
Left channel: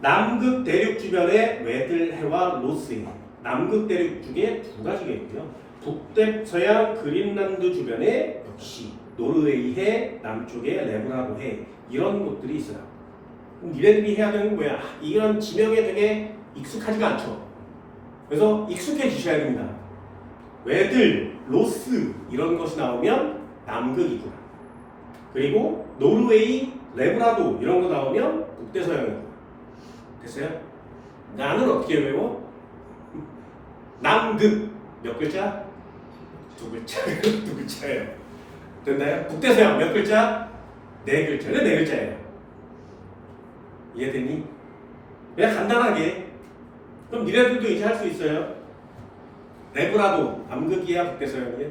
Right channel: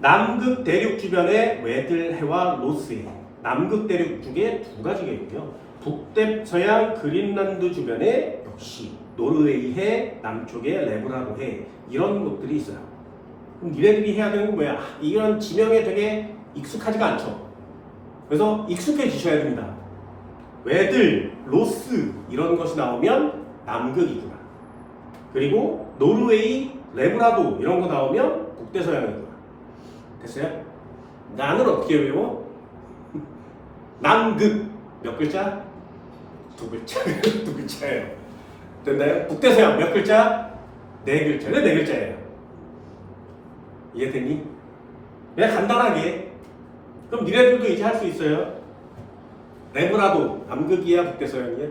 남극 대륙 주변의 웨들해와 로스해. 남극 대륙 쪽에 두 가지가 있고요. 북대서양 그린란드 주변에 역시 노르웨이해, 남쪽에 레브라도해 이런 곳들이 있어요. 그럼 니네들이 해야 되는 건 뭐야? 이런 지명에 되게 익숙하지가 않죠. 그래서 익숙해지셔야 됩니다. 웨들, 로스 이런 것이 나오면 남극이구나. 그리고 노르웨이, 레브라도 이런 거 나오면 북대서양이구나. 됐어요? 나는 어떻게 외워? 남극 몇 글자? 두 글자. 두 글자예요. 됐나요? 북대서양 몇 글자? 네 글자는 네 글자예요. 이해되니? 그냥 간단하게. 그럼 니네들도 이제 할 수 있어요. 레브라도 남극이야 북대서양이야?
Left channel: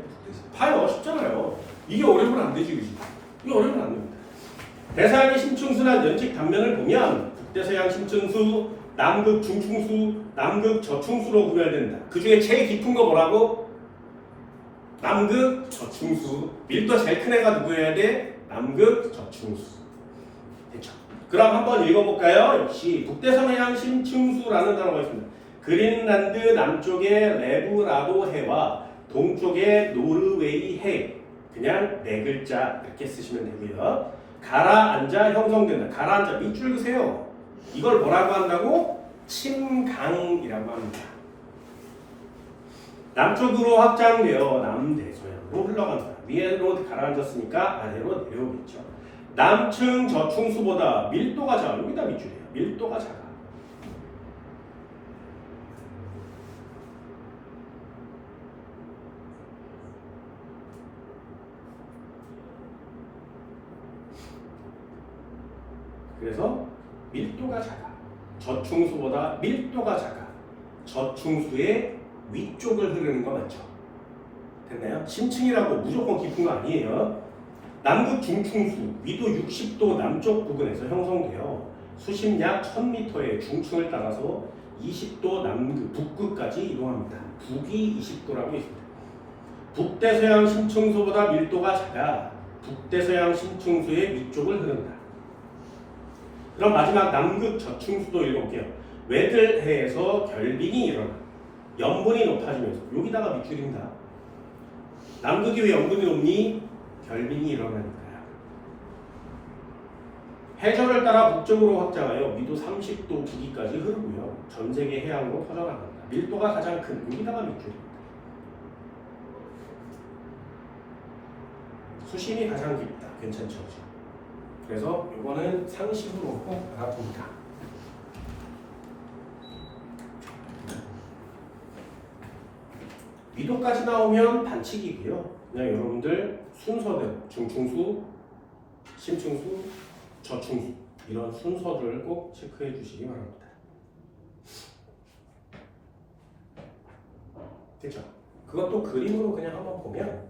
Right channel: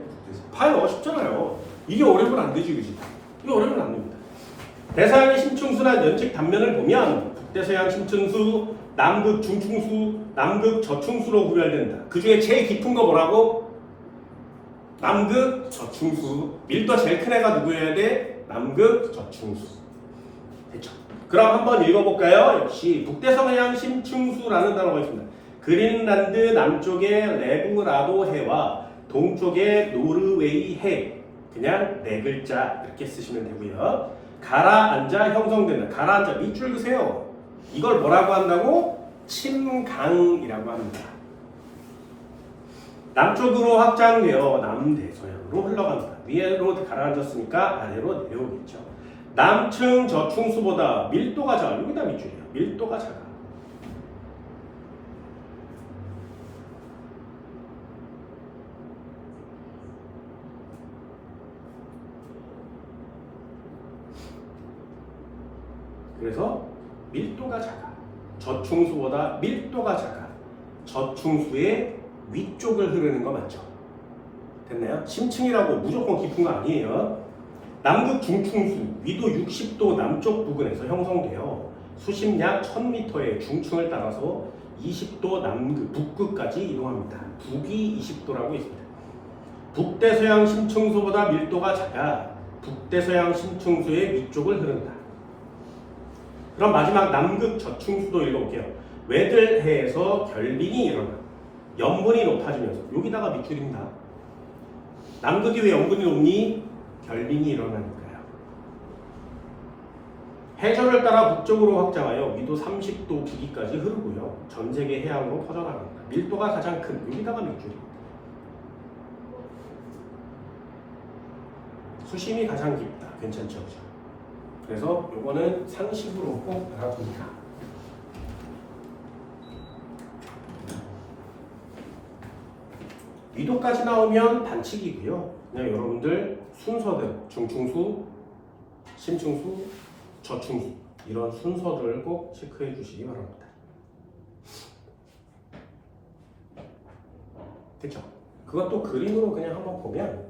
봐요. 쉽잖아요. 이게 어려우면 안 되지 그지? 이게 어려우면 안 됩니다. 대서양의 심층수나 연측 단면을 보면 북대서양 심층수, 남극 중층수, 남극 저층수로 구별된다. 그 중에 제일 깊은 거 뭐라고? 남극 저층수. 밀도 제일 큰 애가 누구여야 돼? 남극 저층수. 됐죠? 그럼 한번 읽어볼까요? 역시 북대서양 심층수라는 단어가 있습니다. 그린란드 남쪽의 레브라도 해와 동쪽의 노르웨이 해. 그냥 네 글자 이렇게 쓰시면 되고요. 가라앉아 형성된다. 가라앉아 밑줄 그세요. 이걸 뭐라고 한다고? 침강이라고 합니다. 남쪽으로 확장되어 남대서양으로 흘러간다. 위로 가라앉았으니까 아래로 내려오겠죠. 남층 저층수보다 밀도가 작습니다. 밑줄이에요. 밀도가 작아. 그래서 밀도가 작아. 저층수보다 밀도가 작아. 저층수의 위쪽을 흐르는 거 맞죠? 됐나요? 심층이라고 무조건 깊은 거 아니에요. 남극 중층수, 위도 60도 남쪽 부근에서 형성되어 수심 약 1000m의 중층을 따라서 20도 남극, 북극까지 이동합니다. 북이 20도라고 있습니다. 북대서양 심층수보다 밀도가 작아 북대서양 심층수의 위쪽을 흐른다. 그럼 마지막 남극 저충수도 읽어볼게요. 외들해에서 결빙이 일어나 염분이 높아지면서 여기다가 밑줄입니다. 남극이 왜 염분이 높니? 결빙이 일어나니까요. 해저를 따라 북쪽으로 확장하여 위도 30도 부기까지 흐르고요. 전 세계 해안으로 퍼져나갑니다. 밀도가 가장 큰 여기다가 밑줄입니다. 수심이 가장 깊다. 괜찮죠? 그래서 이거는 상식으로 꼭 알아둡니다. 위도까지 나오면 반칙이고요. 그냥 여러분들 순서대로 중충수, 심충수, 저충수 이런 순서를 꼭 체크해 주시기 바랍니다. 됐죠? 그것도 그림으로 그냥 한번 보면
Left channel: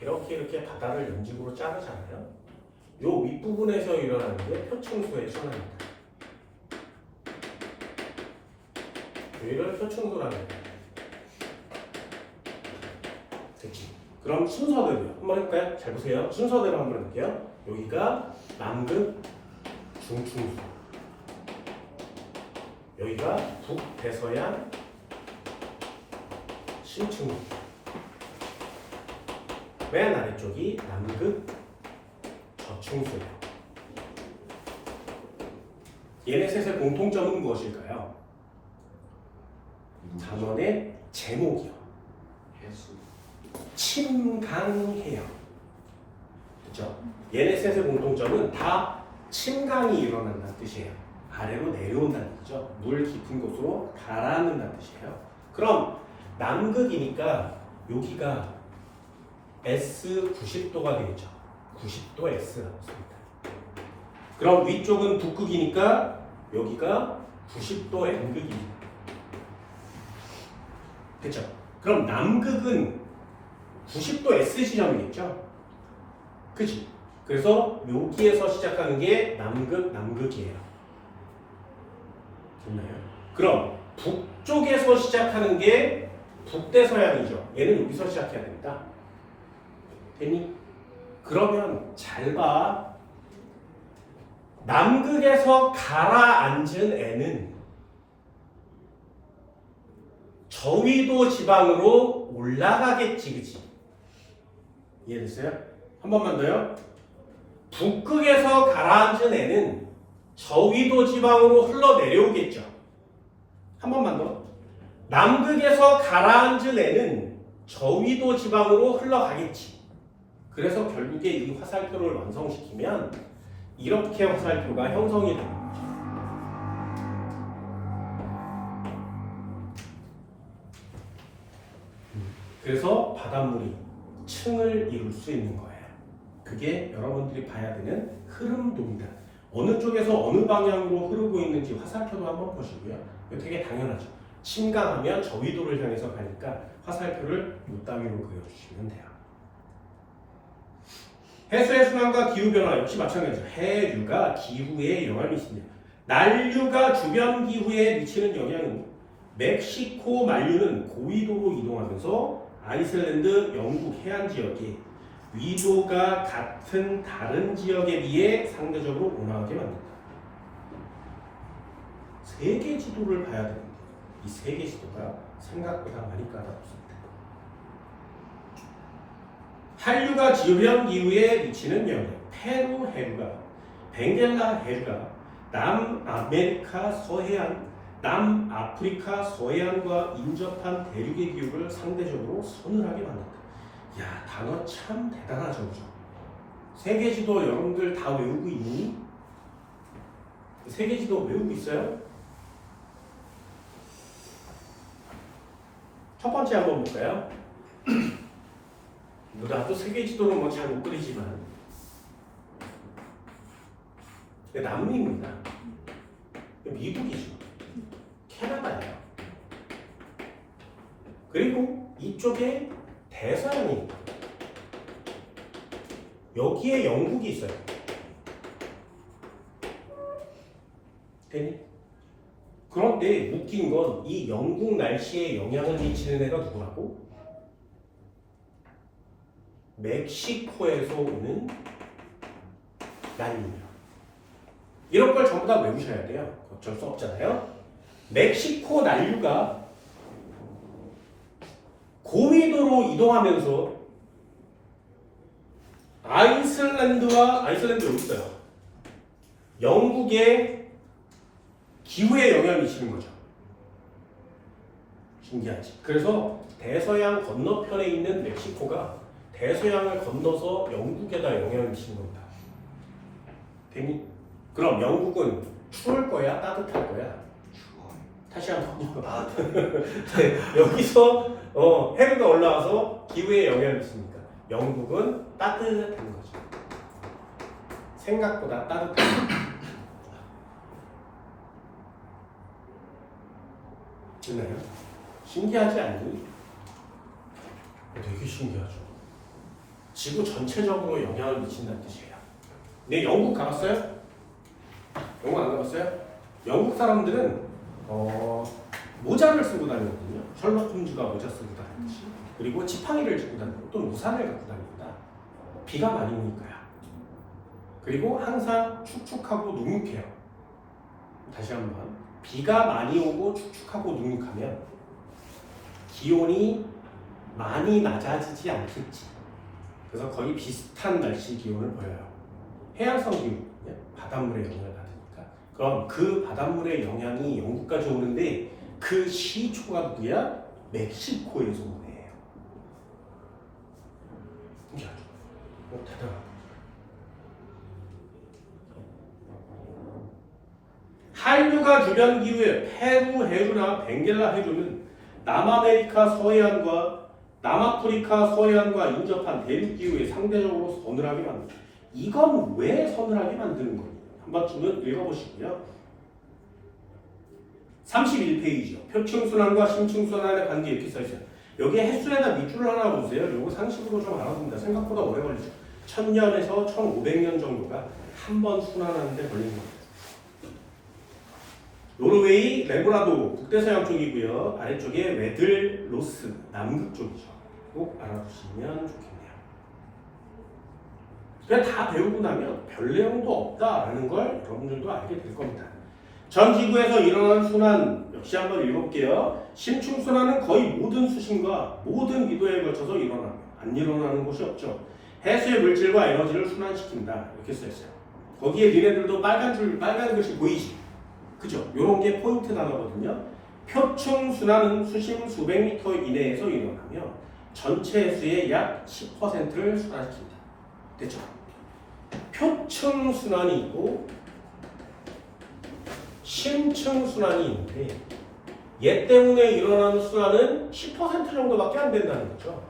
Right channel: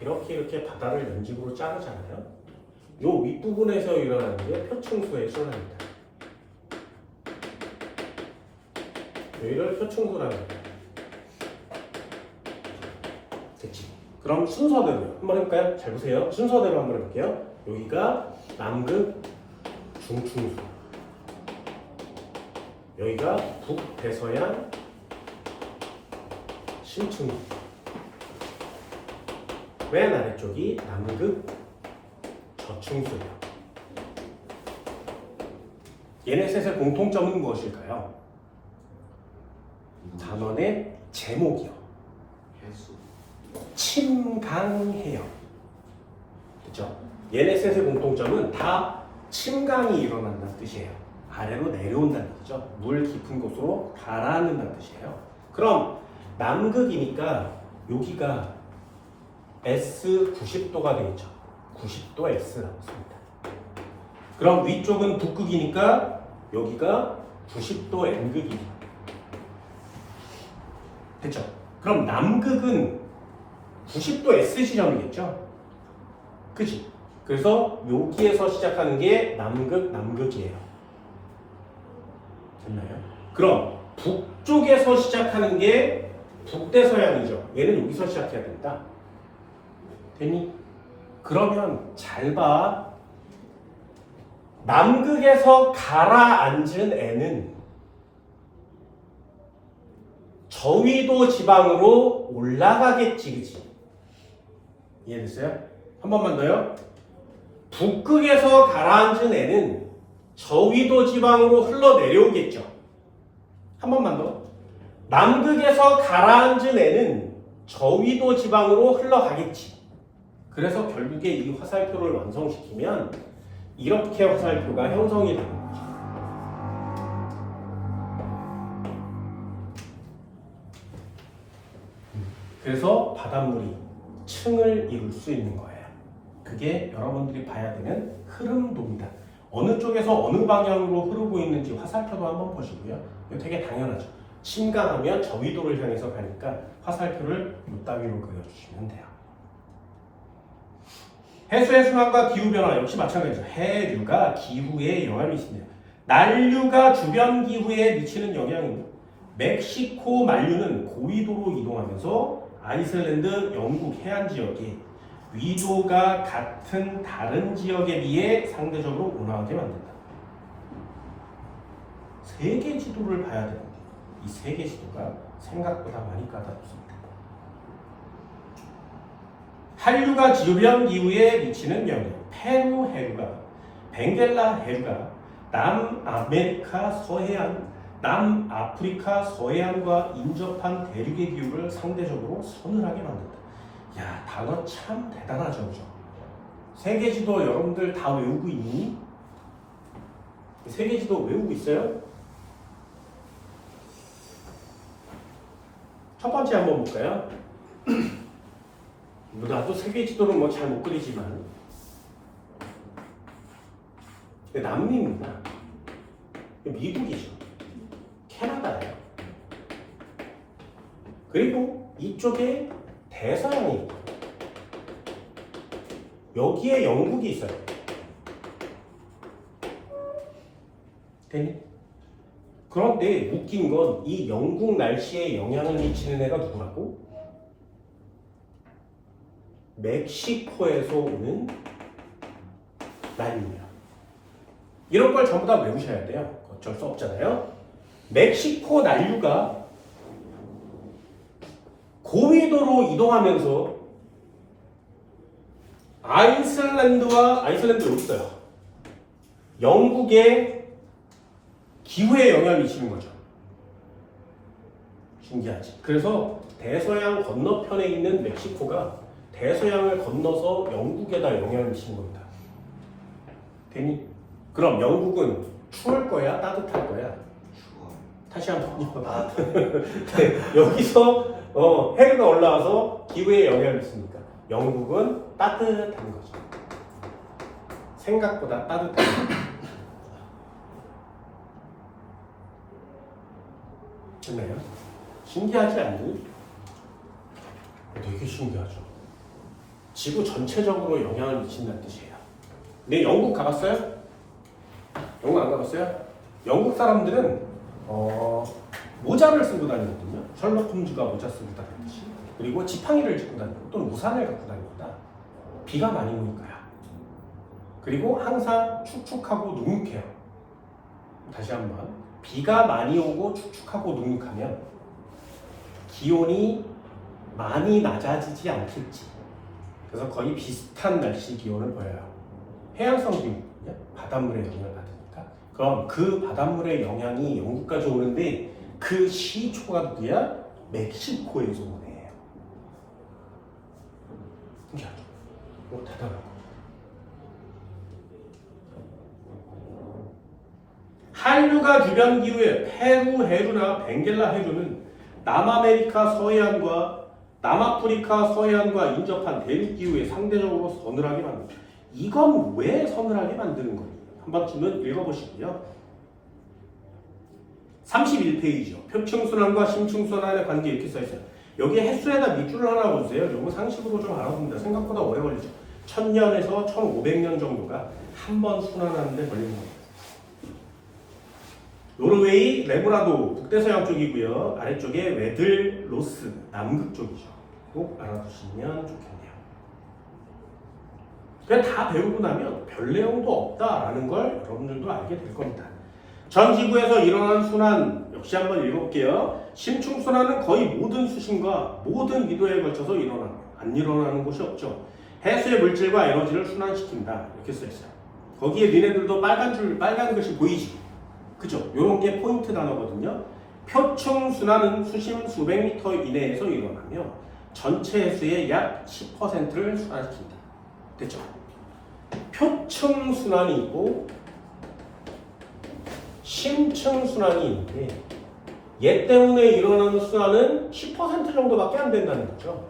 이렇게 바다를 연직으로 자르잖아요. 요 윗부분에서 일어나는 게 표충수의 순환입니다. 여기를 표충수라고 해요. 됐지? 그럼 순서대로 한번 해볼까요? 잘 보세요. 순서대로 한번 해볼게요. 여기가 남극 중충수, 여기가 북대서양 심층수, 맨 아래쪽이 남극 저충수예요. 얘네 셋의 공통점은 무엇일까요? 단원의 제목이요. 해수. 침강해요. 그렇죠? 얘네 셋의 공통점은 다 침강이 일어난다는 뜻이에요. 아래로 내려온다는 뜻이죠. 물 깊은 곳으로 가라앉는다는 뜻이에요. 그럼 남극이니까 여기가 S 90도가 되겠죠. 90도 S 나왔습니다. 그럼 위쪽은 북극이니까 여기가 90도 N극입니다. 됐죠? 그럼 남극은 90도 S 지점이겠죠? 그치? 그래서 여기에서 시작하는 게 남극이에요. 됐나요? 그럼 북쪽에서 시작하는 게 북대서양이죠. 얘는 여기서 시작해야 된다. 됐니? 그러면 잘 봐. 남극에서 가라앉은 애는 저위도 지방으로 올라가겠지, 그치? 이해됐어요? 한 번만 더요. 북극에서 가라앉은 애는 저위도 지방으로 흘러내려오겠죠. 한 번만 더. 남극에서 가라앉은 애는 저위도 지방으로 흘러가겠지. 그래서 결국에 이 화살표를 완성시키면 이렇게 화살표가 형성이 되는 거죠. 그래서 바닷물이 층을 이룰 수 있는 거예요. 그게 여러분들이 봐야 되는 흐름도입니다. 어느 쪽에서 어느 방향으로 흐르고 있는지 화살표도 한번 보시고요. 이거 되게 당연하죠. 침강하면 저위도를 향해서 가니까 화살표를 이 따위로 그려주시면 돼요. 해수의 순환과 기후변화 역시 마찬가지죠. 해류가 기후에 영향을 미칩니다. 난류가 주변 기후에 미치는 영향은 멕시코 만류는 고위도로 이동하면서 아이슬란드, 영국 해안 지역에 위도가 같은 다른 지역에 비해 상대적으로 온화하게 만든다. 세계 지도를 봐야 되는데 이 세계 지도가 생각보다 많이 까다롭습니다. 한류가 주변 기후에 미치는 영향. 페루 해류가, 벵겔라 해류가 남아메리카 서해안, 남아프리카 서해안과 인접한 대륙의 기후를 상대적으로 서늘하게 만든다. 야, 단어 참 대단하죠, 그죠? 세계지도 여러분들 다 외우고 있니? 세계지도 외우고 있어요? 첫 번째 한번 볼까요? 나도 세계지도는 뭐 잘 못 그리지만 남미입니다. 미국이죠. 캐나다예요. 그리고 이쪽에 대서양이 여기에 영국이 있어요. 되니? 그런데 웃긴 건 이 영국 날씨에 영향을 미치는 애가 누구라고? 멕시코에서 오는 난이에요. 이런 걸 전부 다 외우셔야 돼요. 어쩔 수 없잖아요. 멕시코 난류가 고위도로 이동하면서 아이슬란드 여기 있어요. 영국의 기후에 영향을 미치는 거죠. 신기하지. 그래서 대서양 건너편에 있는 멕시코가 대서양을 건너서 영국에다 영향을 미치는 겁니다. 그럼 영국은 추울 거야? 따뜻할 거야? 추워요. 다시 한번요. 아, 네, 여기서 해류가 올라와서 기후에 영향을 미치니까 영국은 따뜻한 거죠. 생각보다 따뜻한 거죠. 됐나요? 신기하지 않니? 되게 신기하죠. 지구 전체적으로 영향을 미친다는 뜻이에요. 근데 영국 가봤어요? 영국 안 가봤어요? 영국 사람들은 모자를 쓰고 다니거든요. 셜록 홈즈가 모자 쓰고 다니듯이. 그리고 지팡이를 짚고 다니고 또는 우산을 갖고 다닙니다. 비가 많이 오니까요. 그리고 항상 축축하고 눅눅해요. 다시 한번. 비가 많이 오고 축축하고 눅눅하면 기온이 많이 낮아지지 않겠지. 그래서 거의 비슷한 날씨 기온을 보여요. 해양성이거든요. 바닷물의 영향을 받으니까. 그럼 그 바닷물의 영향이 영국까지 오는데 그 시초가 누구야? 멕시코에서 오는 애예요. 신기하죠? 대단하죠. 한류가 주변 기후에 페루 해류나 벵겔라 해류는 남아메리카 서해안과 남아프리카 서해안과 인접한 대륙 기후에 상대적으로 서늘하게 만든다. 이건 왜 서늘하게 만드는 거예요? 한번쯤은 읽어보시고요. 31페이지요. 표층순환과 심층순환의 관계 이렇게 써있어요. 여기에 햇수에다 밑줄을 하나 보세요. 요거 상식으로 좀 알아봅니다. 생각보다 오래 걸리죠. 1000년에서 1500년 정도가 한 번 순환하는데 걸리는 겁니다. 노르웨이 레브라도 북대서양 쪽이고요. 아래쪽에 웨들로스 남극 쪽이죠. 꼭 알아두시면 좋겠네요. 그냥 다 배우고 나면 별 내용도 없다라는 걸 여러분들도 알게 될 겁니다. 전 지구에서 일어나는 순환 역시 한번 읽어볼게요. 심층순환은 거의 모든 수심과 모든 위도에 걸쳐서 일어나며 안 일어나는 곳이 없죠. 해수의 물질과 에너지를 순환시킨다 이렇게 써있어요. 거기에 니네들도 빨간 글씨 보이지? 그죠? 요런 게 포인트 단어거든요. 표층순환은 수심 수백 미터 이내에서 일어나며 전체 해수의 약 10%를 순환시킨다. 됐죠? 표층순환이 있고 심층순환이 있는데 얘 때문에 일어나는 순환은 10% 정도밖에 안 된다는 거죠.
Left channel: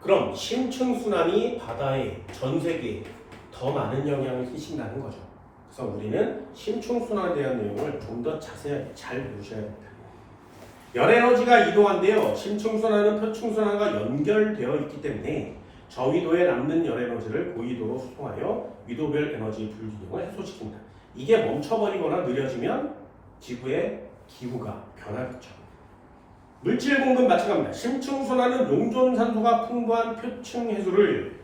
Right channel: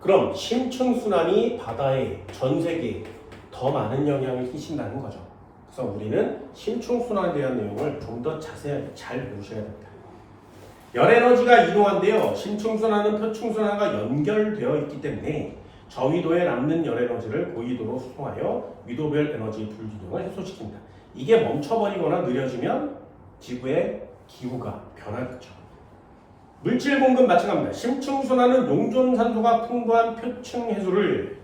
그럼 심층순환이 바다에 전 세계에 더 많은 영향을 끼친다는 거죠. 그래서 우리는 심층순환에 대한 내용을 좀 더 자세하게 잘 보셔야 됩니다. 열에너지가 이동한데요. 심층순환은 표층순환과 연결되어 있기 때문에 저위도에 남는 열에너지를 고위도로 수송하여 위도별 에너지 불기동을 해소시킨다. 이게 멈춰버리거나 느려지면 지구의 기후가 변하겠죠. 물질 공급 마찬가지입니다. 심층순환은 용존산소가 풍부한 표층 해수를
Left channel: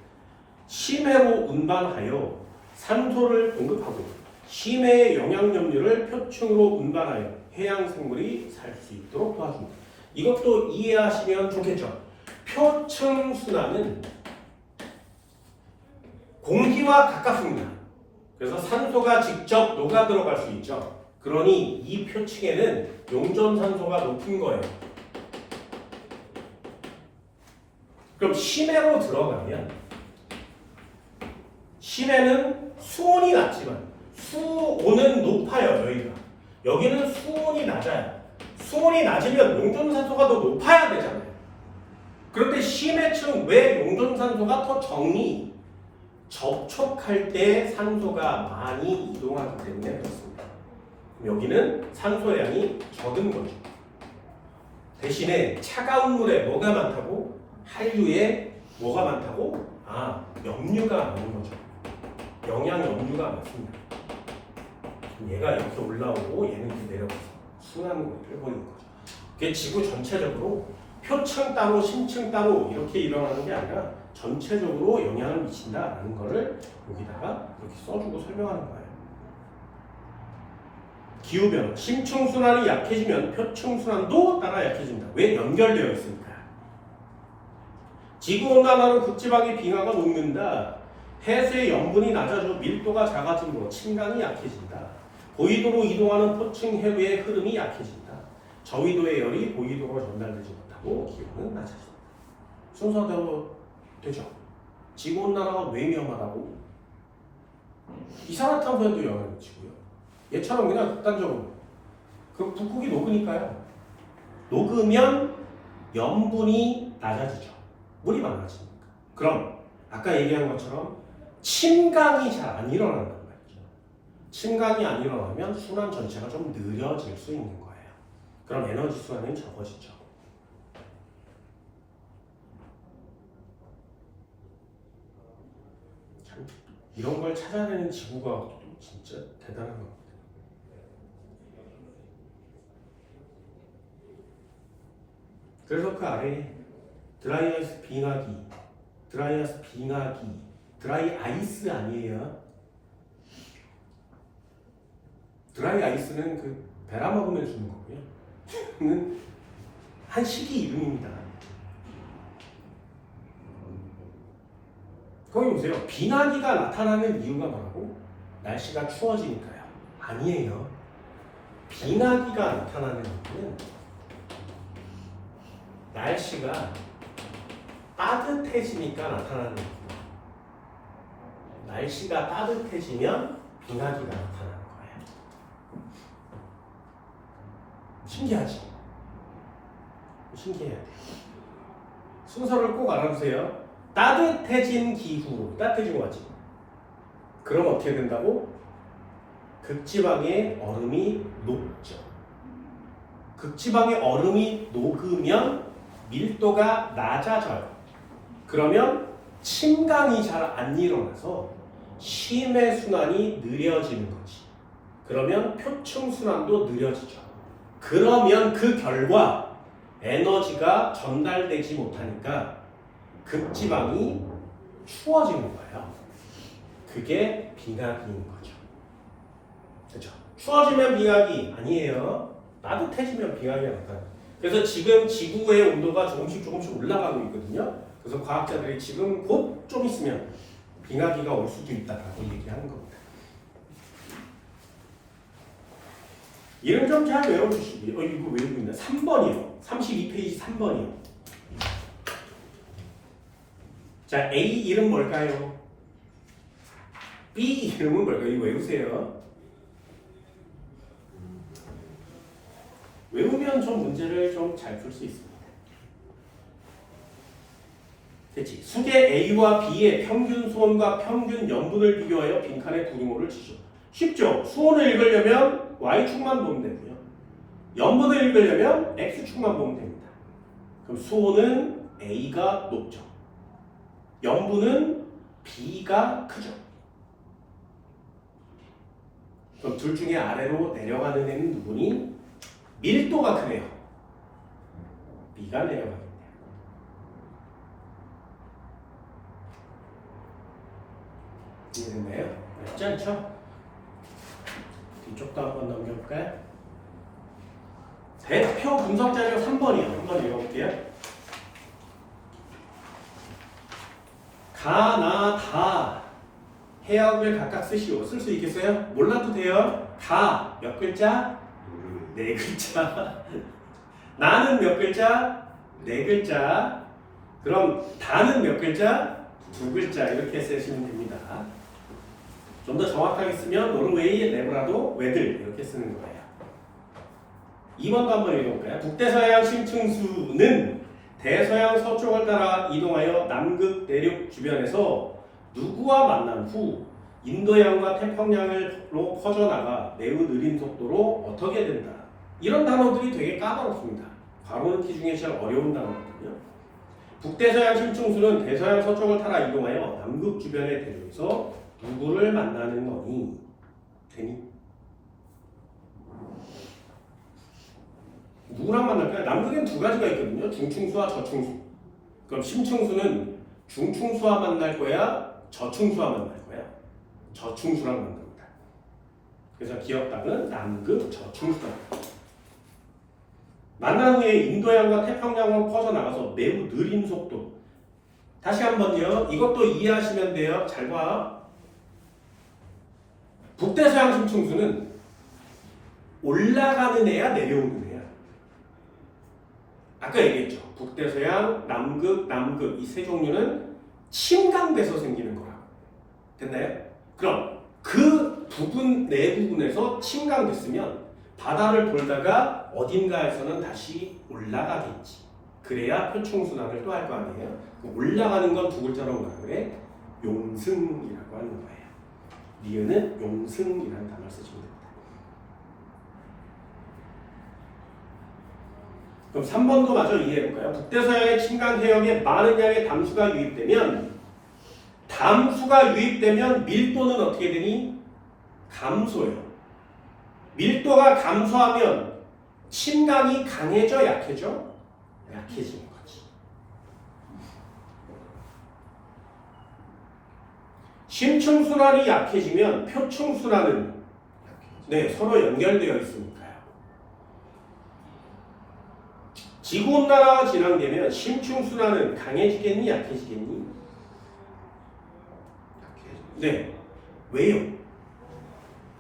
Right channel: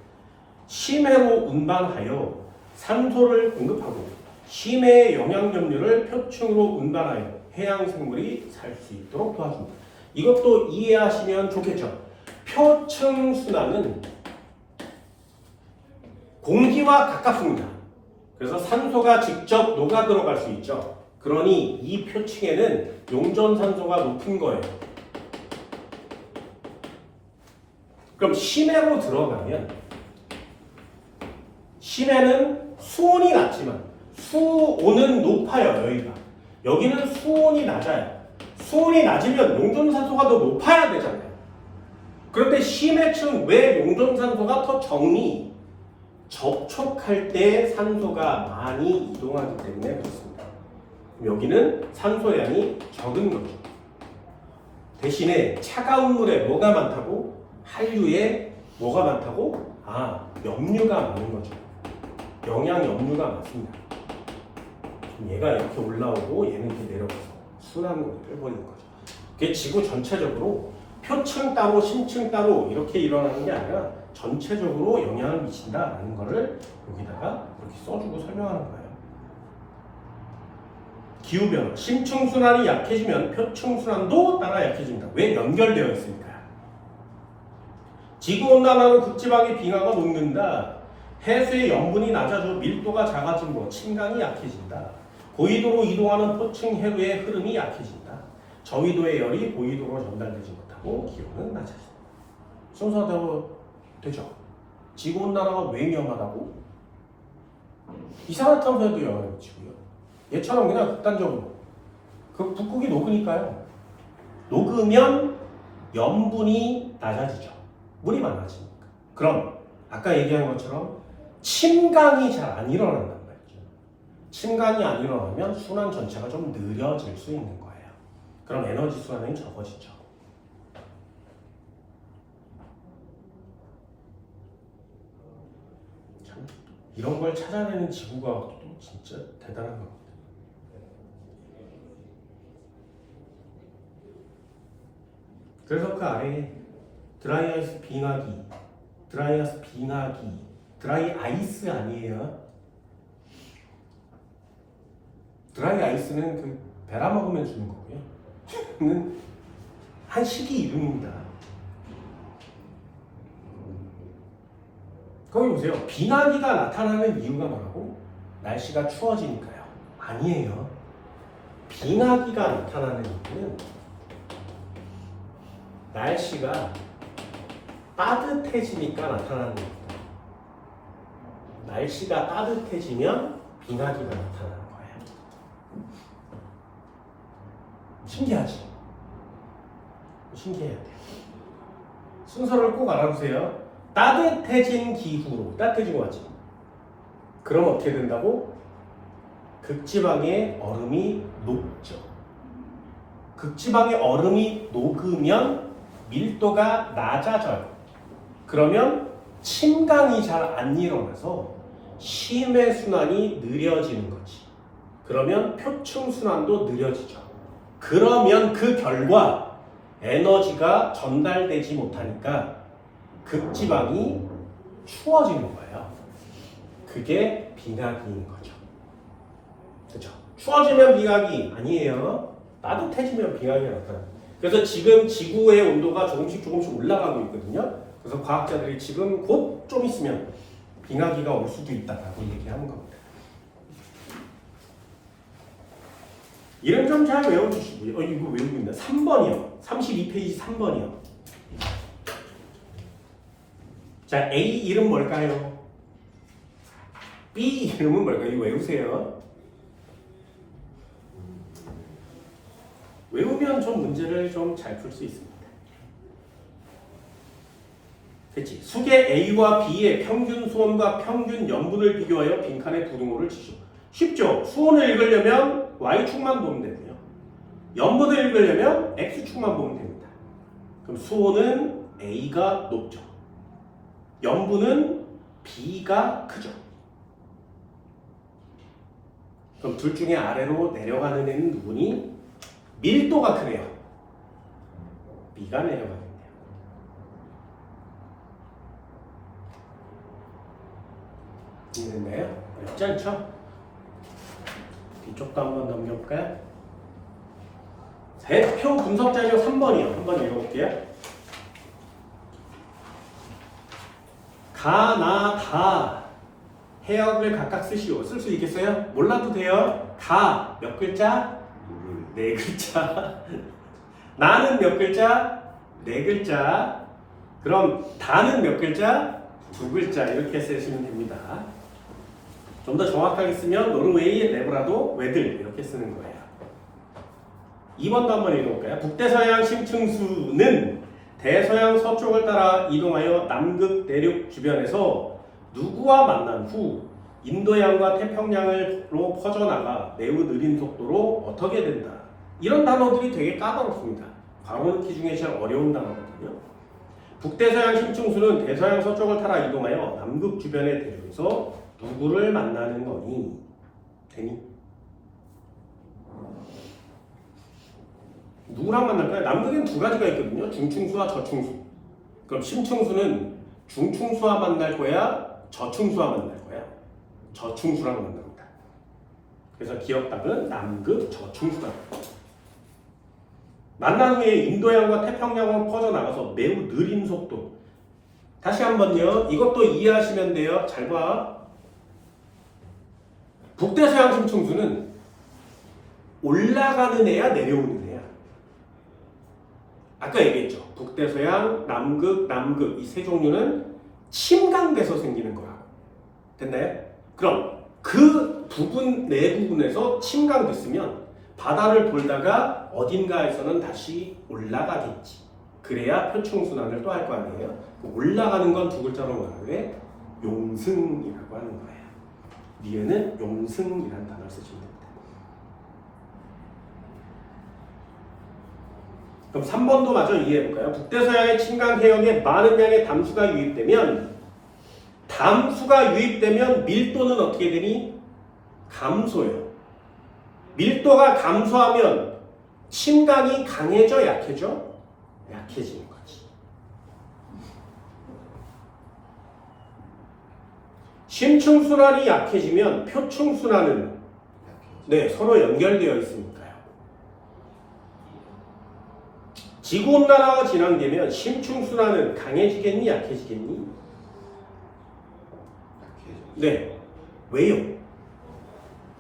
심해로 운반하여 산소를 공급하고 심해의 영양염료를 표층으로 운반하여 해양 생물이 살 수 있도록 도와줍니다. 이것도 이해하시면 좋겠죠. 표층순환은 공기와 가깝습니다. 그래서 산소가 직접 녹아 들어갈 수 있죠. 그러니 이 표층에는 용존산소가 높은 거예요. 그럼 심해로 들어가면 심해는 수온이 낮지만 수온은 높아요. 여기는 수온이 낮아요. 수온이 낮으면 용존산소가 더 높아야 되잖아요. 그런데 심해층 왜 용존산소가 더 적니? 접촉할 때 산소가 많이 이동하기 때문에 그렇습니다. 여기는 산소량이 적은 거죠. 대신에 차가운 물에 뭐가 많다고? 한류에 뭐가 많다고? 염류가 많은 거죠. 영양 염류가 많습니다. 얘가 이렇게 올라오고 얘는 이렇게 내려가서 순환을 해버리는 거죠. 그게 지구 전체적으로 표층 따로 심층 따로 이렇게 일어나는 게 아니라 전체적으로 영향을 미친다라는 거를 여기다가 이렇게 써주고 설명하는 거예요. 기후변화. 심층순환이 약해지면 표층순환도 따라 약해진다. 왜? 연결되어 있으니까. 지구온난화로 극지방의 빙하가 녹는다. 해수의 염분이 낮아져 밀도가 작아지므로 침강이 약해진다. 고위도로 이동하는 포층 해류의 흐름이 약해진다. 저위도의 열이 고위도로 전달되지 못하고 기온은 낮아진다. 순서대로 되죠. 지구온난화가 왜 위험하다고? 이산화탄소에도 영향을 미치고요. 얘처럼 그냥 극단적으로 그 북극이 녹으니까요. 녹으면 염분이 낮아지죠. 물이 많아지니까. 그럼 아까 얘기한 것처럼 침강이 잘 안 일어난단 말이죠. 침강이 안 일어나면 순환 전체가 좀 느려질 수 있는 거예요. 그럼 에너지 순환은 적어지죠. 참 이런 걸 찾아내는 지구가 진짜 대단한 겁니다. 그래서 그 아래에 드라이아이스 빙하기, 드라이 아이스 아니에요. 드라이 아이스는 그 베라 먹으면 주는 거고요. 한 시기 이름입니다. 거기 보세요. 빙하기가 나타나는 이유가 뭐라고? 날씨가 추워지니까요. 아니에요. 빙하기가 나타나는 이유는 날씨가 따뜻해지니까 나타나는 겁니다. 날씨가 따뜻해지면 빙하기가 나타나는 거예요. 신기하지? 신기해야 돼요. 순서를 꼭 알아두세요. 따뜻해진 기후로, 따뜻해진 거 맞지? 그럼 어떻게 된다고? 극지방의 얼음이 녹죠. 극지방의 얼음이 녹으면 밀도가 낮아져요. 그러면 침강이 잘 안 일어나서 심해 순환이 느려지는 거지. 그러면 표층 순환도 느려지죠. 그러면 그 결과 에너지가 전달되지 못하니까 극지방이 추워지는 거예요. 그게 빙하기인 거죠. 그렇죠? 추워지면 빙하기 아니에요. 따뜻해지면 빙하기가 나타나요. 그래서 지금 지구의 온도가 조금씩 올라가고 있거든요. 그래서 과학자들이 지금 곧 좀 있으면 빙하기가 올 수도 있다고 얘기하는 겁니다. 이름 좀 잘 외워주시기. 이거 외우고 있네. 3번이요. 32페이지 3번이요. 자, A 이름 뭘까요? B 이름은 뭘까요? 이거 외우세요. 외우면 좀 문제를 좀 잘 풀 수 있습니다. 그치? 수계 A와 B의 평균 수온과 평균 염분을 비교하여 빈칸에 부등호를 치시오. 쉽죠? 수온을 읽으려면 Y축만 보면 되고요. 염분을 읽으려면 X축만 보면 됩니다. 그럼 수온은 A가 높죠. 염분은 B가 크죠. 그럼 둘 중에 아래로 내려가는 애는 누구니? 밀도가 크네요. B가 내려가겠네요. 이해됐나요? 어렵지 않죠? 이쪽도 한번 넘겨볼까요? 대표 분석 자료 3번이요. 한번 읽어볼게요. 가, 나, 다 해역을 각각 쓰시오. 쓸 수 있겠어요? 몰라도 돼요. 가 몇 글자? 네 글자. 나는 몇 글자? 네 글자. 그럼 다는 몇 글자? 두 글자. 이렇게 쓰시면 됩니다. 좀 더 정확하게 쓰면 노르웨이, 레브라도, 웨들 이렇게 쓰는 거예요. 2번도 한번 읽어볼까요? 북대서양 심층수는 대서양 서쪽을 따라 이동하여 남극 대륙 주변에서 누구와 만난 후 인도양과 태평양으로 퍼져나가 매우 느린 속도로 어떻게 된다. 이런 단어들이 되게 까다롭습니다. 바로 넣기 중에 제일 어려운 단어거든요. 북대서양 심층수는 대서양 서쪽을 따라 이동하여 남극 주변의 대륙에서 누구를 만나는 거니? 되니? 누구랑 만날까요? 남극엔 두 가지가 있거든요. 중층수와 저층수. 그럼 심층수는 중층수와 만날 거야? 저층수와 만날 거야? 저층수랑 만납니다. 그래서 기억답은 남극 저충수단. 만난 후에 인도양과 태평양으로 퍼져나가서 매우 느린 속도. 다시 한번요. 이것도 이해하시면 돼요. 잘 봐. 북대서양 심층수는 올라가는 애야 내려오는 애야. 아까 얘기했죠. 북대서양, 남극 이 세 종류는 침강돼서 생기는 거야. 됐나요? 그럼 그 부분 네 부분에서 침강됐으면 바다를 돌다가 어딘가에서는 다시 올라가겠지. 그래야 표충순환을 또 할 거 아니에요. 올라가는 건 두 글자로 뭐라고 그래? 용승이라고 하는 거예요. 니은은 용승이라는 단어를 쓰시면 됩니다. 그럼 3번도 마저 이해해볼까요? 북대서양의 침강 해역에 많은 양의 담수가 유입되면 밀도는 어떻게 되니? 감소해요. 밀도가 감소하면 침강이 강해져 약해져? 약해지는 거지. 심층순환이 약해지면 표층순환은 서로 연결되어 있으니까요. 지구온난화가 진행되면 심층순환은 강해지겠니? 약해지겠니? 네. 왜요?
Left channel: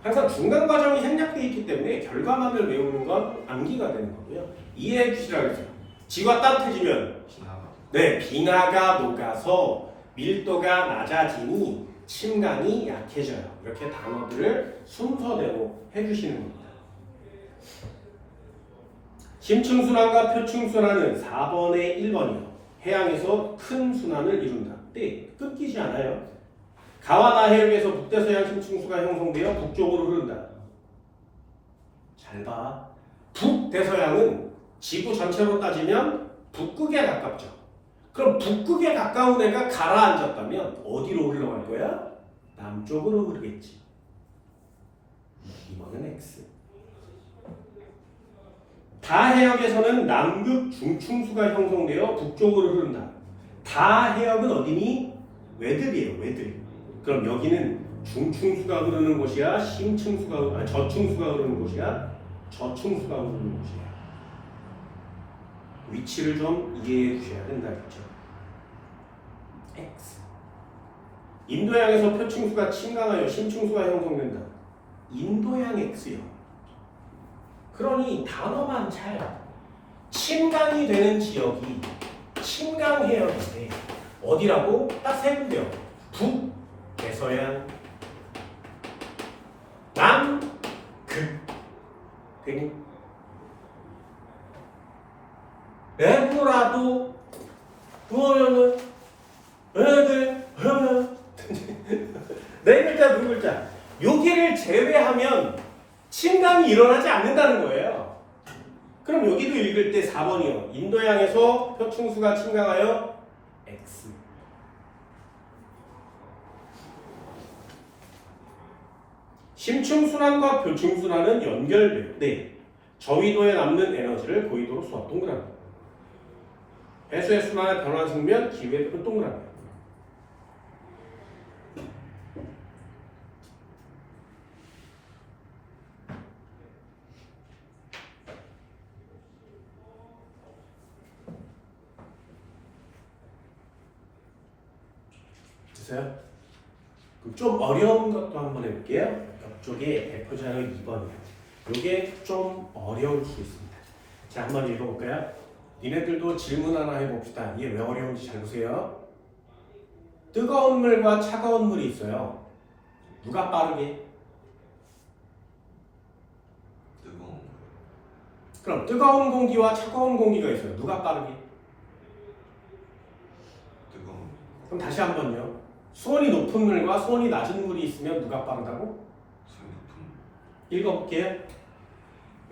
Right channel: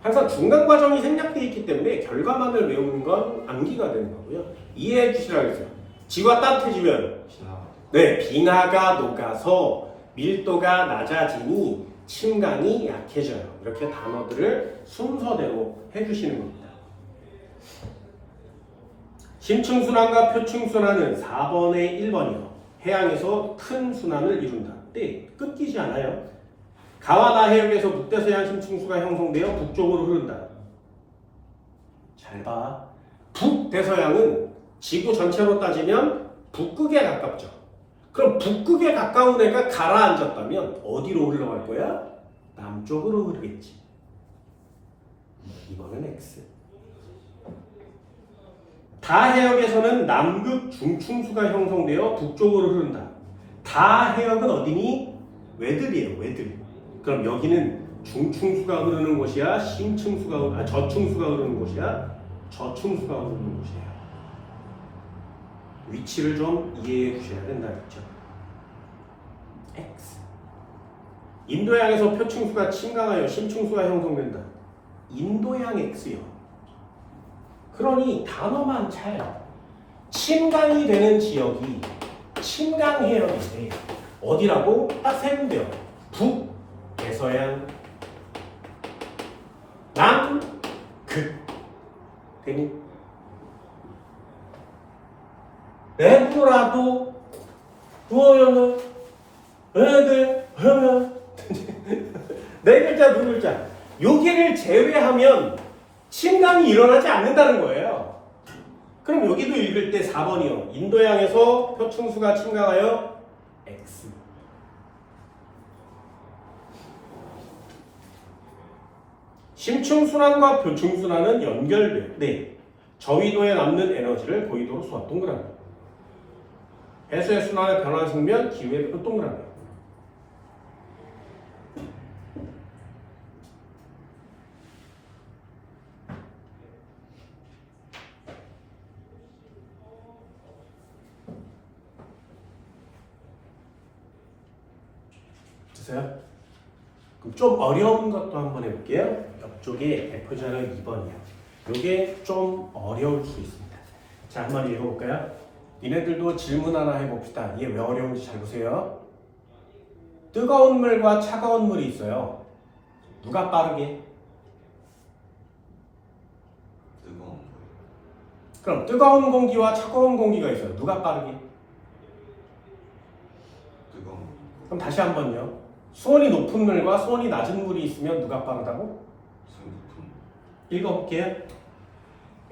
항상 중간 과정이 생략되어 있기 때문에 결과만을 외우는 건 암기가 되는 거고요. 이해해 주시라고 했어요. 지구가 따뜻해지면 빙하가 녹아서 밀도가 낮아지니 침강이 약해져요. 이렇게 단어들을 순서대로 해주시는 겁니다. 심층순환과 표층순환은 4번에 1번이요. 해양에서 큰 순환을 이룬다. 네, 끊기지 않아요. 가와나 해역에서 북대서양 심층수가 형성되어 북쪽으로 흐른다. 잘 봐. 북대서양은 지구 전체로 따지면 북극에 가깝죠. 그럼 북극에 가까운 애가 가라앉았다면 어디로 흘러갈 거야? 남쪽으로 흐르겠지. 이번은 X. 다해역에서는 남극 중충수가 형성되어 북쪽으로 흐른다. 다해역은 어디니? 외득이에요. 외득. 그럼 여기는 중충수가 흐르는 곳이야? 저충수가 흐르는 곳이야? 저충수가 흐르는 곳이야. 위치를 좀 이해해 주셔야 된다겠죠. X. 인도양에서 표층수가 침강하여 심층수가 형성된다. 인도양 X요. 그러니 단어만 잘 침강이 되는 지역이 침강 해역인데 어디라고? 딱 세 군데요. 북대서양, 남극. 되니? 내부라도 애들 네 글자 두 글자 여기를 제외하면 침강이 일어나지 않는다는 거예요. 그럼 여기도 읽을 때 4번이요. 인도양에서 표충수가 침강하여 X. 심층순환과 표층순환은 연결돼요. 네. 저위도에 남는 에너지를 고위도로 쏘아 동그라미. 해수의 순환의 변화 측면 기후의 표 동그라미. 됐어요? 그럼 좀 어려운 것도 한번 해볼게요. 이쪽에 대표자료 2번이요. 이게 좀 어려울 수 있습니다. 자, 한번 읽어볼까요? 니네들도 질문 하나 해봅시다. 이게 왜 어려운지 잘 보세요. 뜨거운 물과 차가운 물이 있어요. 누가 빠르게? 뜨거운 물. 그럼 뜨거운 공기와 차가운 공기가 있어요. 누가 빠르게? 뜨거운 물. 그럼 다시 한번요. 수온이 높은 물과 수온이 낮은 물이 있으면 누가 빠르다고? 수온 높은 물. 읽어볼게요.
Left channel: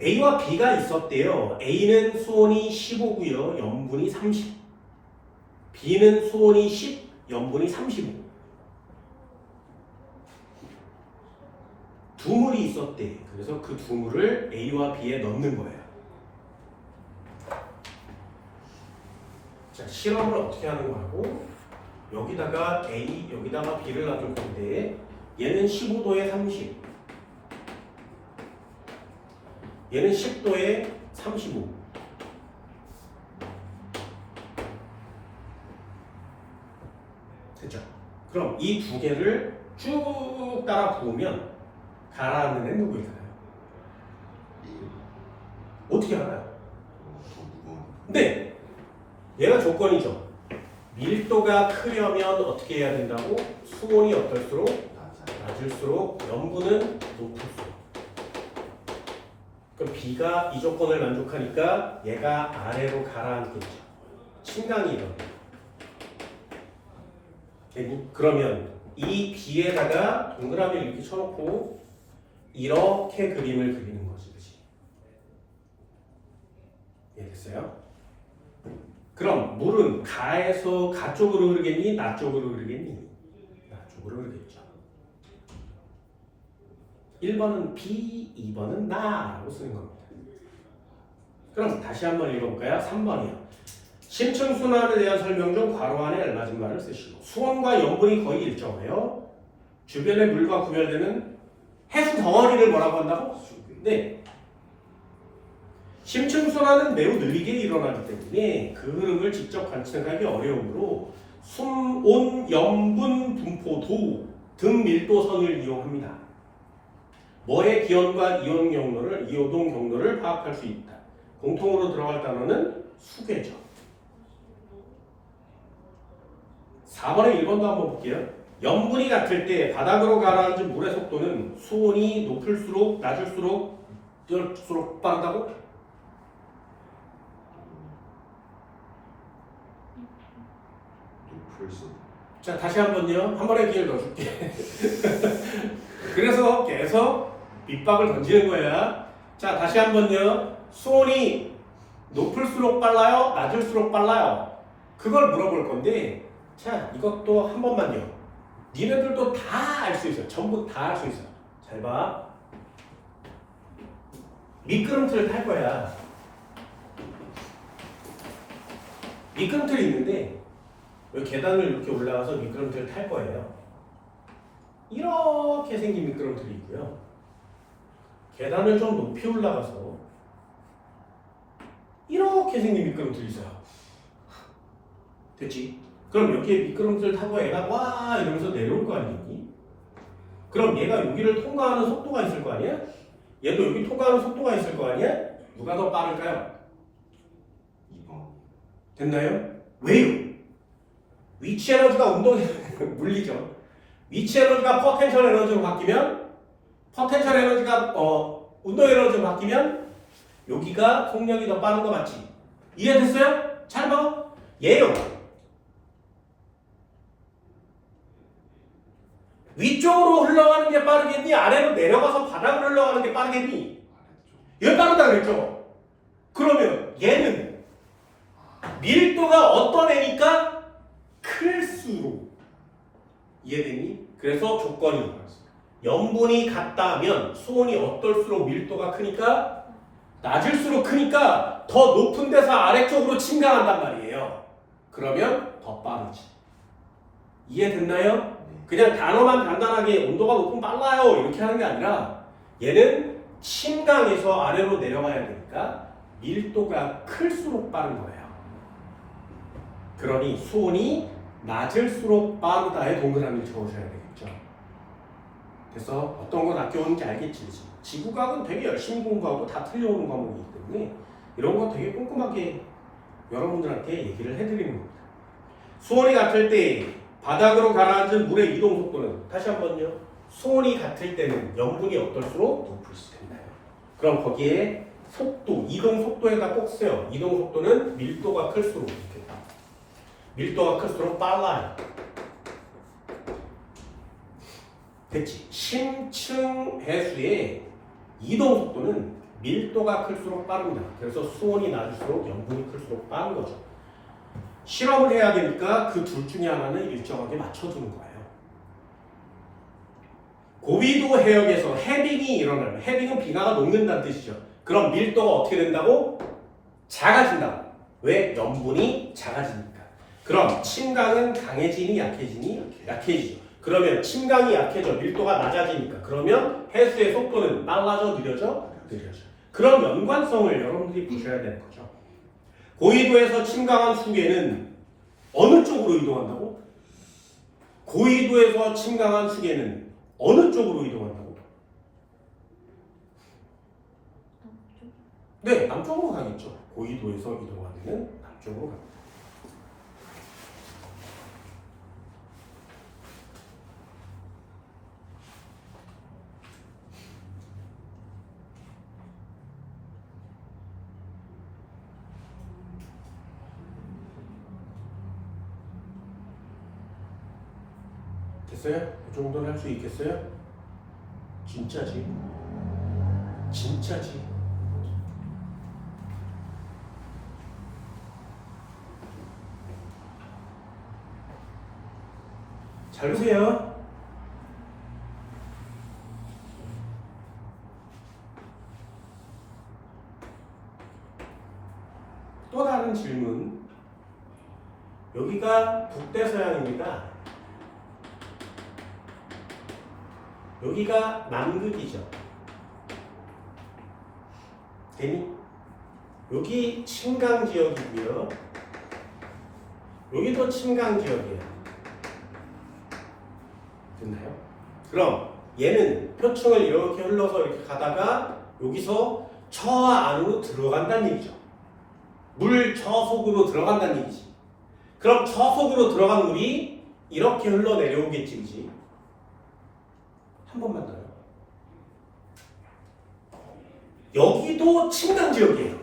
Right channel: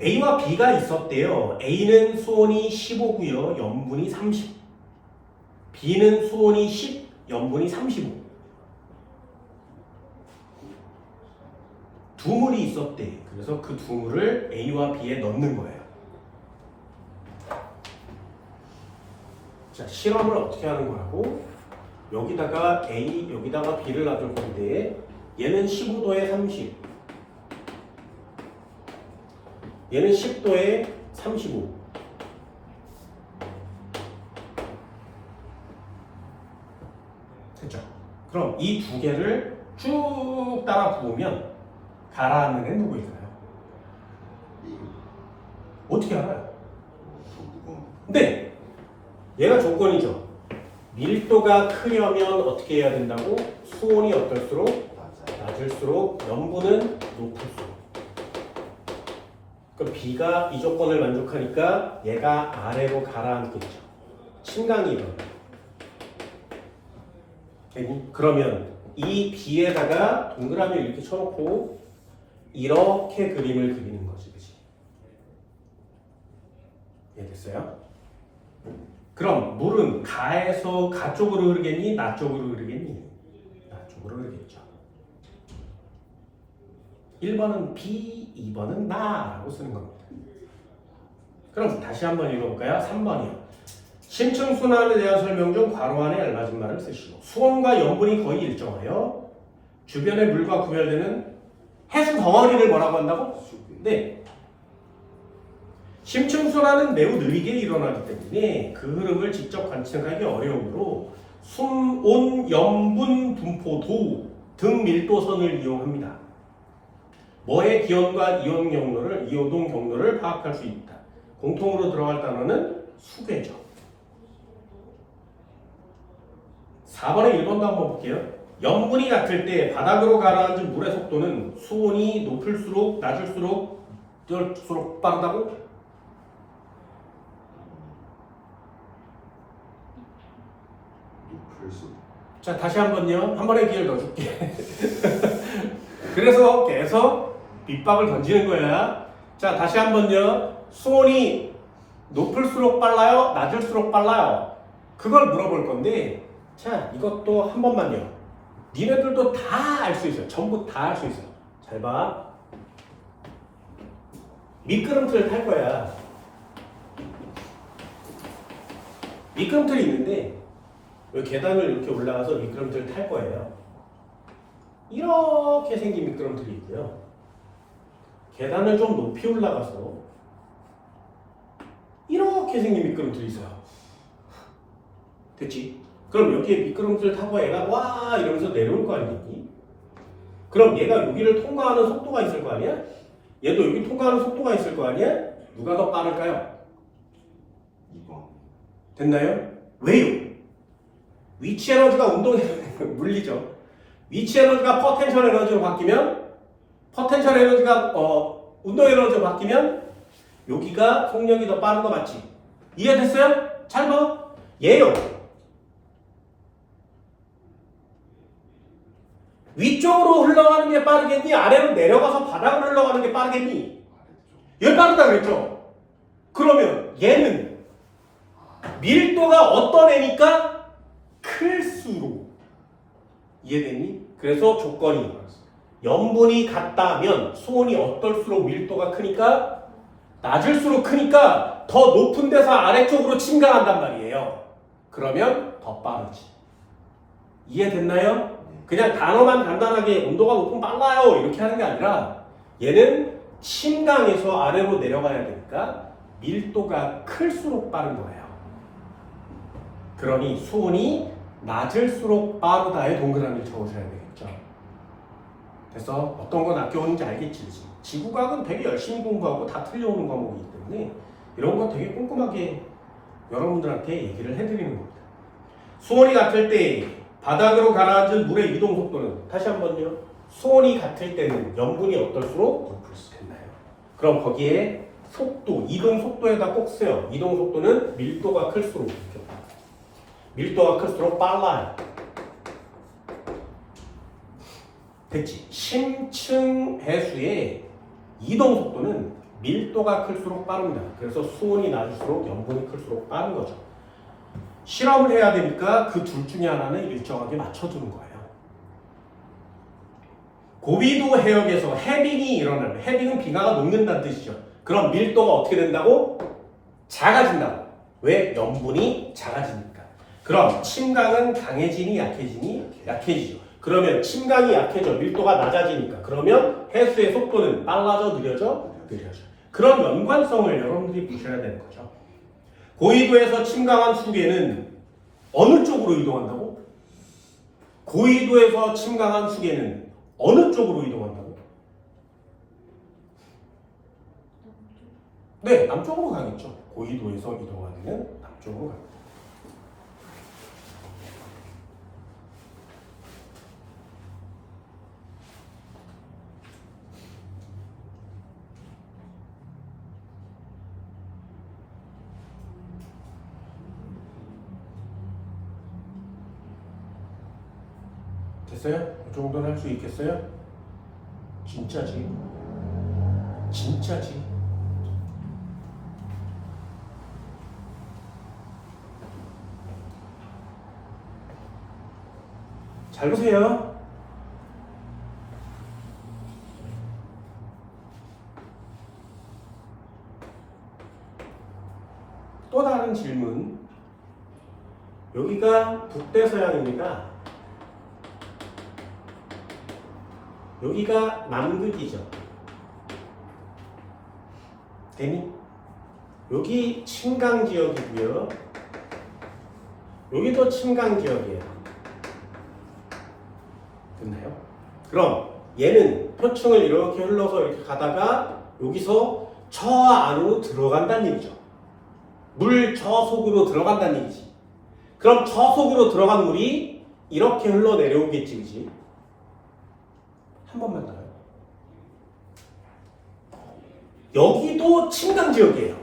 A와 B가 있었대요. A는 수온이 15고요. 염분이 30. B는 수온이 10, 염분이 35. 두 물이 있었대. 그래서 그 두 물을 A와 B에 넣는 거예요. 자, 실험을 어떻게 하는 거라고? 여기다가 A, 여기다가 B를 놔둘 건데 얘는 15도에 30, 얘는 10도에 35. 됐죠? 그럼 이 두 개를 쭉 따라 부으면 가라앉는 애 누구일까요? 어떻게 알아요? 더 무거운. 근데 얘가 조건이죠. 밀도가 크려면 어떻게 해야 된다고? 수온이 어떨수록 낮아요. 낮을수록 염분은 높을수록. 그럼 B가 이 조건을 만족하니까 얘가 아래로 가라앉겠죠. 침강이 일어나. 그러면 이 B에다가 동그라미를 이렇게 쳐놓고 이렇게 그림을 그리는 거지, 그치? 이해됐어요? 그럼 물은 가에서 가 쪽으로 흐르겠니? 나 쪽으로 흐르겠니? 나 쪽으로 흐르겠죠. 1번은 B, 2번은 나라고 쓰는 겁니다. 그럼 다시 한번 읽어볼까요? 3번이요. 심층순환에 대한 설명 중 괄호 안에 알맞은 말을 쓰시고 수온과 염분이 거의 일정하여 주변의 물과 구별되는 해수 덩어리를 뭐라고 한다고? 네. 심층순환은 매우 느리게 일어나기 때문에 그 흐름을 직접 관측하기 어려우므로 숨, 온, 염분, 분포도 등 밀도선을 이용합니다. 뭐의 기온과 이온 경로를, 이오동 경로를 파악할 수 있다. 공통으로 들어갈 단어는 수계죠. 4번에 1번도 한번 볼게요. 염분이 같을 때 바닥으로 가라앉은 물의 속도는 수온이 높을수록 낮을수록 빠르다고? 높을수록. 자, 다시 한번요. 한 번의 기회를 더 줄게. 그래서 계속 밑밥을 던지는 거야. 자, 다시 한번요. 수온이 높을수록 빨라요? 낮을수록 빨라요? 그걸 물어볼 건데, 자, 이것도 한 번만요. 니네들도 다 알 수 있어. 전부 다 알 수 있어. 잘 봐. 미끄럼틀을 탈 거야. 미끄럼틀이 있는데, 여기 계단을 이렇게 올라가서 미끄럼틀을 탈 거예요. 이렇게 생긴 미끄럼틀이 있고요. 계단을 좀 높이 올라가서 이렇게 생긴 미끄럼틀이 있어요. 됐지? 그럼 여기에 미끄럼틀 타고 애가 와 이러면서 내려올 거 아니니? 그럼 얘가 여기를 통과하는 속도가 있을 거 아니야? 얘도 여기 통과하는 속도가 있을 거 아니야? 누가 더 빠를까요? 2번. 됐나요? 왜요? 위치 에너지가 운동 물리죠. 위치 에너지가 포텐셜 에너지로 바뀌면 포텐셜 에너지가 운동 에너지로 바뀌면 여기가 속력이 더 빠른 거 맞지? 이해됐어요? 잘 봐. 얘요. 위쪽으로 흘러가는 게 빠르겠니? 아래로 내려가서 바닥으로 흘러가는 게 빠르겠니? 얘 빠르다 그랬죠? 그러면 얘는 밀도가 어떤 애니까 클수록 이해되니? 그래서 조건이 염분이 같다면 수온이 어떨수록 밀도가 크니까 낮을수록 크니까 더 높은 데서 아래쪽으로 침강한단 말이에요. 그러면 더 빠르지. 이해됐나요? 그냥 단어만 간단하게 온도가 높으면 빨라요 이렇게 하는 게 아니라 얘는 침강에서 아래로 내려가야 되니까 밀도가 클수록 빠른 거예요. 그러니 수온이 낮을수록 빠르다에 동그라미를 적어줘야 되겠죠. 그래서 어떤 건 아껴오는지 알겠지. 지구과학은 되게 열심히 공부하고 다 틀려오는 과목이기 때문에 이런 거 되게 꼼꼼하게 여러분들한테 얘기를 해드리는 겁니다. 수온이 같을 때 바닥으로 가라앉은 물의 이동 속도는 다시 한번요. 수온이 같을 때는 염분이 어떨수록 높을수록 됐나요? 그럼 거기에 속도, 이동 속도에다 꼭 써요. 이동 속도는 밀도가 클수록 이렇게. 밀도가 클수록 빨라요. 됐지? 심층 해수의 이동 속도는 밀도가 클수록 빠릅니다. 그래서 수온이 낮을수록 염분이 클수록 빠른 거죠. 실험을 해야 되니까 그 둘 중에 하나는 일정하게 맞춰주는 거예요. 고위도 해역에서 해빙이 일어나면 해빙은 빙하가 녹는다는 뜻이죠. 그럼 밀도가 어떻게 된다고? 작아진다고. 왜? 염분이 작아지니까. 그럼 침강은 강해지니 약해지니? 약해지죠. 그러면 침강이 약해져 밀도가 낮아지니까. 그러면 해수의 속도는 빨라져 느려져? 느려져. 그런 연관성을 여러분들이 보셔야 되는 거죠. 고위도에서 침강한 수계는 어느 쪽으로 이동한다고? 고위도에서 침강한 수계는 어느 쪽으로 이동한다고? 네, 남쪽으로 가겠죠. 고위도에서 이동하는 남쪽으로 갑니다. 됐어요? 이 정도는 할 수 있겠어요? 진짜지? 진짜지? 잘 보세요. 또 다른 질문. 여기가 북대서양입니다. 여기가 남극이죠. 되니? 여기 침강 지역이고요. 여기도 침강 지역이에요. 됐나요? 그럼 얘는 표층을 이렇게 흘러서 이렇게 가다가 여기서 저 안으로 들어간다는 얘기죠. 물 저 속으로 들어간다는 얘기지. 그럼 저 속으로 들어간 물이 이렇게 흘러 내려오겠지, 그지? 한 번만 더요. 여기도 침강 지역이에요.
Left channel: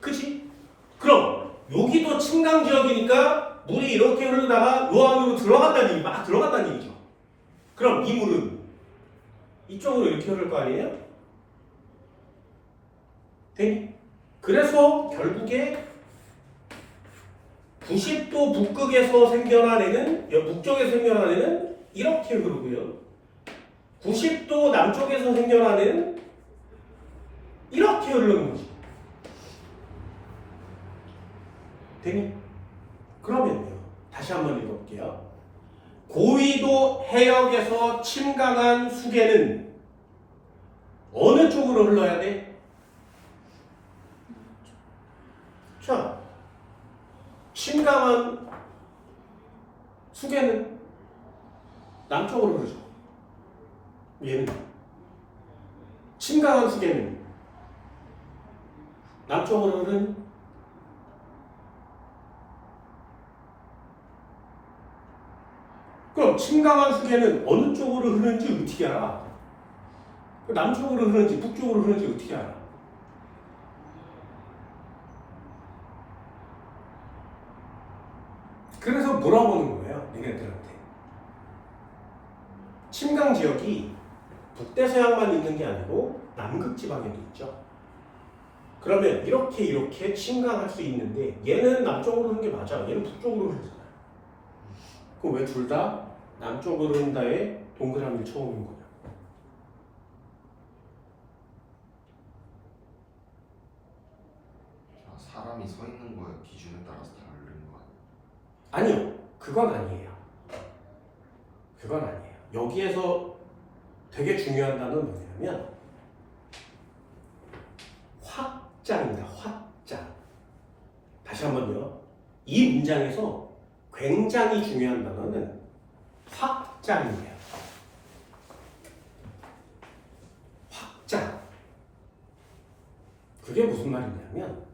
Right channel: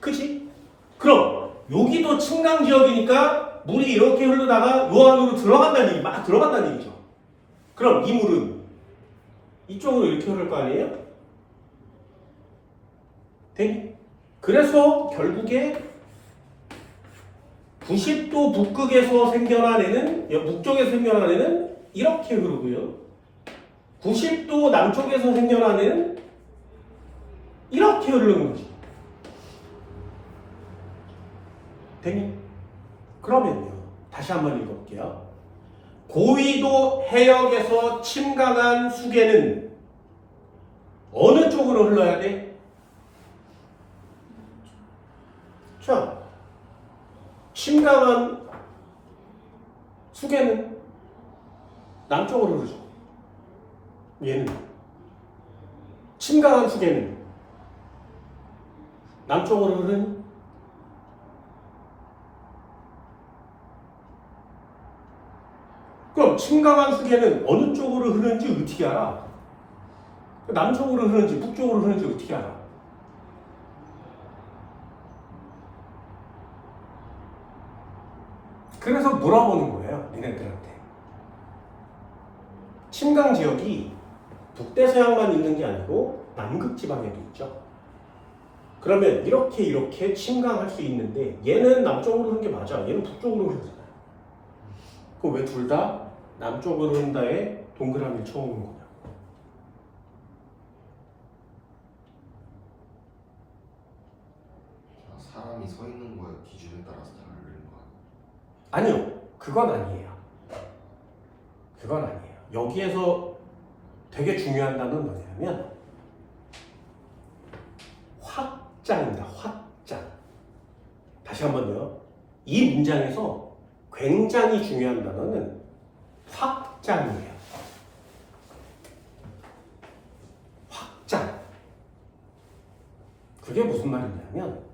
그치? 그럼 여기도 침강 지역이니까 물이 이렇게 흐르다가 요 안으로 들어간다는 얘기, 막 들어간다는 얘기죠. 그럼 이 물은 이쪽으로 이렇게 흐를 거 아니에요? 되니? 그래서 결국에 90도 북극에서 생겨난 애는, 북쪽에서 생겨난 애는 이렇게 흐르고요. 90도 남쪽에서 생겨난 애는 이렇게 흐르는 거지. 되니? 그러면요. 다시 한번 읽어볼게요. 고위도 해역에서 침강한 수계는 어느 쪽으로 흘러야 돼? 자, 침강한 수계는 남쪽으로 흐르죠. 얘는 침강한 수계는 남쪽으로 흐르는 그럼 침강한 수계는 어느 쪽으로 흐르는지 어떻게 알아? 남쪽으로 흐르는지 북쪽으로 흐르는지 어떻게 알아? 그래서 물어보는 거예요, 니네들한테. 침강 지역이 북대서양만 있는 게 아니고 남극 지방에도 있죠. 그러면 이렇게 침강할 수 있는데 얘는 남쪽으로 흐르는 게 맞아. 얘는 북쪽으로 흐르잖아. 그럼 왜 둘 다 남쪽으로 흐른다에 동그라미를 쳐오는 거야? 사람이 서 있는 거에 기준에 따라서 다르는 거 아니요. 그건 아니에요. 그건 아니에요. 여기에서 되게 중요한 단어는 뭐냐면 확장입니다. 확장. 다시 한번요. 이 문장에서 굉장히 중요한 단어는 확장이에요. 확장. 그게 무슨 말이냐면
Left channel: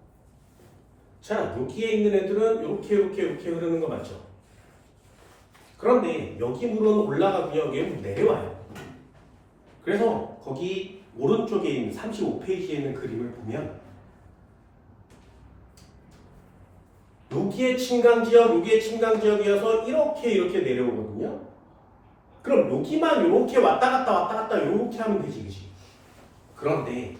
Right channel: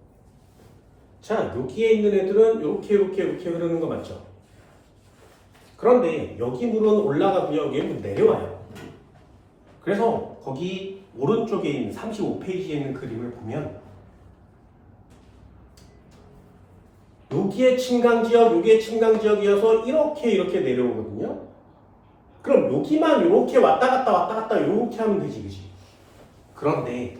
자, 여기에 있는 애들은 이렇게 흐르는 거 맞죠? 그런데 여기 물은 올라가고요. 여기는 내려와요. 그래서 거기 오른쪽에 있는 35페이지에 있는 그림을 보면 여기에 침강지역, 여기에 침강지역이어서 이렇게 내려오거든요. 그럼 여기만 이렇게 왔다 갔다 이렇게 하면 되지, 그치? 그런데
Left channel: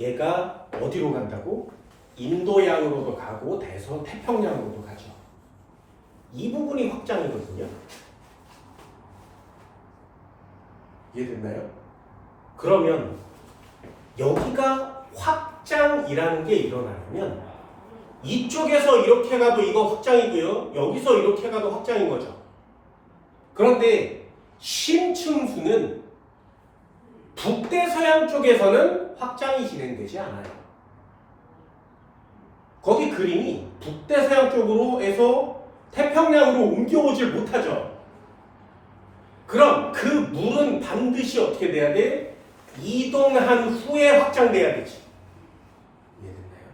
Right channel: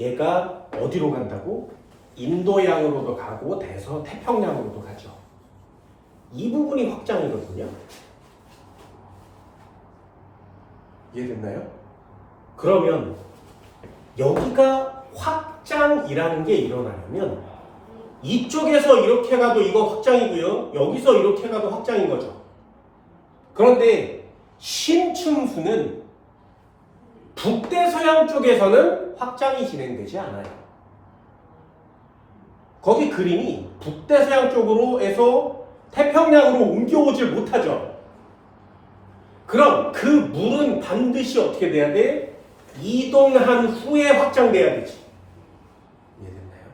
얘가 어디로 간다고? 인도양으로도 가고 태평양으로도 가죠. 이 부분이 확장이거든요. 이해됐나요? 그러면 여기가 확장이라는 게 일어나려면 이쪽에서 이렇게 가도 이거 확장이고요. 여기서 이렇게 가도 확장인 거죠. 그런데 심층수는 북대서양 쪽에서는 확장이 진행되지 않아요. 거기 그림이 북대서양 쪽으로 해서 태평양으로 옮겨오질 못하죠. 그럼 그 물은 반드시 어떻게 돼야 돼? 이동한 후에 확장돼야 되지. 이해됐나요?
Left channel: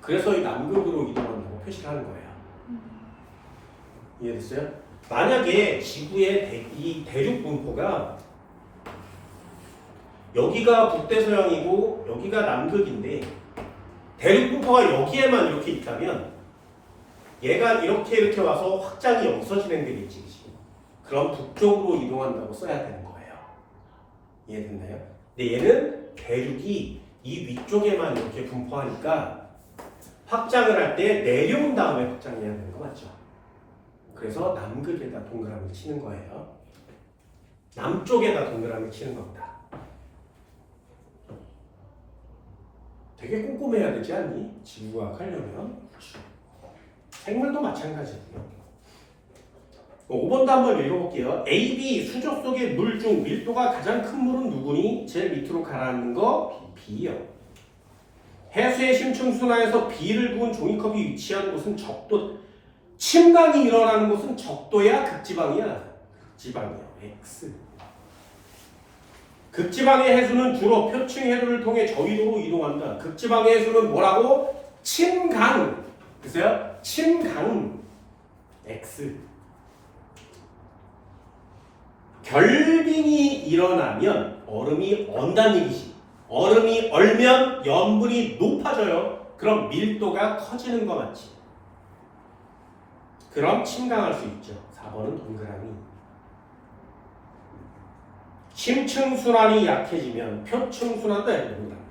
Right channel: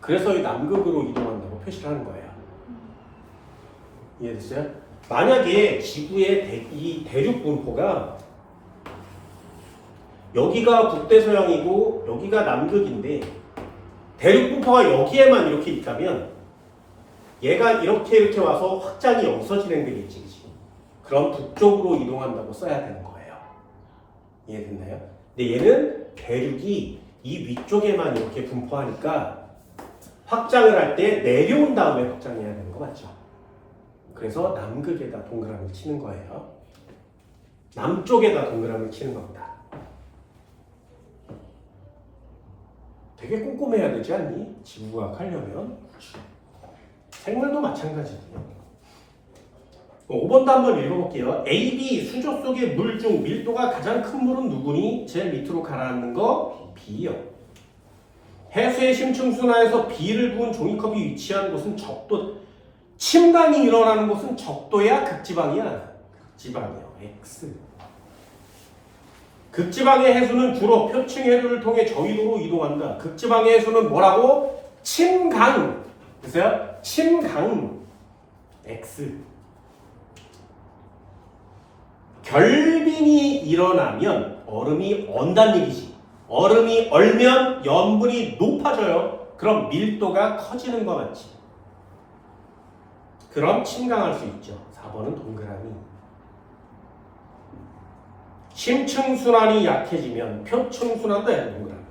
그래서 이 남극으로 이동한다고 표시를 하는 거예요. 이해됐어요? 만약에 지구의 이 대륙 분포가 여기가 북대서양이고 여기가 남극인데 대륙 분포가 여기에만 이렇게 있다면 얘가 이렇게 와서 확장이 여기서 진행되겠지, 그치? 그럼 북쪽으로 이동한다고 써야 되는 거예요. 이해됐나요? 근데 얘는 대륙이 이 위쪽에만 이렇게 분포하니까 확장을 할 때 내려온 다음에 확장해야 되는 거 맞죠? 그래서 남극에다 동그라미를 치는 거예요. 남쪽에다 동그라미를 치는 겁니다. 되게 꼼꼼해야 되지 않니? 지구과학 하려면. 생물도 마찬가지예요. 5번도 한번 읽어볼게요. A, B 수조 속의 물 중 밀도가 가장 큰 물은 누구니? 제일 밑으로 가라앉는 거 B요. 해수의 심층순환에서 B를 부은 종이컵이 위치한 곳은 적도. 침강이 일어나는 곳은 적도야? 극지방이야? 극지방이요. X. 극지방의 해수는 주로 표층 해류를 통해 저위도로 이동한다. 극지방의 해수는 뭐라고? 침강. 보세요. 침강. X. 결빙이 일어나면 얼음이 언다는 얘기지. 얼음이 얼면 염분이 높아져요. 그럼 밀도가 커지는 거 맞지? 그럼 침강할 수 있죠. 4번은 동그라미. 심층순환이 약해지면 표층순환도 동그라미.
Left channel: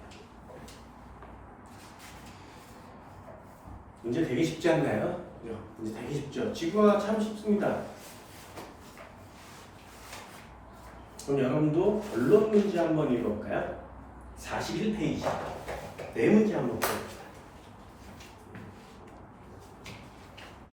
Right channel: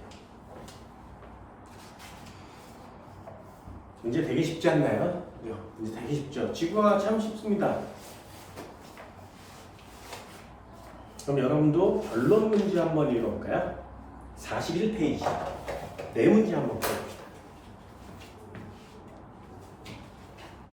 이제 되게 쉽지 않나요? 이제 되게 쉽죠. 지구가 참 쉽습니다. 그럼 여러분도 결론 문제 한번 읽어볼까요? 41페이지. 네 문제 한번 볼까요?